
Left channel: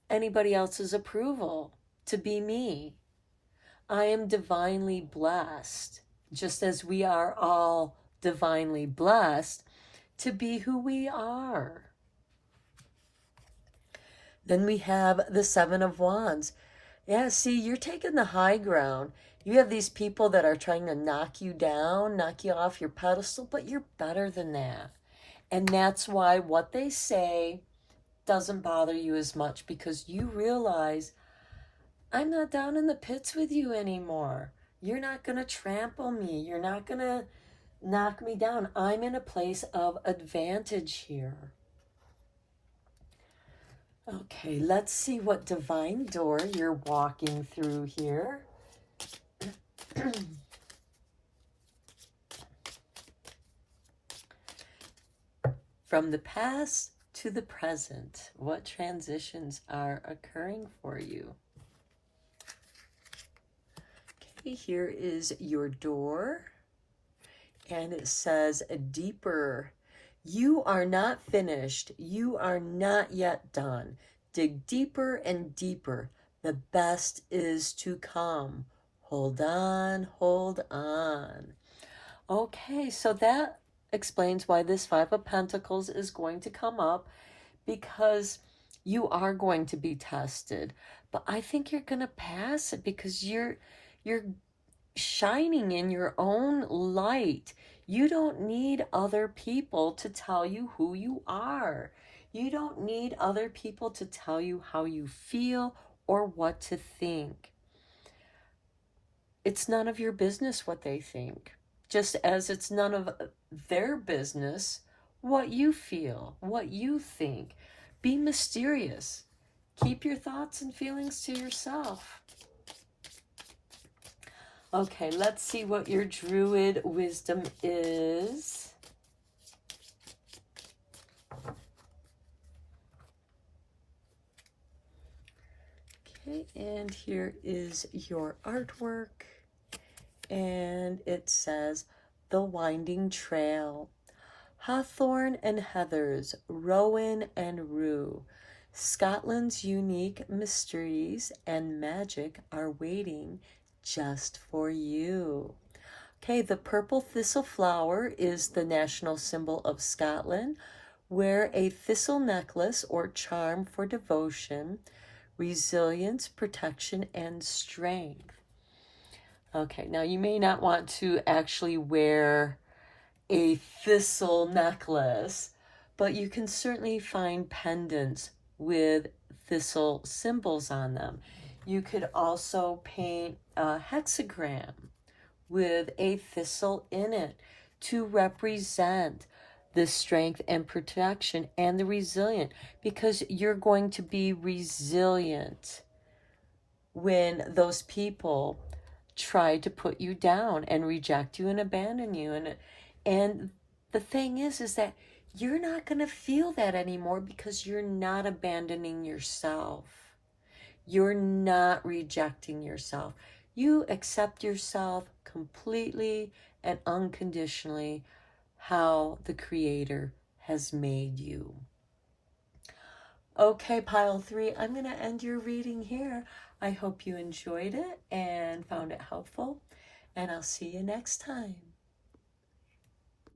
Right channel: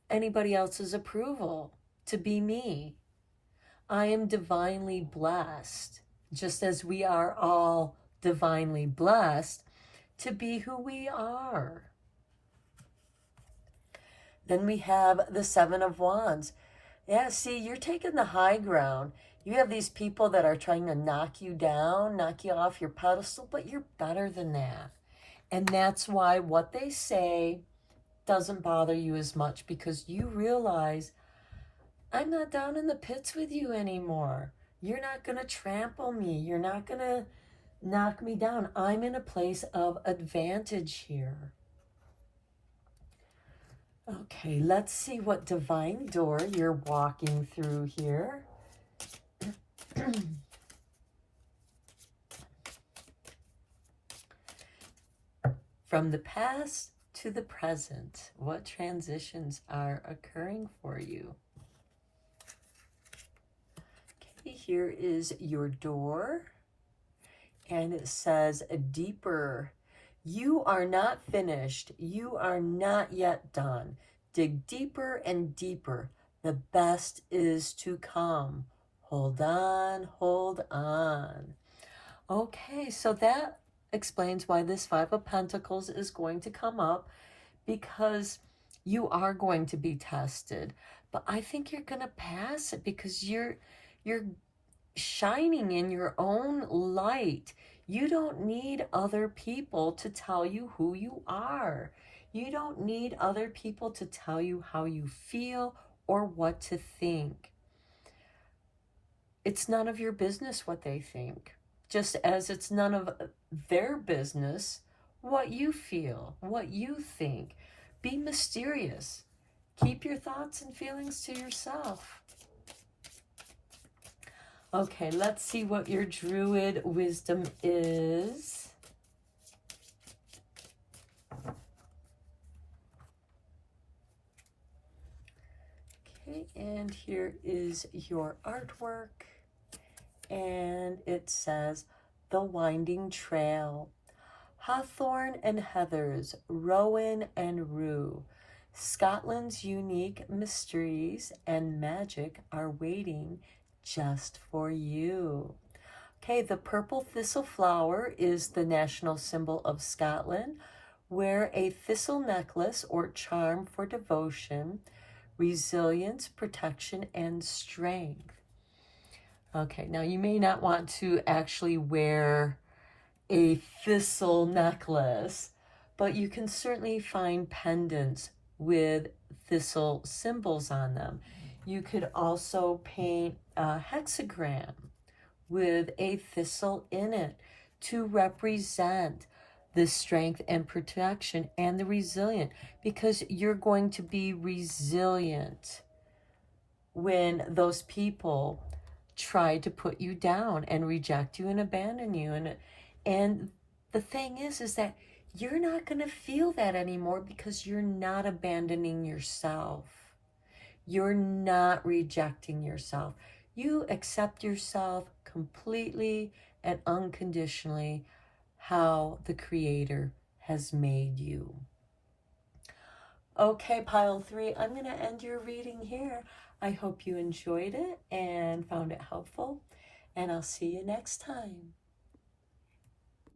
anybody else's approval to be me. I am divinely blessed, just as we are all divinely blessed to be who we are. Then we have the Seven of Wands. Yeah, see, you're taking the high ground. You have these people that are trying to knock you down, knock you off your pedestal, but you're better than that. And that's why what they say doesn't bother you as much, because you realize, I'm not down in the pits with you anymore. You're not going to trample me. You're not going to knock me down. I'm in a place of advantage here. Okay, let's see what divine door you're walking through here. From the past to the present, what transitions are occurring for you? Okay, here is your door, and it says deeper. You are not finished. You are not yet done. Dig deeper and deeper. The best is to come. Hold on, hold on. Okay, so that explains why this Five of Pentacles is going to come up, because you are going to be tested. But I think you're going to pass it because you're shining in your own light. You don't need other people to tell you who you are. You don't need other people to tell you how you feel or what to think. It's none of your business what they think, just as it's none of their business what you feel, what you think. Be mysterious. Keep your thoughts and feelings to yourself. Okay, let's see what your Druid wisdom is. Okay, and here is your artwork. And it says, The Winding Trail. Hawthorn and heathers, rowan and rue. Scotland's unique mysteries and magic are waiting just for you. Okay, the purple thistle flower is the national symbol of Scotland. Wear a thistle necklace or charm for devotion, resilience, protection, and strength. Okay, now you may not want to actually wear a thistle necklace, but you can certainly find pendants with thistle symbols on them. You could also paint a hexagram with a thistle in it to represent the strength and protection and the resilient, because you're going to be resilient when those people try to put you down and reject you and abandon you. And the thing is that you're not going to feel that anymore because you're not abandoning yourself. You're not rejecting yourself. You accept yourself completely and unconditionally how the Creator has made you. Okay, pile 3, I'm going to end your reading here. I hope you enjoyed it and found it helpful, and I'll see you next time.